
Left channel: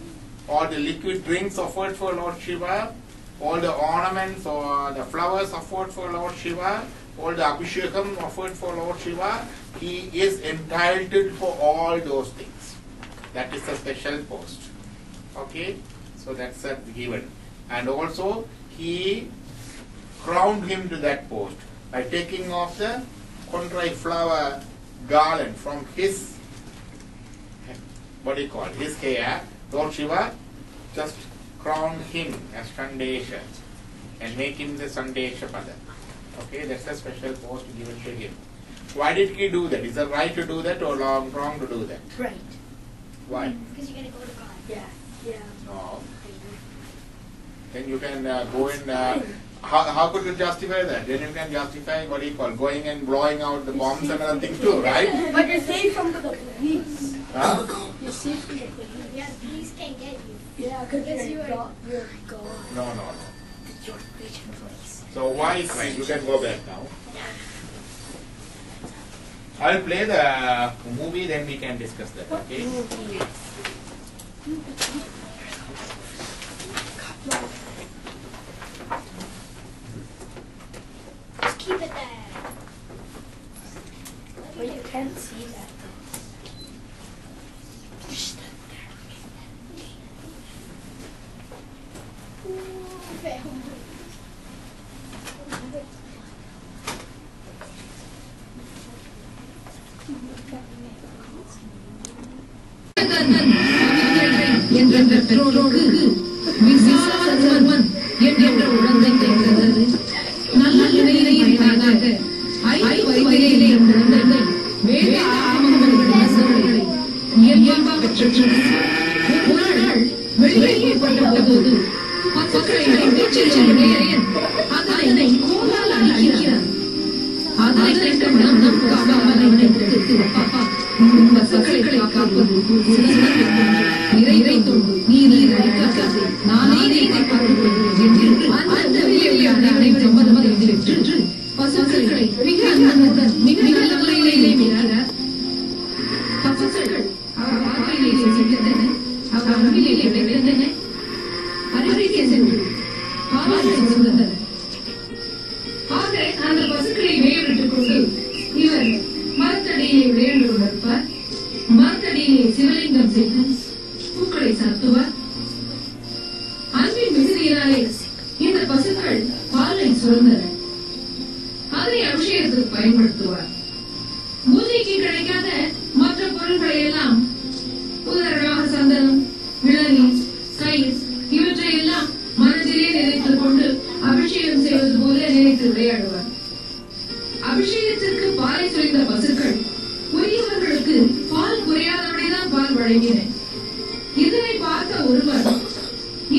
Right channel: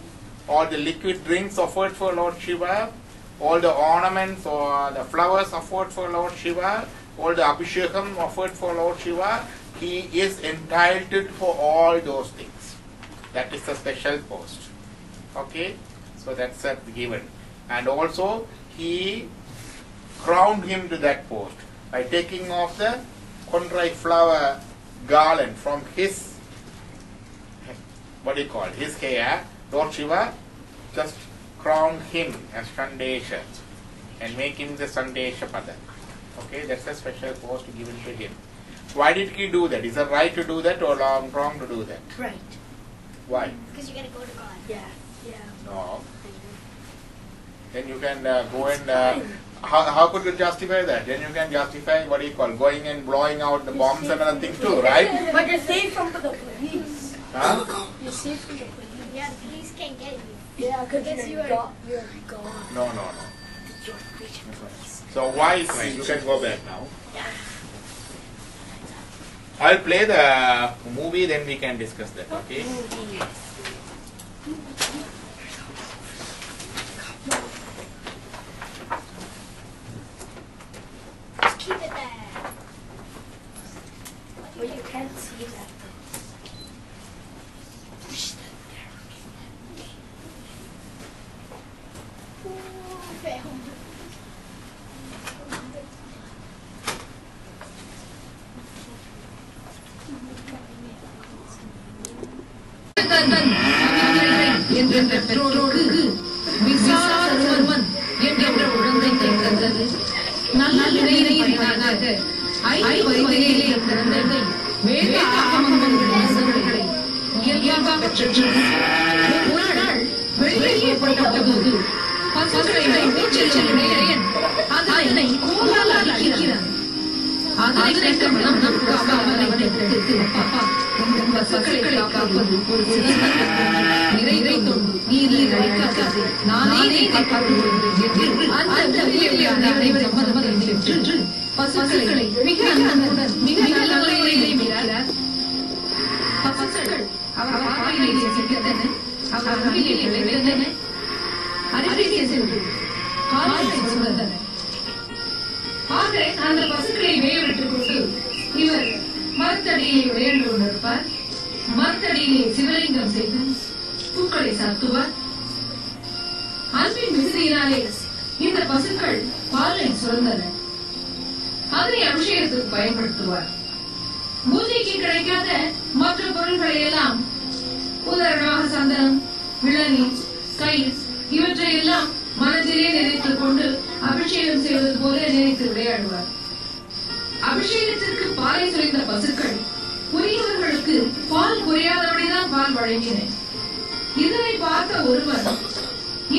all the liquid drinks offered for Lord Shiva, all the ornaments or the flowers offered for Lord Shiva, all the abhishekam offered for Lord Shiva. He is entitled for all those things. That is a special post. Okay? So that's given. And also, he crowned him to that post by taking off the Kondrai flower garland from his, his hair. Lord Shiva just crowned him as Sandesha and make him the Sandesha Pada. Okay, that's a special post given to him. Why did he do that? Is it right to do that or wrong to do that? Right. Why? Because you're going to go to God. Yeah. Yeah. No. Then you can go and how could you justify that? Then you can justify what do you call going and blowing out the bombs and other things too, right? But you're safe from the police. Huh? You're safe from the police. Yeah, the police can't get you. Yeah, because you you're are- gone. No. You're rich and police. So why is right? You can go back now. I'll play the movie, then we can discuss that, okay? Just keep it there. But you can't see that. என்ற பெற்றோருக்கு விசாலவர்மன் என்ற உடம்பை தந்தது. நல்ல நிலையிலாக 5 வயதிலே இருந்த குழந்தை வேத ஆகமங்களை இயல்பாக பெற்றது. ஒரு நாள் வெளியே போட்டபோது பசுக்களை நீச்சல் செல்கிறேன், அதனை கோலால் அடிக்கிறான். அதனை கண்ட மனம் அவனை தடுத்து, பாப்பா இந்த பசுக்களை காப்பது ஒரு சிறந்த நிறை தொண்டு, நீ அழைக்காது, நானே காப்பாற்றுகிறேன் என்று அந்த உதவியான அனைவரும் சம்மதம் பெற்று பசுக்களை மிக அன்புடன் மிக நல்ல முறையிலே மீறார். பசுக்கள் அவர் பாதையிலே சென்றன, அவர் அருகிலே விளைந்தன, அருகிலே சென்று பாலை சுமந்தன. ஆக அந்த பசுக்களை மேலிட்டுக் கொண்டு இவர் மரத்தடியிலே விளையாண்டு கொண்டிருப்பார். மரத்தடியிலே சிவலிங்கம் செய்து பூக்களை சாத்துவார். அன்பின் மிகுதியினாலே இந்த பசுக்கள் பாலை சுரந்தன. அதனை அபிஷேகத்துக்கு பயன்படுத்துவார். பூஜைக்கு கிடைக்காத மற்ற பொருட்களை எல்லாம், உதாரணமாக சந்தனம், இளநீ, கயிர் இவற்றை எல்லாம் மனதிலே நினைத்துக் கொண்டு அபிஷேகம் செய்வது போல நினைத்து விளையாடுவார். அபிஷேகத்திற்கு பாலை சுரைந்த பசுக்கள் உரியவர்களுக்கு பால் குறையாதபடிதான் பால் வழங்கின. இதனை பார்த்த ஒருவர்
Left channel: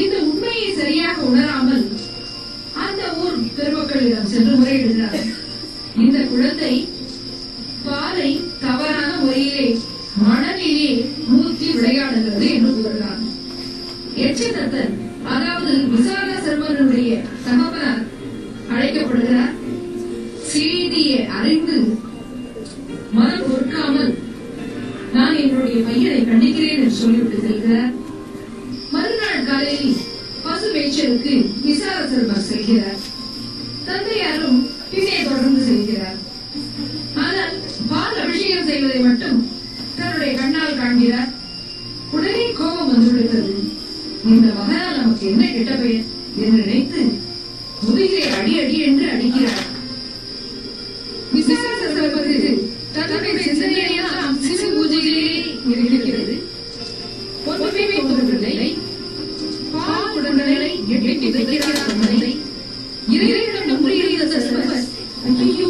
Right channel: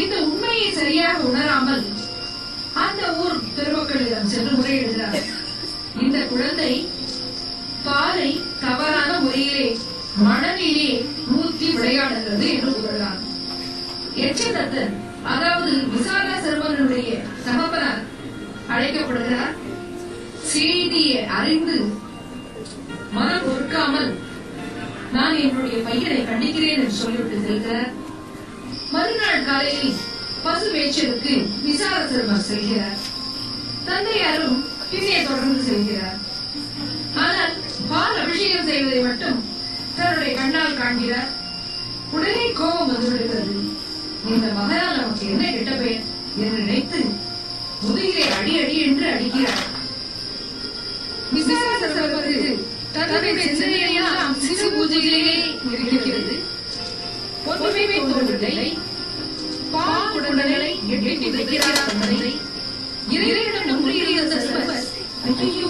இந்த உண்மையை சரியாக உணராமல் அந்த ஊர் பெருமக்களிடம் சென்று முறையிடுகிறார். இந்த குழந்தை பாலை தவறான முறையிலே மணலிலே ஊற்றி விளையாடுகிறது என்று கூறுகிறார். எச்சதத்தன், அதாவது விசால சர்மனுடைய தகப்பனார் அழைக்கப்படுகிறார். செய்தியை அறிந்து மனம் பொறுக்காமல் நான் என்னுடைய பையனை கண்டிக்கிறேன் என்று சொல்லிவிட்டு செல்கிறார். மறுநாள் காலையில் பசு மேய்ச்சலுக்கு விசால சர்மர் செல்கிறார். தந்தையாரும் பின்னே தொடர்ந்து செல்கிறார். ஆனால் பால் அபிஷேகம் செய்வதை மட்டும் தன்னுடைய கண்ணால் காண்கிறார். உடனே கோபம் வந்துவிடுகிறது. இந்த மகனால் நமக்கு என்ன கெட்ட பெயர் என்று நினைத்து முதுகிலே அடி அடி என்று அடிக்கிறார். விசால சர்மருக்கு தன்னுடைய சிந்தனையெல்லாம் சிறு பூஜையிலே இருக்கிறது. ஒன்றுமே தோன்றவில்லை. பால் உடனே எட்டி வைக்கிறார் தந்தை. இறைவனுடன் ஒன்றியிருந்த சர்மர், ஐயோ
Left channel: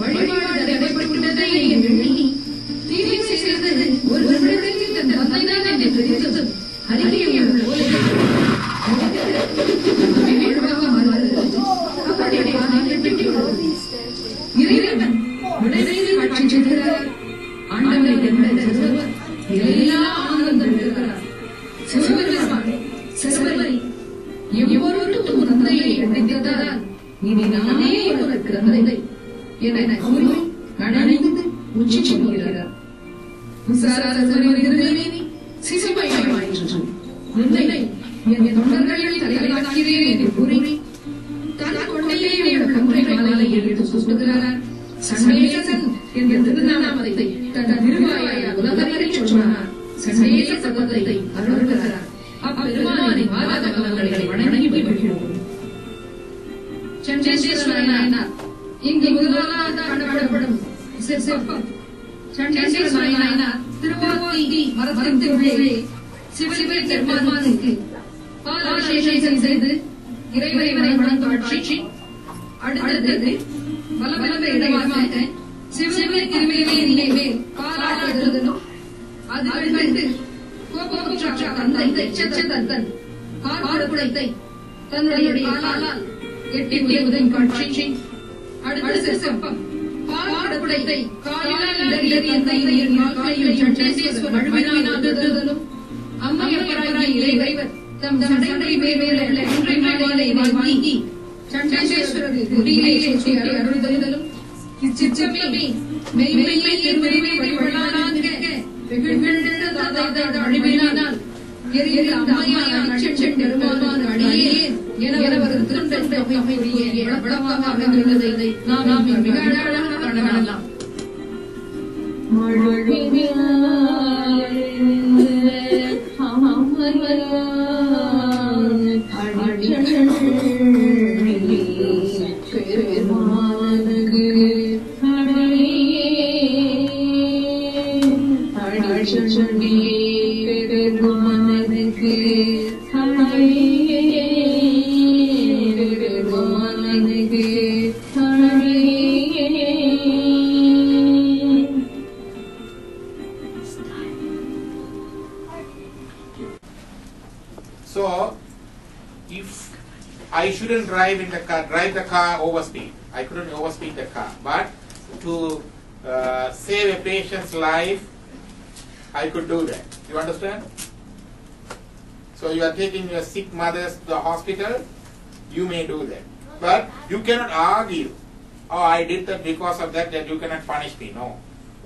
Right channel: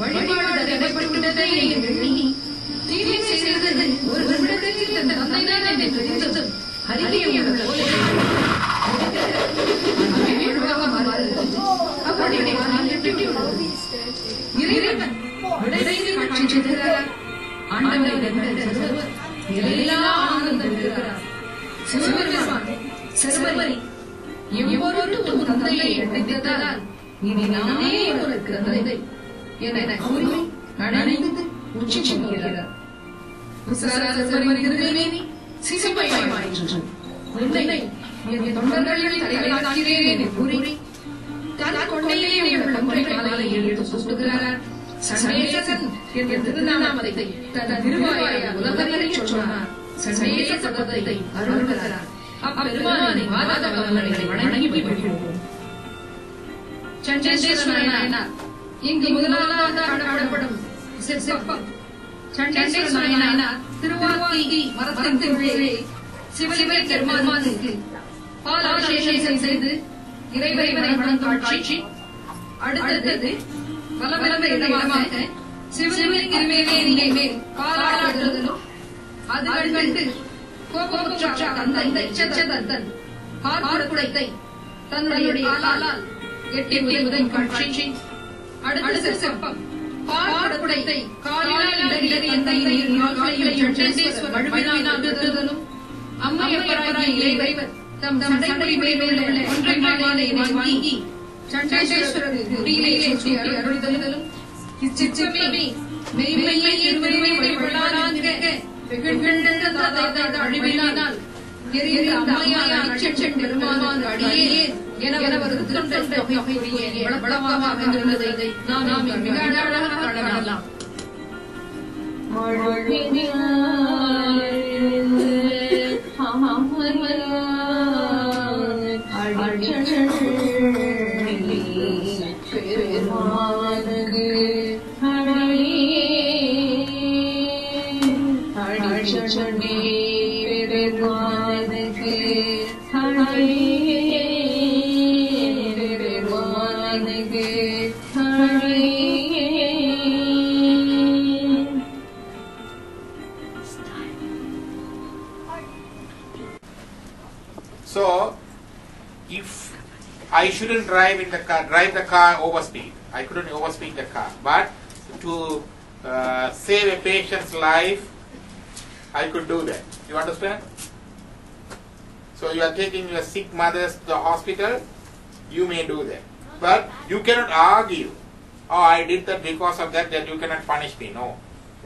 வழிபாடு நடைபெற்றுவிட்டதை எண்ணி தீமை செய்தது ஒரு நிமிடத்தில் தன் தந்தைதான் என்று தெரிந்ததும் அருகே உள்ள போலே வீழ்வாக மாறுகிறது. அப்படியே வானில் விட்டுவிடுகிறது. இறைவன் விடையிலே காட்சி செய்கிறார். ஆண்டவரை கண்ட சர்வர் எல்லா ஆனந்தம் பெறுகிறார். சர்வரை எவ்வொரு தந்தையை கண்டித்ததால் இனி நானே ஒரு தந்தை என கூறி அணைந்து உச்சி சொல்கிறார். சிசுமையாயிற்று. உன்னை என் தொண்டர்களில் தலைவராக்கிறேன் என்று கூறி தன் கொண்டையிலே உள்ள முறை மாலையை எடுத்து சுட்டுகிறார். சண்டேசன் என்ற திருநாமத்தை தன் திருவாயால் உலகறிய சொன்னார். சண்டேச சபதத்தை அருள்கிறார். அப்பெருமானின் வாதவங்களை வணங்கி மகிழ்வோம். சண்டேஸ்வரனார் இங்கு முதலாவதாக காணப்படும் சிற்பம். சண்டேஸ்வரனார் திருவாக்கி மரத்தின் உள்ளே சிவலிவை பெருமானுக்கு பாலாபிஷேகம் செய்து இறைவனை வணங்கும் காட்சி அடுத்தது வலவலவ இடமாக சிவலிங்கமே மேல் காலாடுதலும் அது கண்டு கோபமுற்ற தந்தை செச்சதன் பார்க்குடத்தை தன்னுடைய காலால் எட்டி உதவும் காட்சி. அடுத்த செப்பம் பார்க்குடத்தை காலினால் இடறி தன்னையின் கால்களையும் சண்டேஸ்வரர் மழுவினால் நிறுத்துதலும் அம்மையப்பராகி இறைவர் தம் சண்டை மேலுள்ள ஒன்றை மாலை வாங்கி சண்டேஸ்வரர் முடியிலே சூட்டி அருள்தலும் இச்சிச்சமே மெய்மையை திருவருளை வழிபடானாக வெகுழ்கின்ற தாதாத அழிவினால் எரிந்த அம்மையான அச்சன் பெருமானார் அடியே என வருத்தம் தொகையுடைய வழக்கமாக அமைந்துள்ளதை நாம் மிக அழகாக காணலாம். So, if I shouldn't drive the car overspeed, I couldn't overspeed the car, but to save a patient's life, I could do that. You understand? So you are taking your sick mothers to the hospital, you may do that. But you cannot argue, oh, I did that because of that you cannot punish me. No.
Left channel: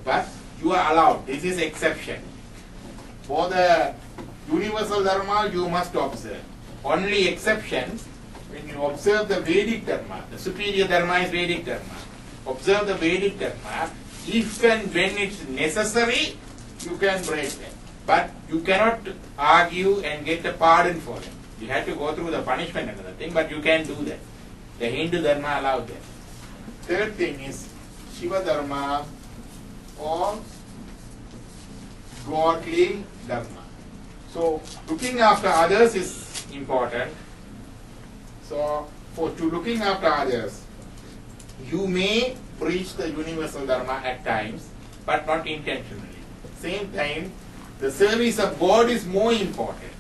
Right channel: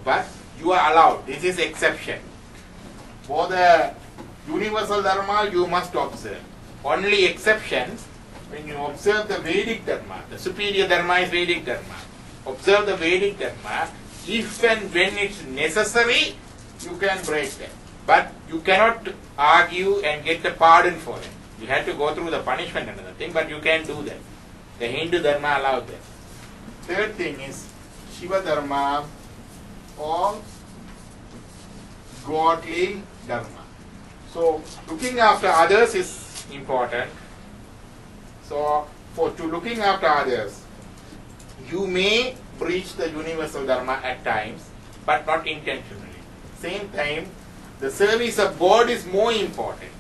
But you are allowed. This is exception. For the universal dharma, you must observe. Only exceptions, when you observe the Vedic dharma, the superior dharma is Vedic dharma. Observe the Vedic dharma, if and when it's necessary, you can break them. But you cannot argue and get a pardon for them. You have to go through the punishment and other thing, but you can do that. The Hindu dharma allows that. Third thing is Shiva dharma or godly dharma. So looking after others is important. So to looking after others, you may breach the universal dharma at times, but not intentionally. Same time, the service of God is more important.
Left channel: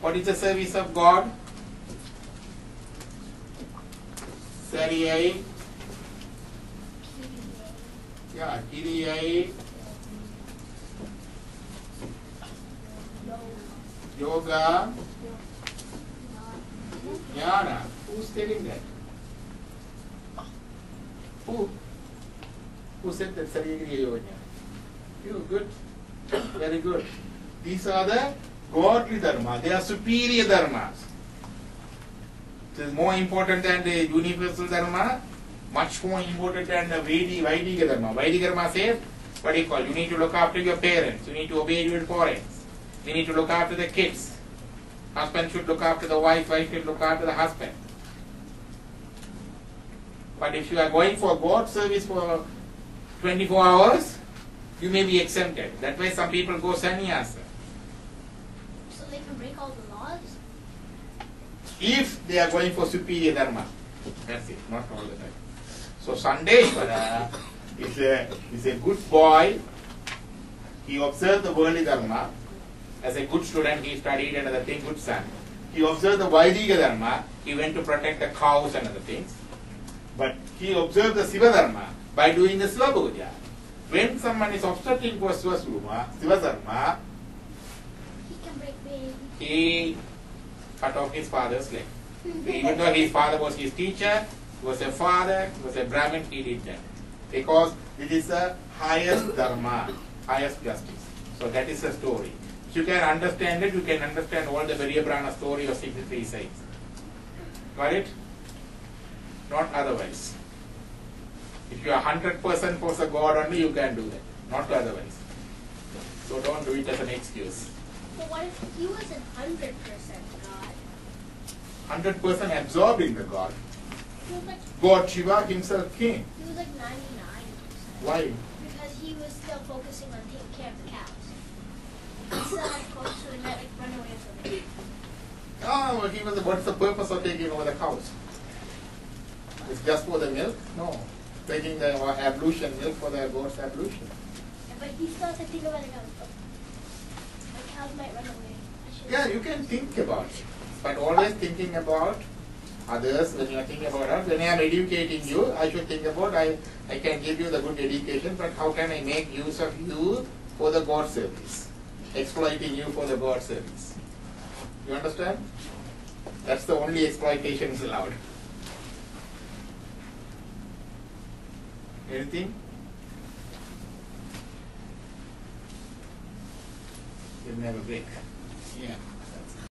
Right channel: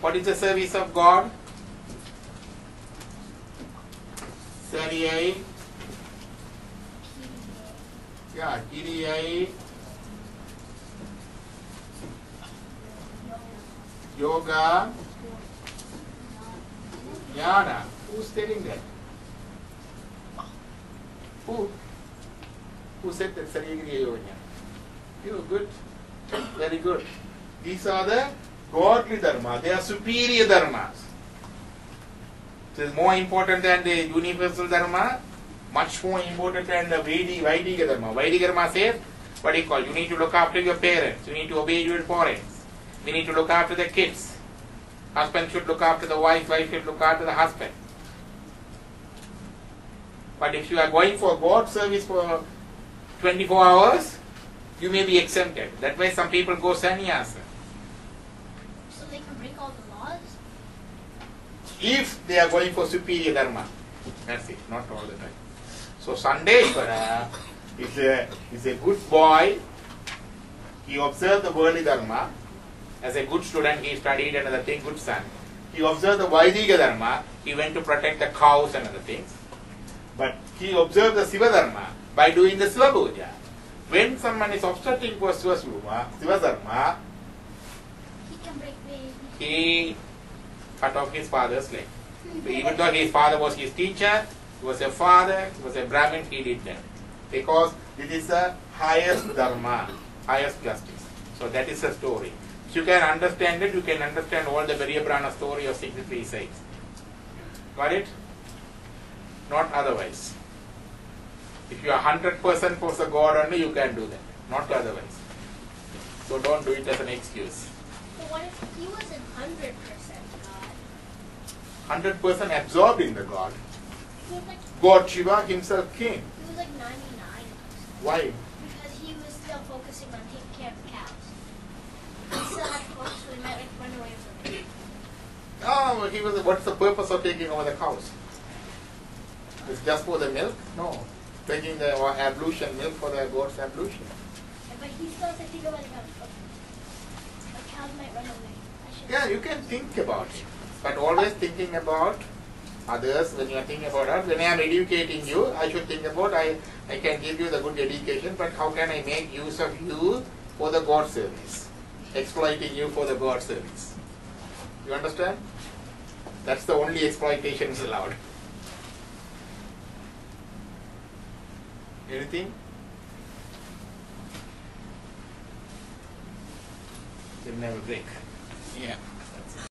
What is the service of God? Sariyai, Kiriyai, Yoga, Jnana. Who's telling that? Who said that Sariyai Yoga? You good? Very good. These are the godly dharma. They are superior dharmas. It is more important than the universal dharma, much more important than the Vedic dharma. Vedic dharma says, what do you call? You need to look after your parents. You need to obey your parents. We need to look after the kids. Husband should look after the wife. Wife should look after the husband. But if you are going for God service for 24 hours, you may be exempted. That's why some people go sannyasa. So they can break all the laws? If they are going for superior dharma. That's it, not all the time. So Sandeshwara is a good boy. He observed the worldly dharma. As a good student, he studied and other thing, good son. He observed the Vaidika dharma. He went to protect the cows and other things. But he observed the Siva dharma by doing the Siva puja. When someone is obstructing for Siva dharma, He can break the... he cut off his father's leg. Even though his father was his teacher, he was a father, he was a Brahmin, he did that. Because it is the highest dharma, highest justice. So that is the story. If you can understand it, you can understand all the Varyabrana story of 63 saints. Got it? Not otherwise. If you are 100% for the God only, you can do that. Not otherwise. So don't do it as an excuse. But what if he wasn't 100% God? 100% absorbed in the God. He was like, God Shiva himself king. he was like 99%. Why? Because he was still focusing on taking care of the cows. He still had to focus, so he might like run away from it. Oh, what's the purpose of taking over the cows? It's just for the milk? No. Taking the ablution, milk for the goat's ablution. But he's not thinking about it now. My cows might run away. Yeah, you can think about it. But always thinking about others when you are thinking about us. When I am educating you, I should think about I can give you the good education, but how can I make use of you for the God service? Exploiting you for the God service. You understand? That's the only exploitation is allowed. Anything? We'll have a break. Yeah.